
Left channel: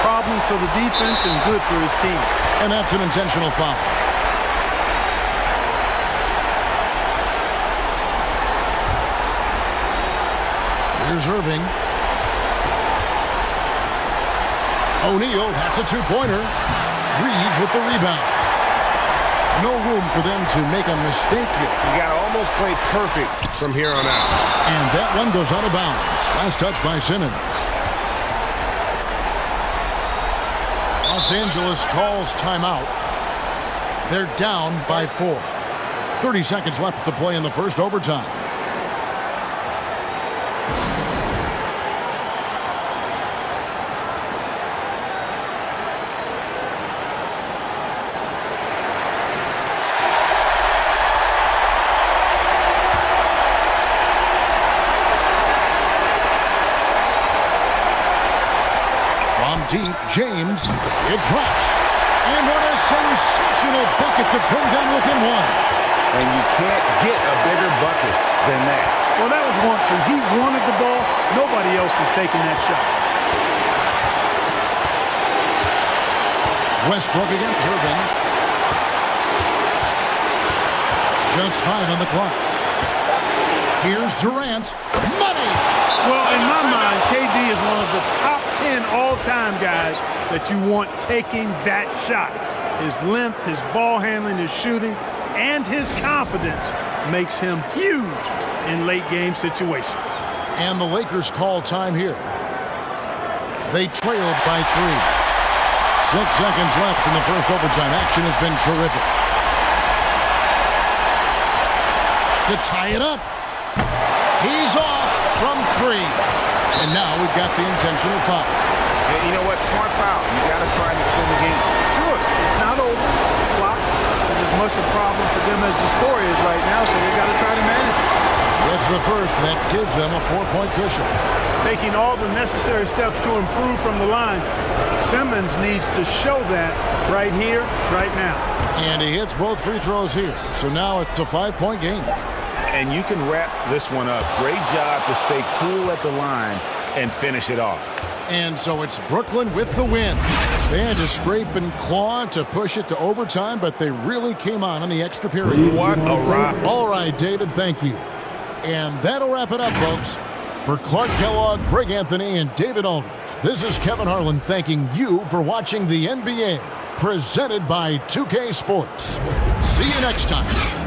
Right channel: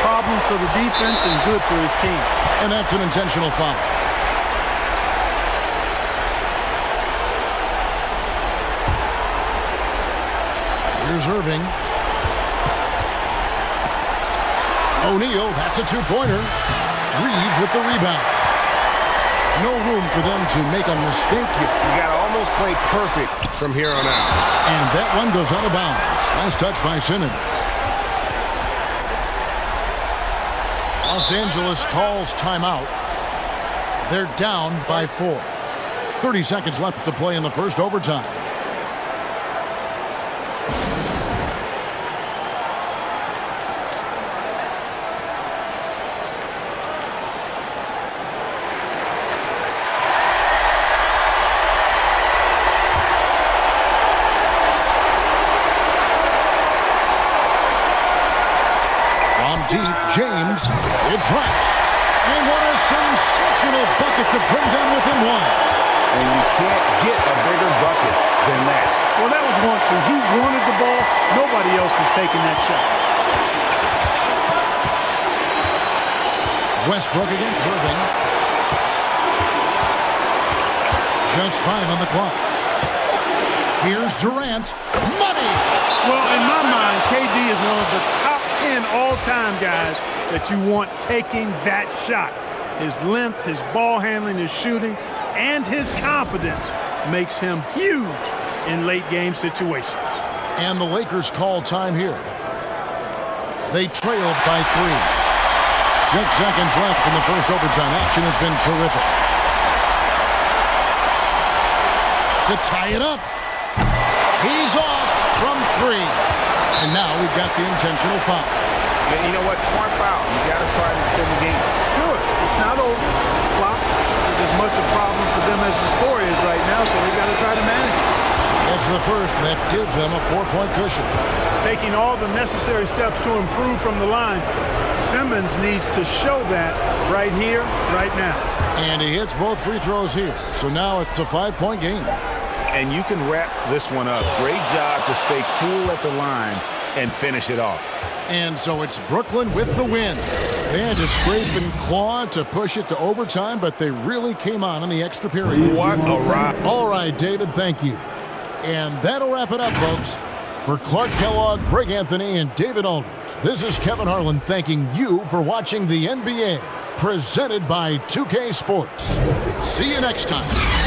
problems for the defense and good for his team. And that's an intentional foul. Here's Irving. O'Neal, that's a 2-pointer. Reeves with the rebound. No room for them to make a mistake here. You got to almost play perfect from here on out. And that one goes out of bounds. Last touch by Simmons. Los Angeles calls timeout. They're down by 4. 30 seconds left to play in the first overtime. From deep, James, it drops. And what a sensational bucket to bring them within 1. And you can't get a bigger bucket than that. Well, that was 1-2. He wanted the ball. Nobody else was taking that shot. Westbrook against Irving. Just 5 on the clock. Here's Durant. Money! Well, in my mind, KD is one of the top 10 all-time guys that you want taking that shot. His length, his ball handling, his shooting, and his confidence makes him huge in late-game situations. And the Lakers call time here. They trailed by 3. 6 seconds left in the first overtime. Action has been terrific. To tie it up. He's off from 3. And now we've got the intentional foul. Yeah, you know what? Smart foul. You got to try and extend the game. Sure, it's not over. The clock is as much a problem for them as the score is right now, so they've got to try to manage it. It's the first that gives them a 4-point cushion. Taking all the necessary steps to improve from the line. Simmons needs to show that right here, right now. And he hits both free throws here. So now it's a 5-point game. And you can wrap this one up. Great job to stay cool at the line and finish it off. And so it's Brooklyn with the win. They had to scrape and claw to push it to overtime, but they really came on in the extra period. What a ride. All right, David, thank you. And that'll wrap it up, folks. For Clark Kellogg, Greg Anthony, and David Aldridge, this is Kevin Harlan thanking you for watching the NBA, presented by 2K Sports. See you next time.